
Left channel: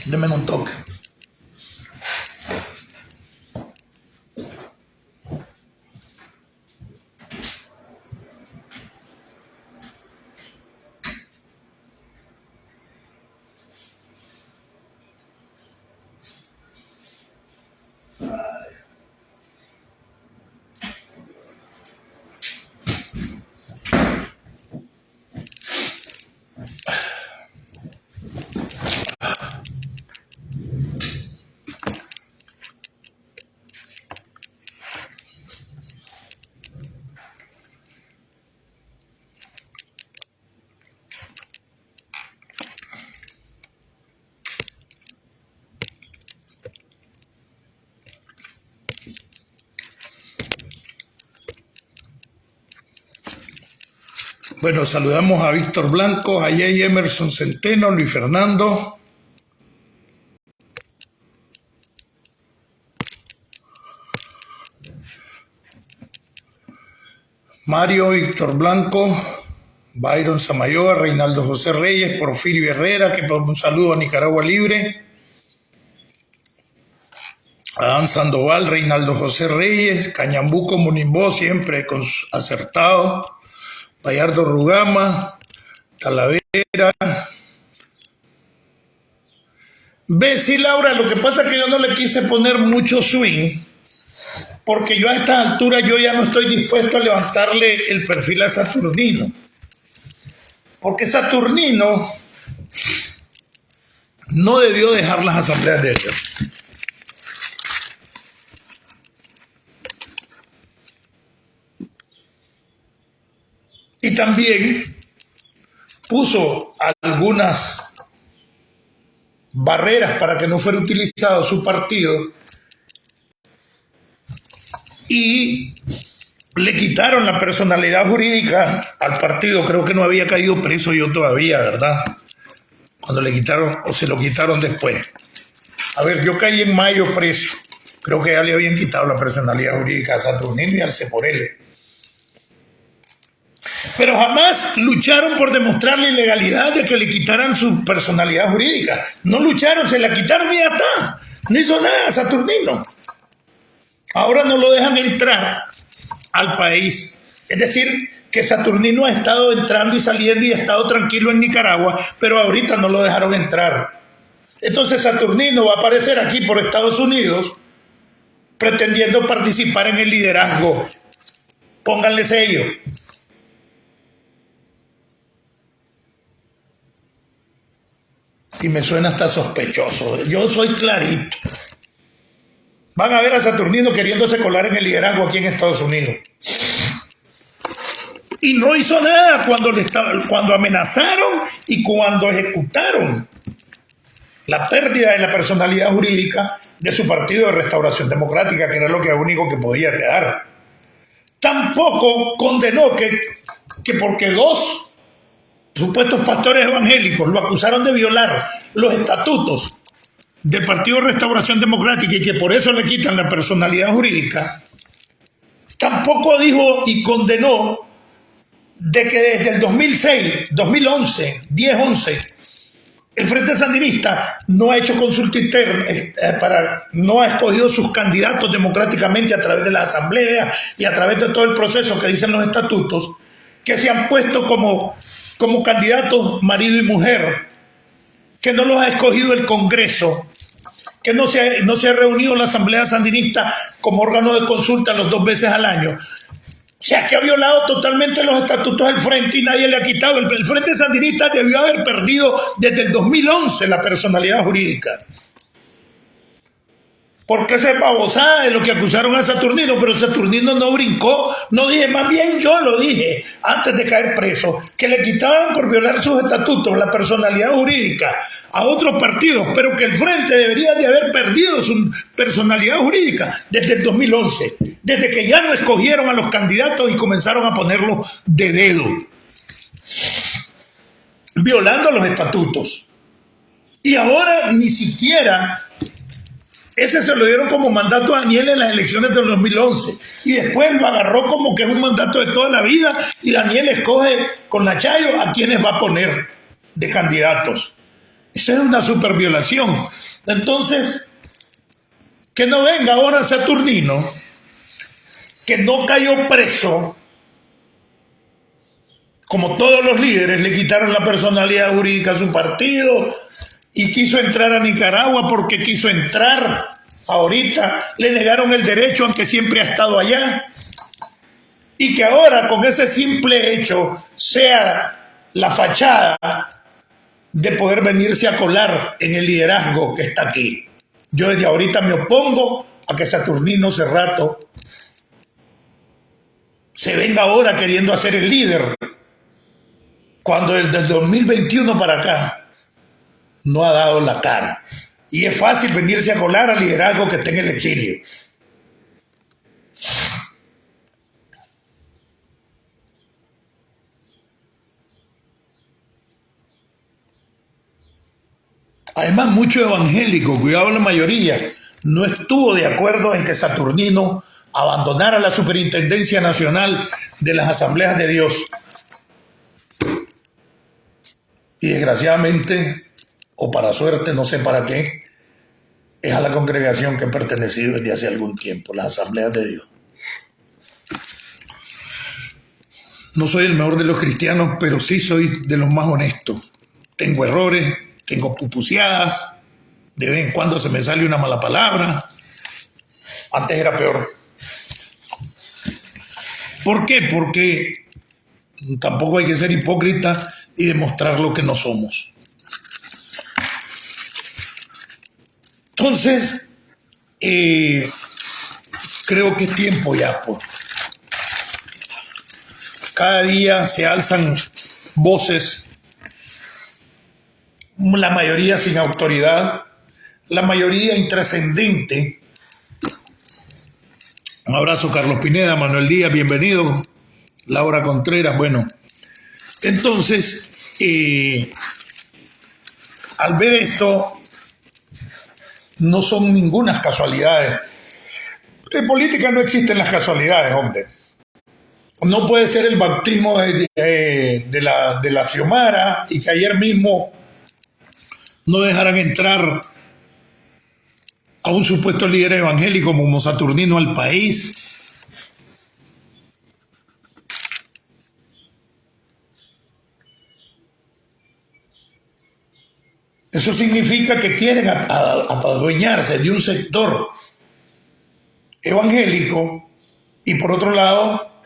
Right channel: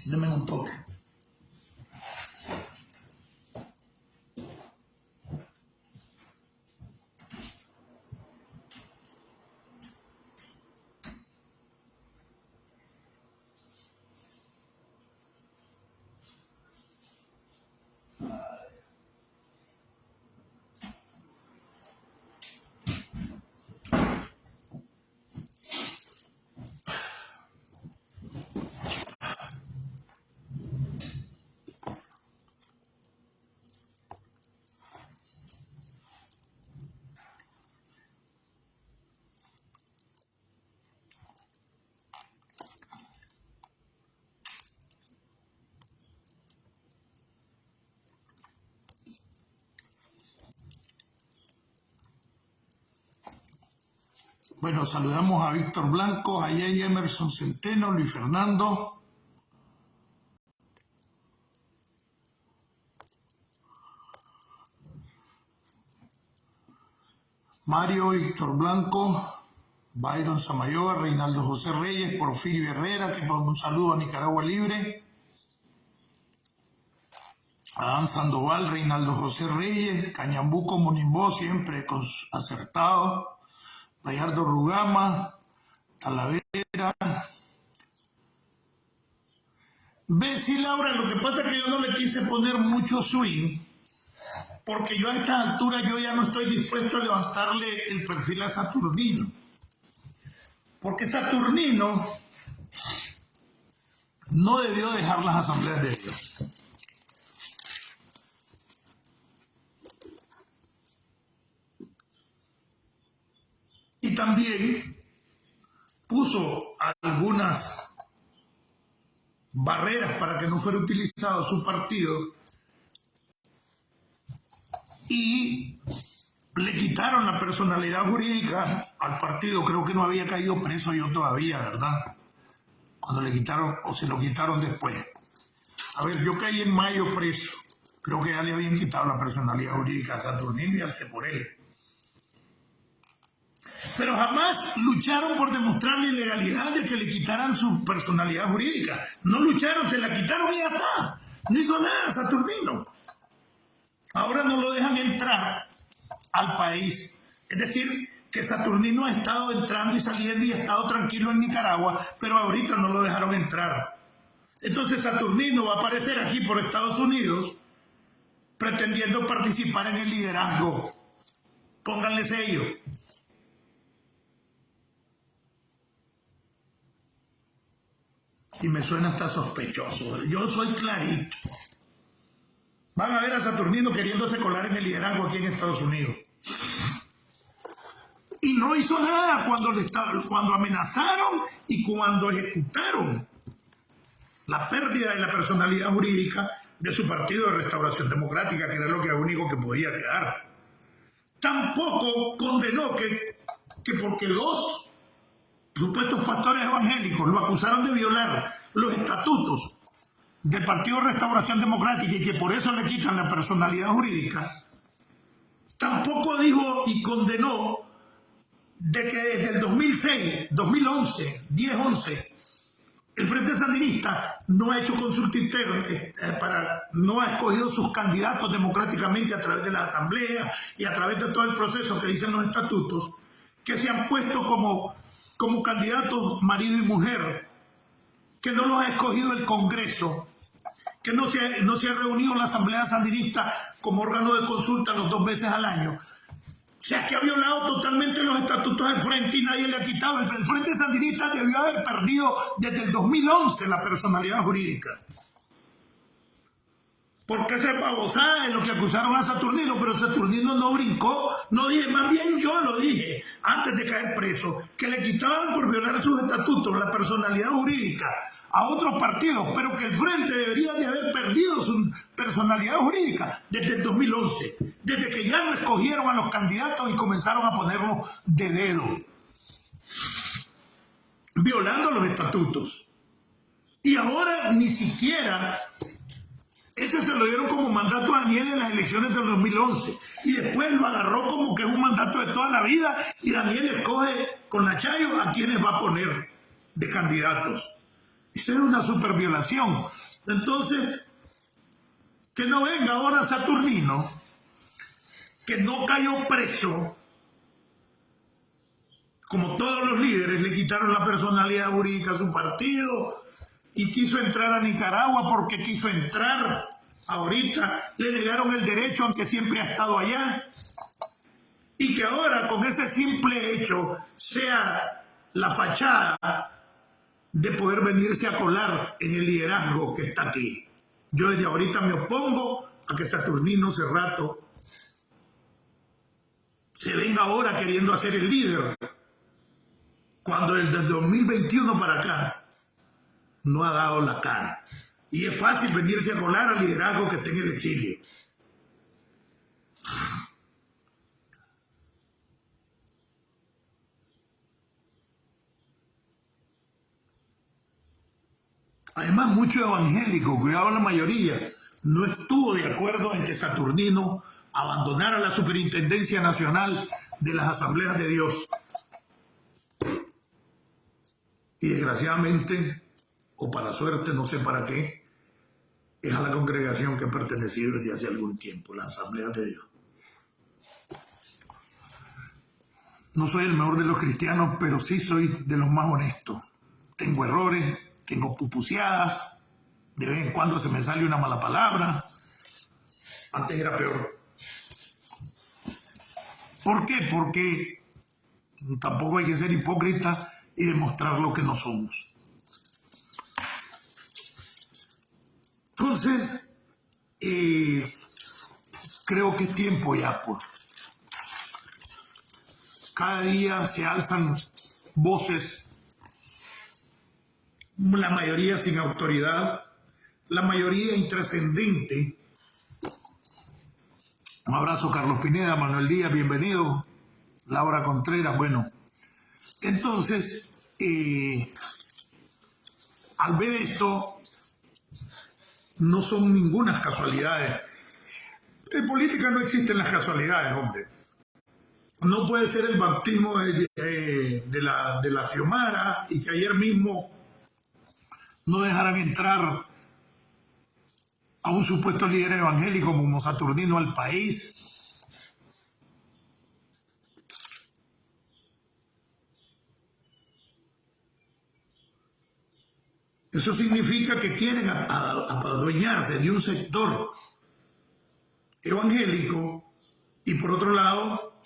Denme un toque. Bueno, saludamos a Víctor Blanco, a Jay Emerson Centeno, Luis Fernando. Mario, Víctor Blanco, Byron Samayoa, Reinaldo José Reyes, Porfirio Herrera, que un saludo a Nicaragua Libre. Adán Sandoval, Reinaldo José Reyes, Cañambuco Monimbó, siempre acertado. Bayardo Rugama, Talavera. Ve, sí, Laura, lo que pasa es que yo no le quise poner mucho swing, porque yo a esta altura yo ya no estoy dispuesto a levantarle el perfil a Saturnino. Porque Saturnino no debió dejar las asambleas de Dios. Y también puso algunas barreras para que no fuera utilizado su partido y le quitaron la personalidad jurídica al partido. Creo que no había caído preso yo todavía, ¿verdad? Cuando le quitaron, o se lo quitaron después. A ver, yo caí en mayo preso. Creo que ya le habían quitado la personalidad jurídica a Saturnino y al Ceporele. Pero jamás lucharon por demostrar la ilegalidad de que le quitaran su personalidad jurídica. No lucharon, se la quitaron y ya está. No hizo nada Saturnino. Ahora no lo dejan entrar al país. Es decir, que Saturnino ha estado entrando y saliendo y ha estado tranquilo en Nicaragua, pero ahorita no lo dejaron entrar. Entonces Saturnino va a aparecer aquí por Estados Unidos pretendiendo participar en el liderazgo. Pónganle sello. Y me suena hasta sospechoso. Yo soy clarito. Van a ver a Saturnino queriéndose colar en el liderazgo aquí en Estados Unidos. Y no hizo nada cuando amenazaron y cuando ejecutaron la pérdida de la personalidad jurídica de su partido de Restauración Democrática, que era lo único que podía quedar. Tampoco condenó que porque 2 supuestos pastores evangélicos lo acusaron de violar los estatutos del Partido Restauración Democrática y que por eso le quitan la personalidad jurídica, tampoco dijo y condenó de que desde el 2006, 2011, 10-11, el Frente Sandinista no ha hecho consulta interna, no ha escogido sus candidatos democráticamente a través de la asamblea y a través de todo el proceso que dicen los estatutos, que se han puesto como candidatos marido y mujer, que no los ha escogido el Congreso, que no se ha reunido la Asamblea Sandinista como órgano de consulta los 2 veces al año. O sea, que ha violado totalmente los estatutos del Frente y nadie le ha quitado. El Frente Sandinista debió haber perdido desde el 2011 la personalidad jurídica. Porque esa es babosada de lo que acusaron a Saturnino, pero Saturnino no brincó, no dije, más bien yo lo dije antes de caer preso, que le quitaban por violar sus estatutos la personalidad jurídica a otros partidos, pero que el Frente debería de haber perdido su personalidad jurídica desde el 2011, desde que ya no escogieron a los candidatos y comenzaron a ponerlos de dedo, violando los estatutos. Y ahora ni siquiera ese se lo dieron como mandato a Daniel en las elecciones del 2011 y después lo agarró como que es un mandato de toda la vida y Daniel escoge con la Chayo a quienes va a poner de candidatos. Eso es una super violación. Entonces, que no venga ahora Saturnino, que no cayó preso, como todos los líderes, le quitaron la personalidad jurídica a su partido y quiso entrar a Nicaragua porque quiso entrar. Ahorita le negaron el derecho, aunque siempre ha estado allá. Y que ahora, con ese simple hecho, sea la fachada de poder venirse a colar en el liderazgo que está aquí. Yo desde ahorita me opongo a que Saturnino Cerrato se venga ahora queriendo hacer el líder, cuando desde el 2021 para acá no ha dado la cara. Y es fácil venirse a colar al liderazgo que está en el exilio. Además, mucho evangélico, cuidado la mayoría, no estuvo de acuerdo en que Saturnino abandonara la Superintendencia Nacional de las Asambleas de Dios. Y desgraciadamente, o para suerte, no sé para qué, es a la congregación que he pertenecido desde hace algún tiempo, las Asambleas de Dios. No soy el mejor de los cristianos, pero sí soy de los más honestos. Tengo errores, tengo pupuseadas, de vez en cuando se me sale una mala palabra. Antes era peor. ¿Por qué? Porque tampoco hay que ser hipócrita y demostrar lo que no somos. Entonces, creo que es tiempo ya, pues. Cada día se alzan voces, la mayoría sin autoridad, la mayoría intrascendente. Un abrazo, Carlos Pineda, Manuel Díaz, bienvenido. Laura Contreras, bueno. Entonces, al ver esto, no son ninguna casualidades. En política no existen las casualidades, hombre. No puede ser el bautismo de la Xiomara y que ayer mismo no dejaran entrar a un supuesto líder evangélico como Saturnino al país. Eso significa que quieren adueñarse de un sector evangélico y por otro lado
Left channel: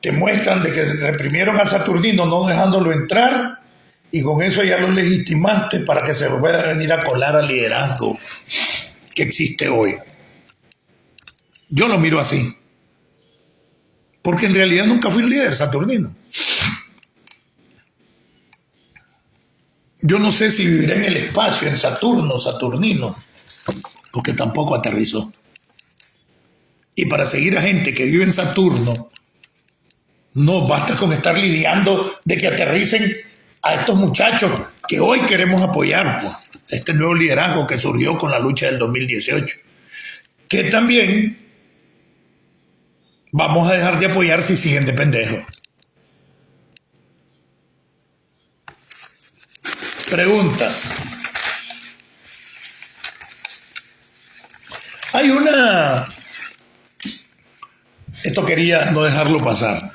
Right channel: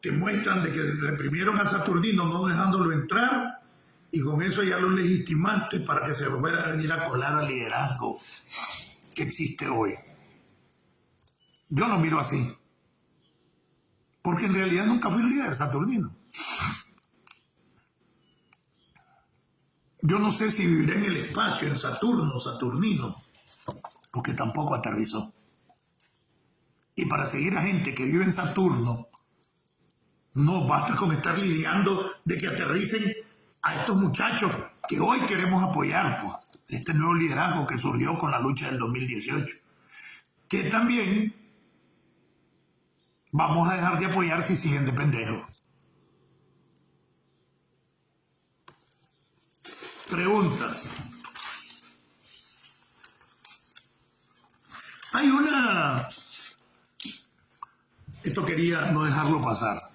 te muestran de que reprimieron a Saturnino no dejándolo entrar y con eso ya lo legitimaste para que se pueda venir a colar al liderazgo que existe hoy. Yo lo miro así. Porque en realidad nunca fui un líder, Saturnino. Yo no sé si viviré en el espacio, en Saturno, Saturnino, porque tampoco aterrizó. Y para seguir a gente que vive en Saturno, no basta con estar lidiando de que aterricen a estos muchachos que hoy queremos apoyar, pues, este nuevo liderazgo que surgió con la lucha del 2018, que también vamos a dejar de apoyar si siguen de pendejos. Preguntas. Hay una... Esto quería no dejarlo pasar.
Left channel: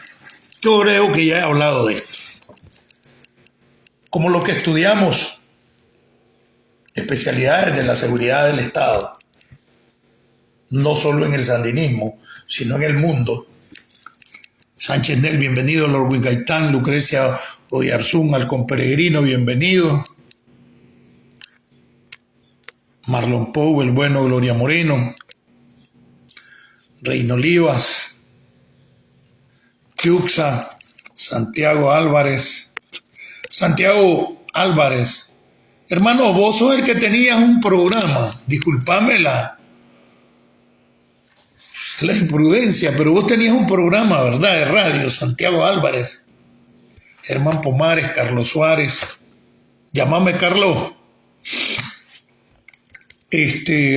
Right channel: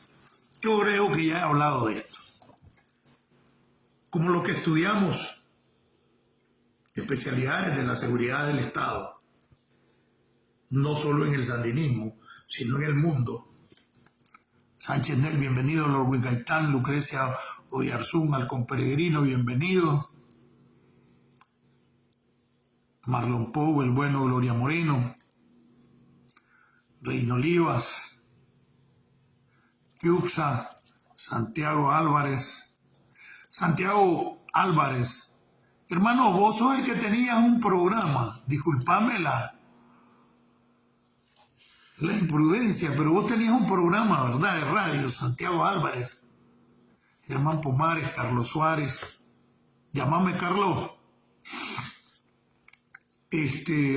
Yo creo que ya he hablado de esto. Como los que estudiamos especialidades de la seguridad del Estado, no solo en el sandinismo, sino en el mundo. Sánchez Nel, bienvenido. Lord Wingaitán, Lucrecia Oyarzún, Halcón Peregrino, bienvenido. Marlon Pou, el bueno, Gloria Moreno, Reino Olivas, Yuxa, Santiago Álvarez. Santiago Álvarez, hermano, vos sos el que tenías un programa, disculpame la imprudencia, pero vos tenías un programa, ¿verdad?, de radio. Santiago Álvarez, Germán Pomares, Carlos Suárez, llámame Carlos,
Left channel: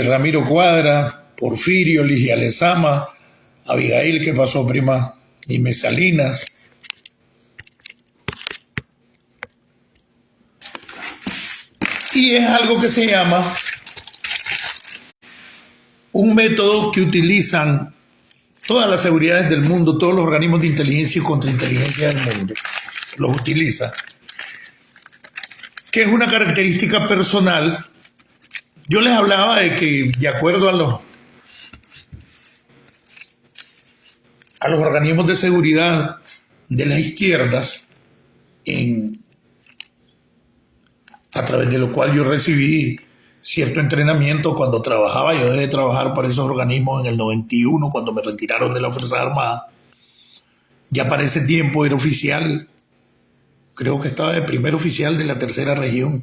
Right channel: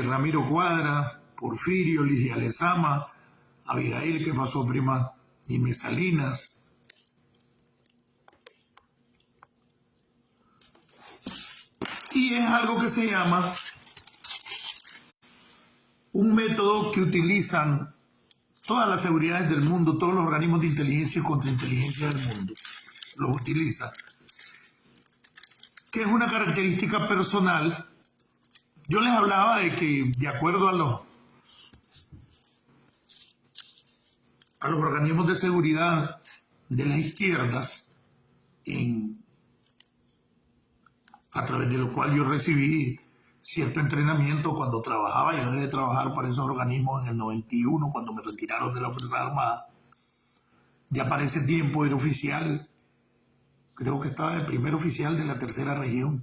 Ramiro Cuadra, Porfirio, Ligia Lezama, Abigail, ¿qué pasó, prima? Nime Salinas. Y es algo que se llama un método que utilizan todas las seguridades del mundo, todos los organismos de inteligencia y contrainteligencia del mundo, los utiliza, que es una característica personal. Yo les hablaba de que, de acuerdo a los organismos de seguridad de las izquierdas, a través de lo cual yo recibí cierto entrenamiento cuando trabajaba. Yo dejé de trabajar para esos organismos en el 91, cuando me retiraron de la Fuerza Armada. Ya para ese tiempo era oficial, creo que estaba de primer oficial de la tercera región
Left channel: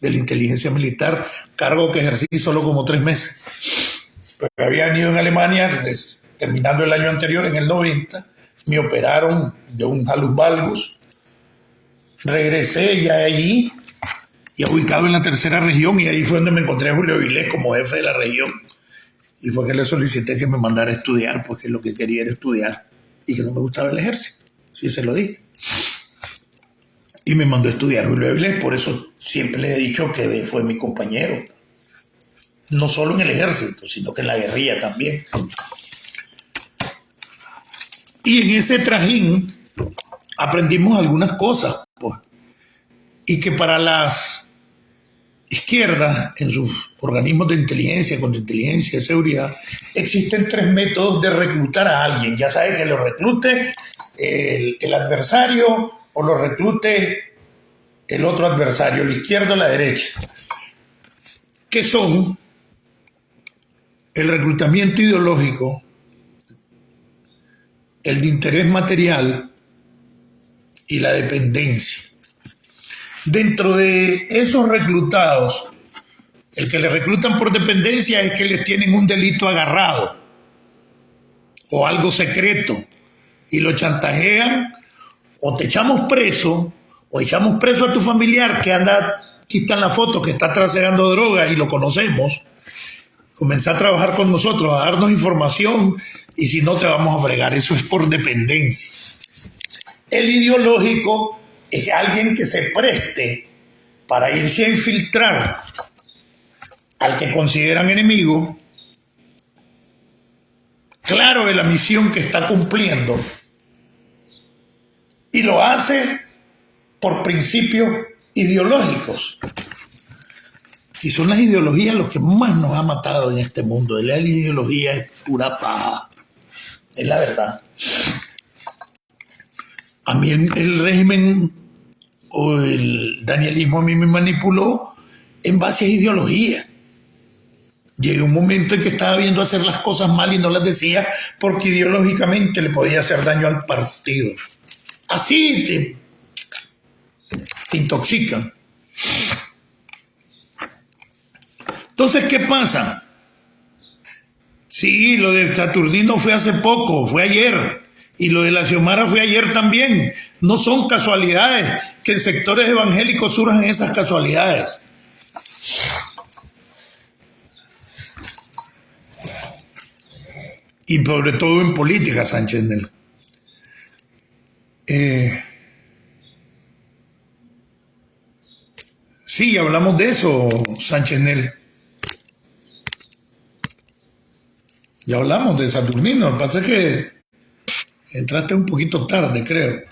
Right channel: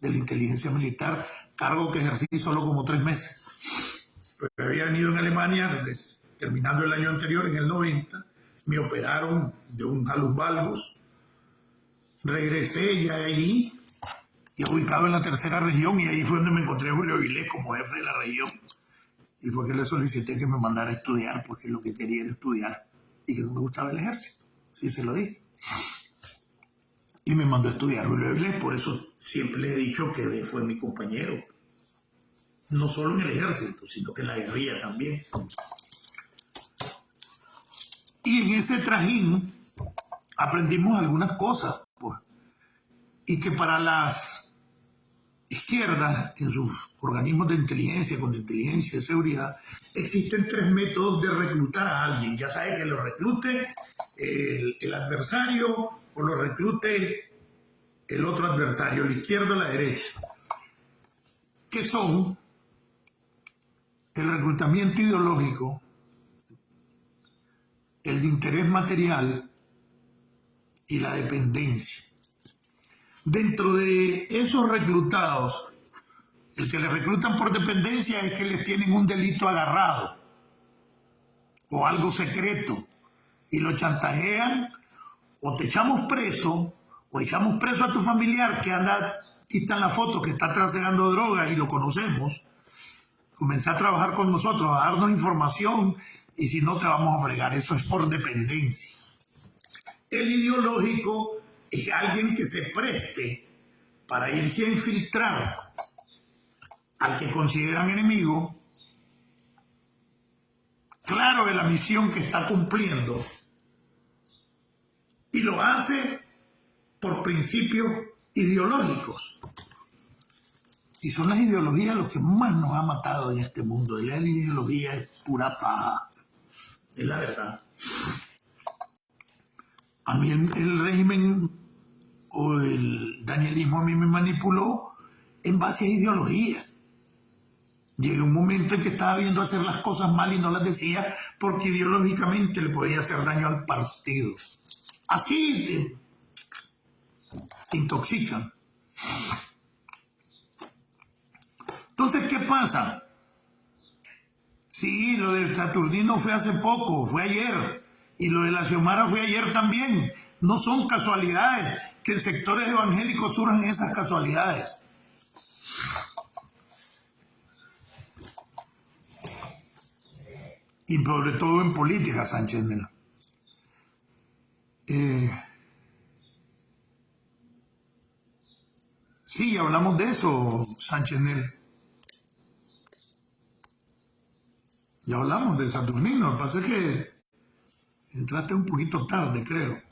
de la inteligencia militar, cargo que ejercí solo como 3 meses. Porque había venido en Alemania, terminando el año anterior, en el 90, me operaron de un halus valgus, regresé ya allí, ya ubicado en la tercera región, y ahí fue donde me encontré a Julio Vilés como jefe de la región, y fue que le solicité que me mandara a estudiar, porque lo que quería era estudiar, y que no me gustaba el ejército, sí se lo dije. Y me mandó a estudiar Julio Vilés, por eso siempre le he dicho que fue mi compañero, no solo en el ejército, sino que en la guerrilla también. Y en ese trajín aprendimos algunas cosas, pues, y que para las izquierdas, en sus organismos de inteligencia, contrainteligencia, de seguridad, existen 3 métodos de reclutar a alguien. Ya sabe que lo reclute el adversario o lo reclute el otro adversario, la izquierda o la derecha, que son el reclutamiento ideológico, el de interés material y la dependencia. Dentro de esos reclutados, el que le reclutan por dependencia es que les tienen un delito agarrado o algo secreto y lo chantajean, o te echamos preso, o echamos preso a tu familiar que anda, aquí está en la foto, que está trasegando drogas y lo conocemos, comenzá a trabajar con nosotros, a darnos información, y si no te vamos a fregar. Eso es por dependencia. El ideológico es alguien que se preste para irse a infiltrar al que consideran enemigo, claro de la misión que está cumpliendo, y lo hace por principios ideológicos. Y son las ideologías los que más nos ha matado en este mundo. La ideología es pura paja, es la verdad. A mí el régimen o el danielismo a mí me manipuló en base a ideología. Llegué a un momento en que estaba viendo hacer las cosas mal y no las decía porque ideológicamente le podía hacer daño al partido. Así te intoxican. Entonces, ¿qué pasa? Sí, lo de Saturnino fue hace poco, fue ayer. Y lo de la Xiomara fue ayer también. No son casualidades que en sectores evangélicos surjan esas casualidades. Y sobre todo en política, Sánchez Nel. Sí, hablamos de eso, Sánchez Nel. Ya hablamos de Saturnino. Lo que pasa es que entraste un poquito tarde, creo.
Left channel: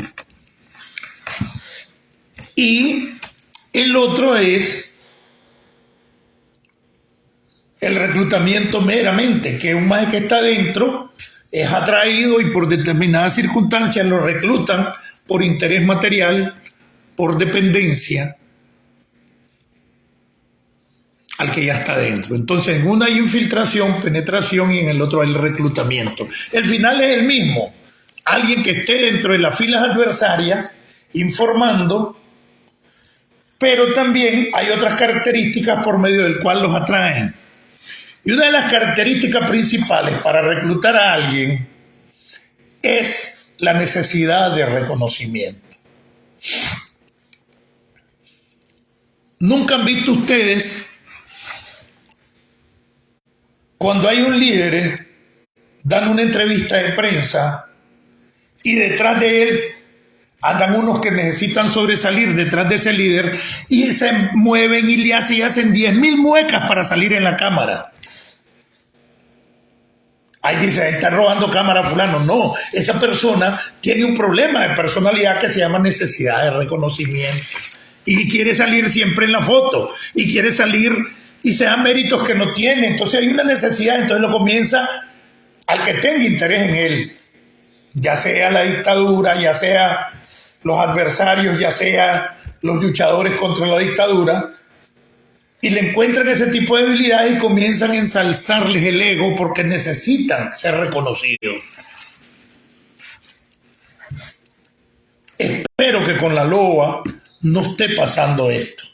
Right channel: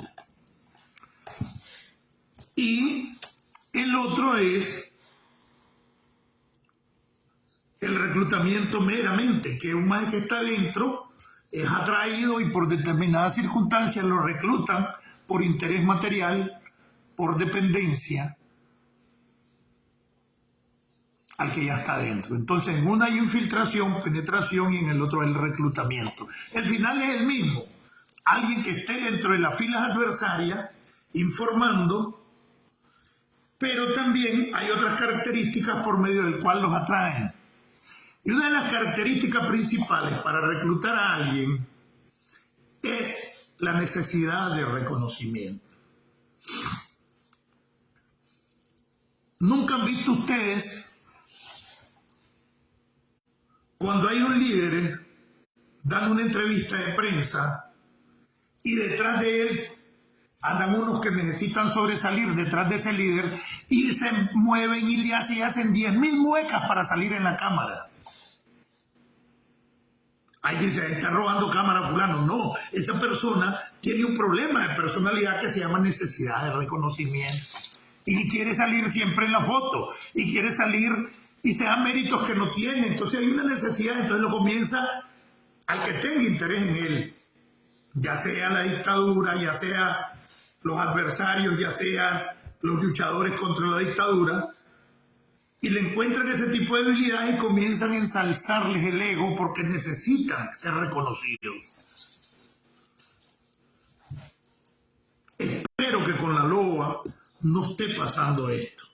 Y el otro es el reclutamiento meramente, que un maestro que está dentro es atraído y por determinadas circunstancias lo reclutan por interés material, por dependencia al que ya está dentro. Entonces, en uno hay infiltración, penetración y en el otro hay el reclutamiento. El final es el mismo. Alguien que esté dentro de las filas adversarias informando, pero también hay otras características por medio del cual los atraen. Y una de las características principales para reclutar a alguien es la necesidad de reconocimiento. ¿Nunca han visto ustedes cuando hay un líder dando una entrevista de prensa y detrás de él andan unos que necesitan sobresalir detrás de ese líder y se mueven y le hacen 10.000 muecas para salir en la cámara? Ahí dice, está robando cámara fulano. No, esa persona tiene un problema de personalidad que se llama necesidad de reconocimiento. Y quiere salir siempre en la foto. Y quiere salir y se da méritos que no tiene. Entonces hay una necesidad, entonces lo comienza al que tenga interés en él. Ya sea la dictadura, ya sea los adversarios, ya sea los luchadores contra la dictadura. Y le encuentran ese tipo de debilidades y comienzan a ensalzarles el ego porque necesitan ser reconocidos. Espero que con la LOA no esté pasando esto.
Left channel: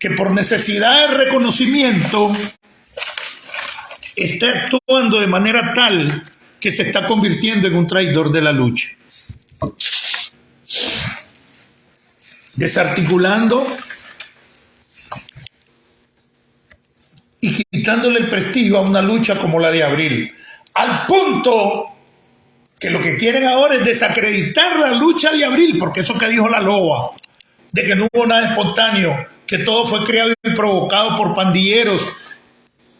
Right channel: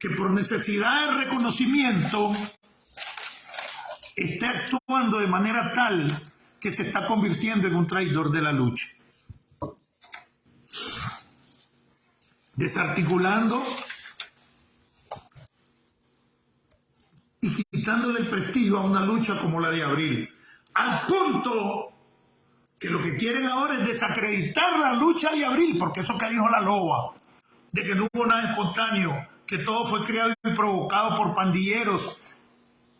Que por necesidad de reconocimiento esté actuando de manera tal que se está convirtiendo en un traidor de la lucha. Desarticulando y quitándole el prestigio a una lucha como la de abril, al punto que lo que quieren ahora es desacreditar la lucha de abril, porque eso que dijo la LOA, de que no hubo nada espontáneo, que todo fue creado y provocado por pandilleros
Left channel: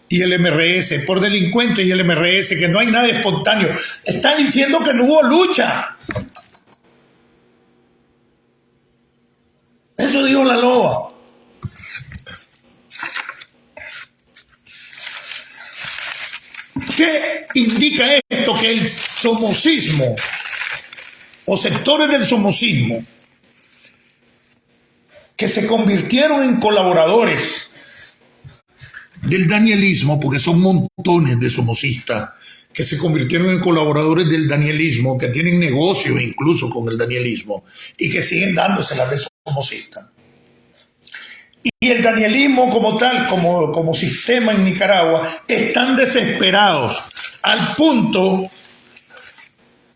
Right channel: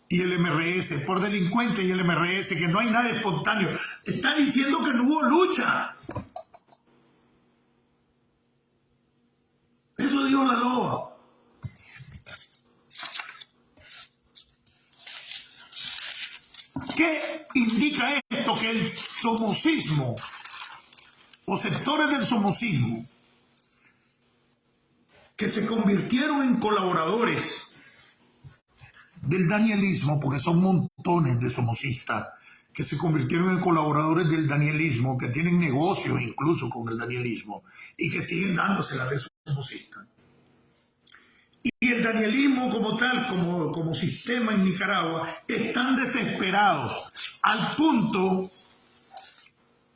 y el MRS, por delincuentes y el MRS, que no hay nada espontáneo. Están diciendo que no hubo lucha. Eso dijo la LOA. ¿Qué indica esto? Que el somocismo o sectores del somocismo que se convirtieron en colaboradores del danielismo, porque son montones de somocistas que se convirtieron en colaboradores del danielismo, que tienen negocios incluso con el danielismo y que siguen dándoselas de somocistas. Y el danielismo como tal, como sistema en Nicaragua, están desesperados al punto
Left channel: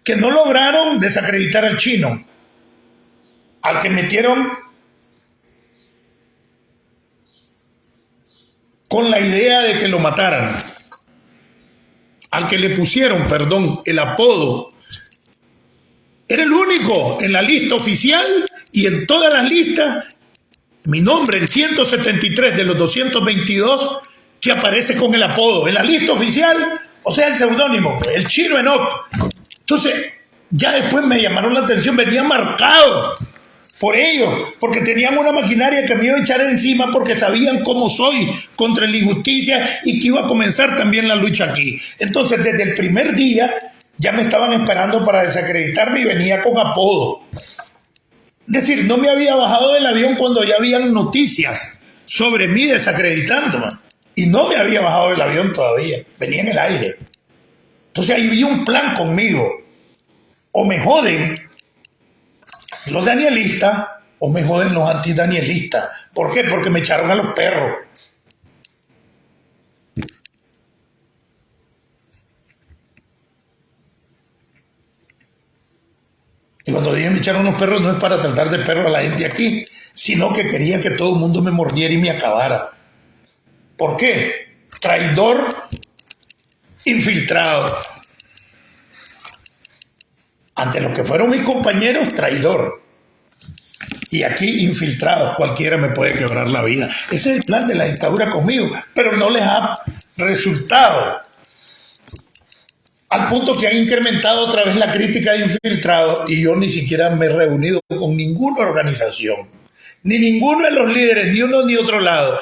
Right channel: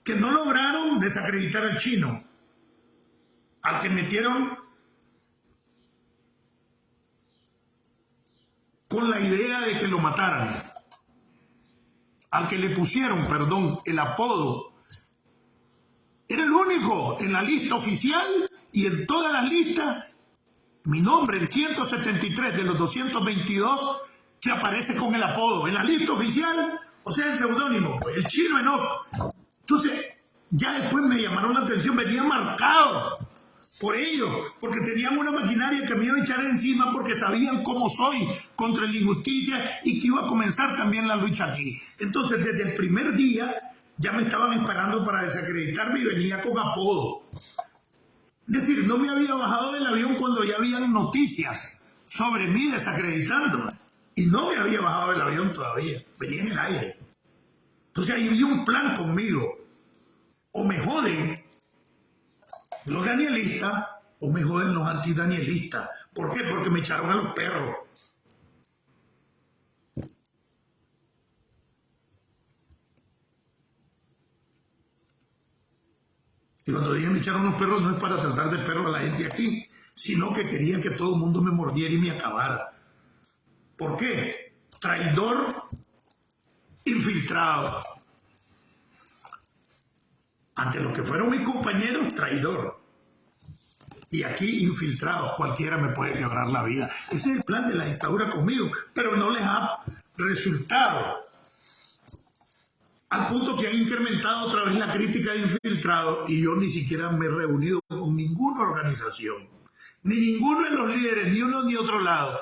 que no lograron desacreditar al chino, al que metieron con la idea de que lo mataran, al que le pusieron, el apodo. Era el único en la lista oficial y en todas las listas. Mi nombre, el 173 de los 222, que aparece con el apodo. En la lista oficial, o sea, el seudónimo, el Chino Enoch. Entonces, ya después me llamaron la atención, venía marcado por ellos, porque tenían una maquinaria que me iba a echar encima porque sabían cómo soy contra la injusticia y que iba a comenzar también la lucha aquí. Entonces, desde el primer día, ya me estaban esperando para desacreditarme y venía con apodo. Es decir, no me había bajado del avión cuando ya habían noticias sobre mí desacreditándome. Y no me había bajado del avión todavía. Venía en el aire. Entonces ahí vi un plan conmigo. O me joden los danielistas o me joden los antidanielistas. ¿Por qué? Porque me echaron a los perros. Y cuando dije me echaron unos perros, no es para tratar de perro a la gente aquí, sino que quería que todo el mundo me mordiera y me acabara. ¿Por qué? Traidor infiltrado. Ante los que fueron mis compañeros, traidor. Y aquí, infiltrados, cualquiera me puede quebrar la vida. Ese es el plan de la dictadura conmigo, pero no les ha resultado. Al punto que han incrementado otra vez la crítica de infiltrados y yo ni siquiera me he reunido con ninguna organización, ni ninguno de los líderes, ni uno ni otro lado.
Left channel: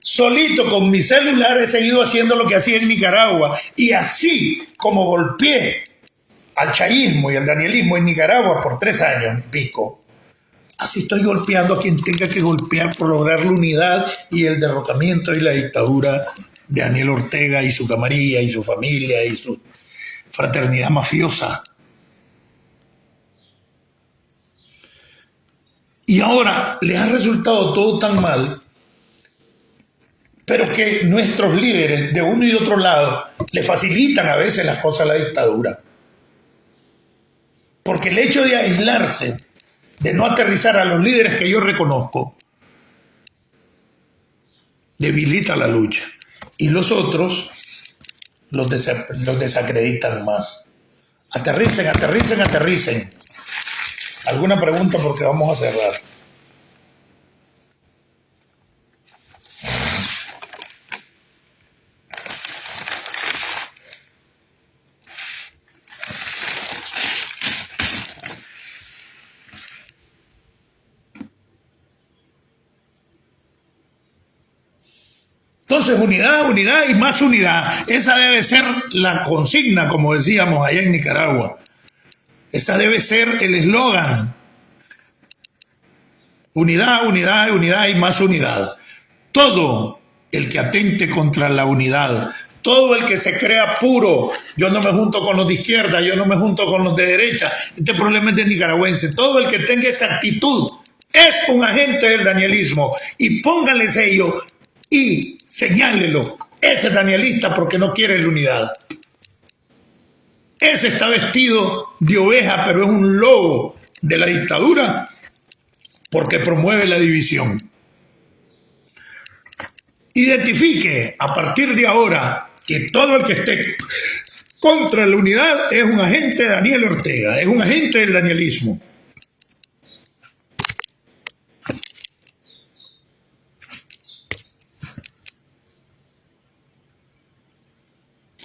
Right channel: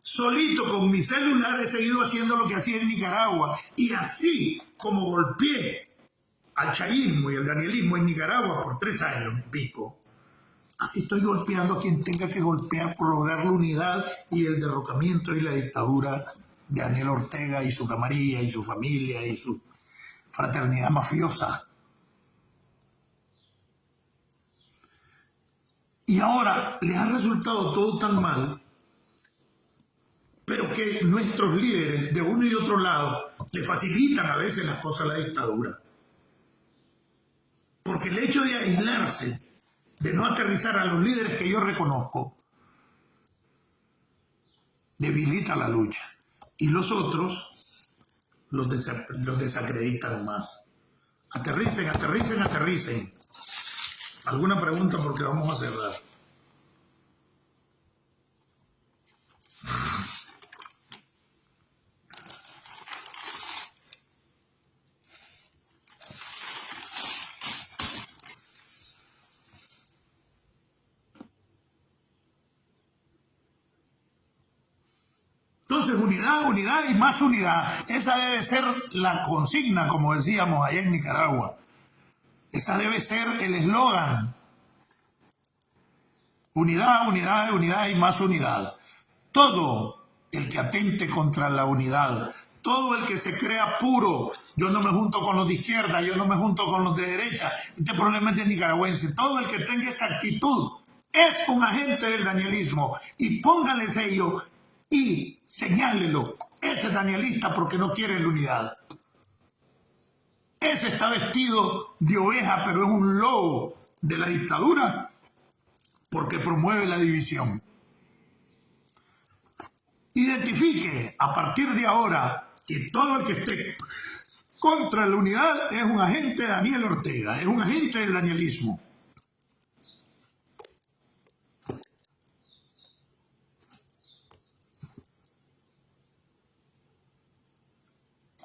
Solito con mi celular he seguido haciendo lo que hacía en Nicaragua y así como golpeé al chavismo y al danielismo en Nicaragua por 3 años y pico, así estoy golpeando a quien tenga que golpear por lograr la unidad y el derrocamiento y la dictadura de Daniel Ortega y su camarilla y su familia y su fraternidad mafiosa. Y ahora les ha resultado todo tan mal, pero que nuestros líderes de uno y otro lado le facilitan a veces las cosas a la dictadura. Porque el hecho de aislarse, de no aterrizar a los líderes que yo reconozco, debilita la lucha. Y los otros los desacreditan más. Aterricen, aterricen, aterricen. ¿Alguna pregunta? Porque vamos a cerrar. Entonces, unidad, unidad y más unidad. Esa debe ser la consigna, como decíamos allá en Nicaragua. Esa debe ser el eslogan. Unidad, unidad, unidad y más unidad. Todo el que atente contra la unidad, todo el que se crea puro, yo no me junto con los de izquierda, yo no me junto con los de derecha, este problema es de nicaragüense, todo el que tenga esa actitud es un agente del danielismo y póngale sello y señálelo, ese es danielista porque no quiere la unidad. Ese está vestido de oveja, pero es un lobo de la dictadura porque promueve la división. Identifique a partir de ahora que todo el que esté contra la unidad es un agente de Daniel Ortega, es un agente del danielismo.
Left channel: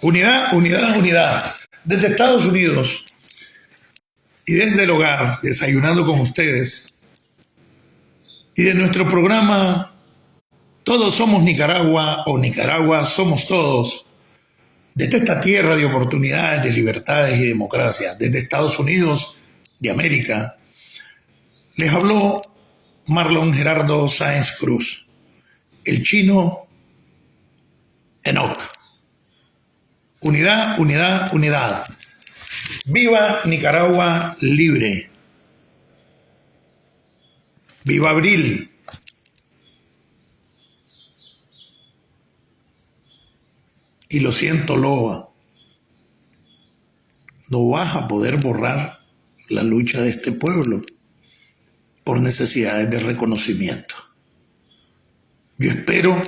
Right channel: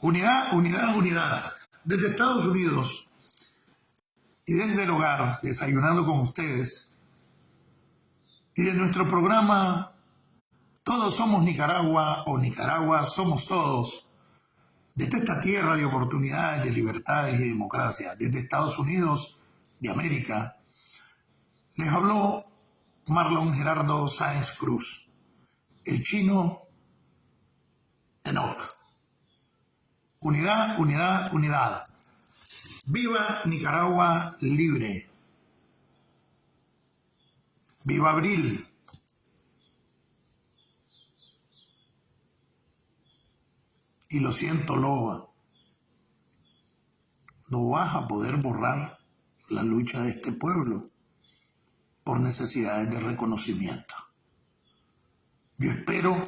Unidad, unidad, unidad. Desde Estados Unidos y desde el hogar, desayunando con ustedes, y de nuestro programa Todos somos Nicaragua o Nicaragua somos todos, desde esta tierra de oportunidades, de libertades y democracia, desde Estados Unidos de América, les habló Marlon Gerardo Sáenz Cruz, el chino Enoch. Unidad, unidad, unidad. Viva Nicaragua libre. Viva Abril. Y lo siento, Loba, no vas a poder borrar la lucha de este pueblo por necesidades de reconocimiento. Yo espero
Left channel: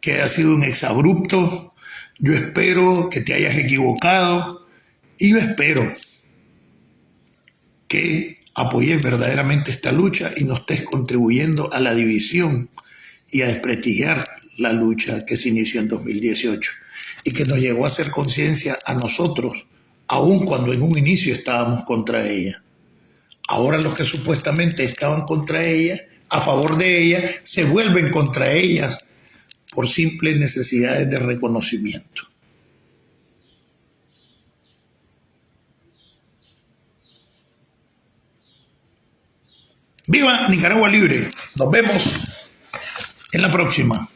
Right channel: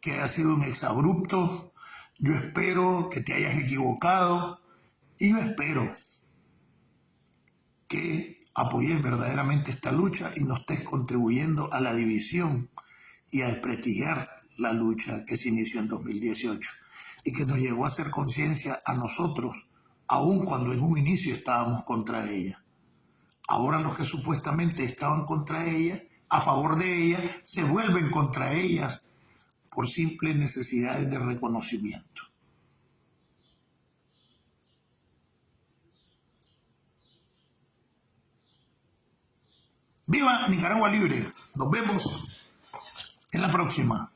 que haya sido un exabrupto, yo espero que te hayas equivocado y yo espero que apoyes verdaderamente esta lucha y no estés contribuyendo a la división y a desprestigiar la lucha que se inició en 2018 y que nos llegó a hacer conciencia a nosotros, aun cuando en un inicio estábamos contra ella. Ahora los que supuestamente estaban contra ella, a favor de ella, se vuelven contra ellas por simples necesidades de reconocimiento. ¡Viva Nicaragua libre! Nos vemos en la próxima.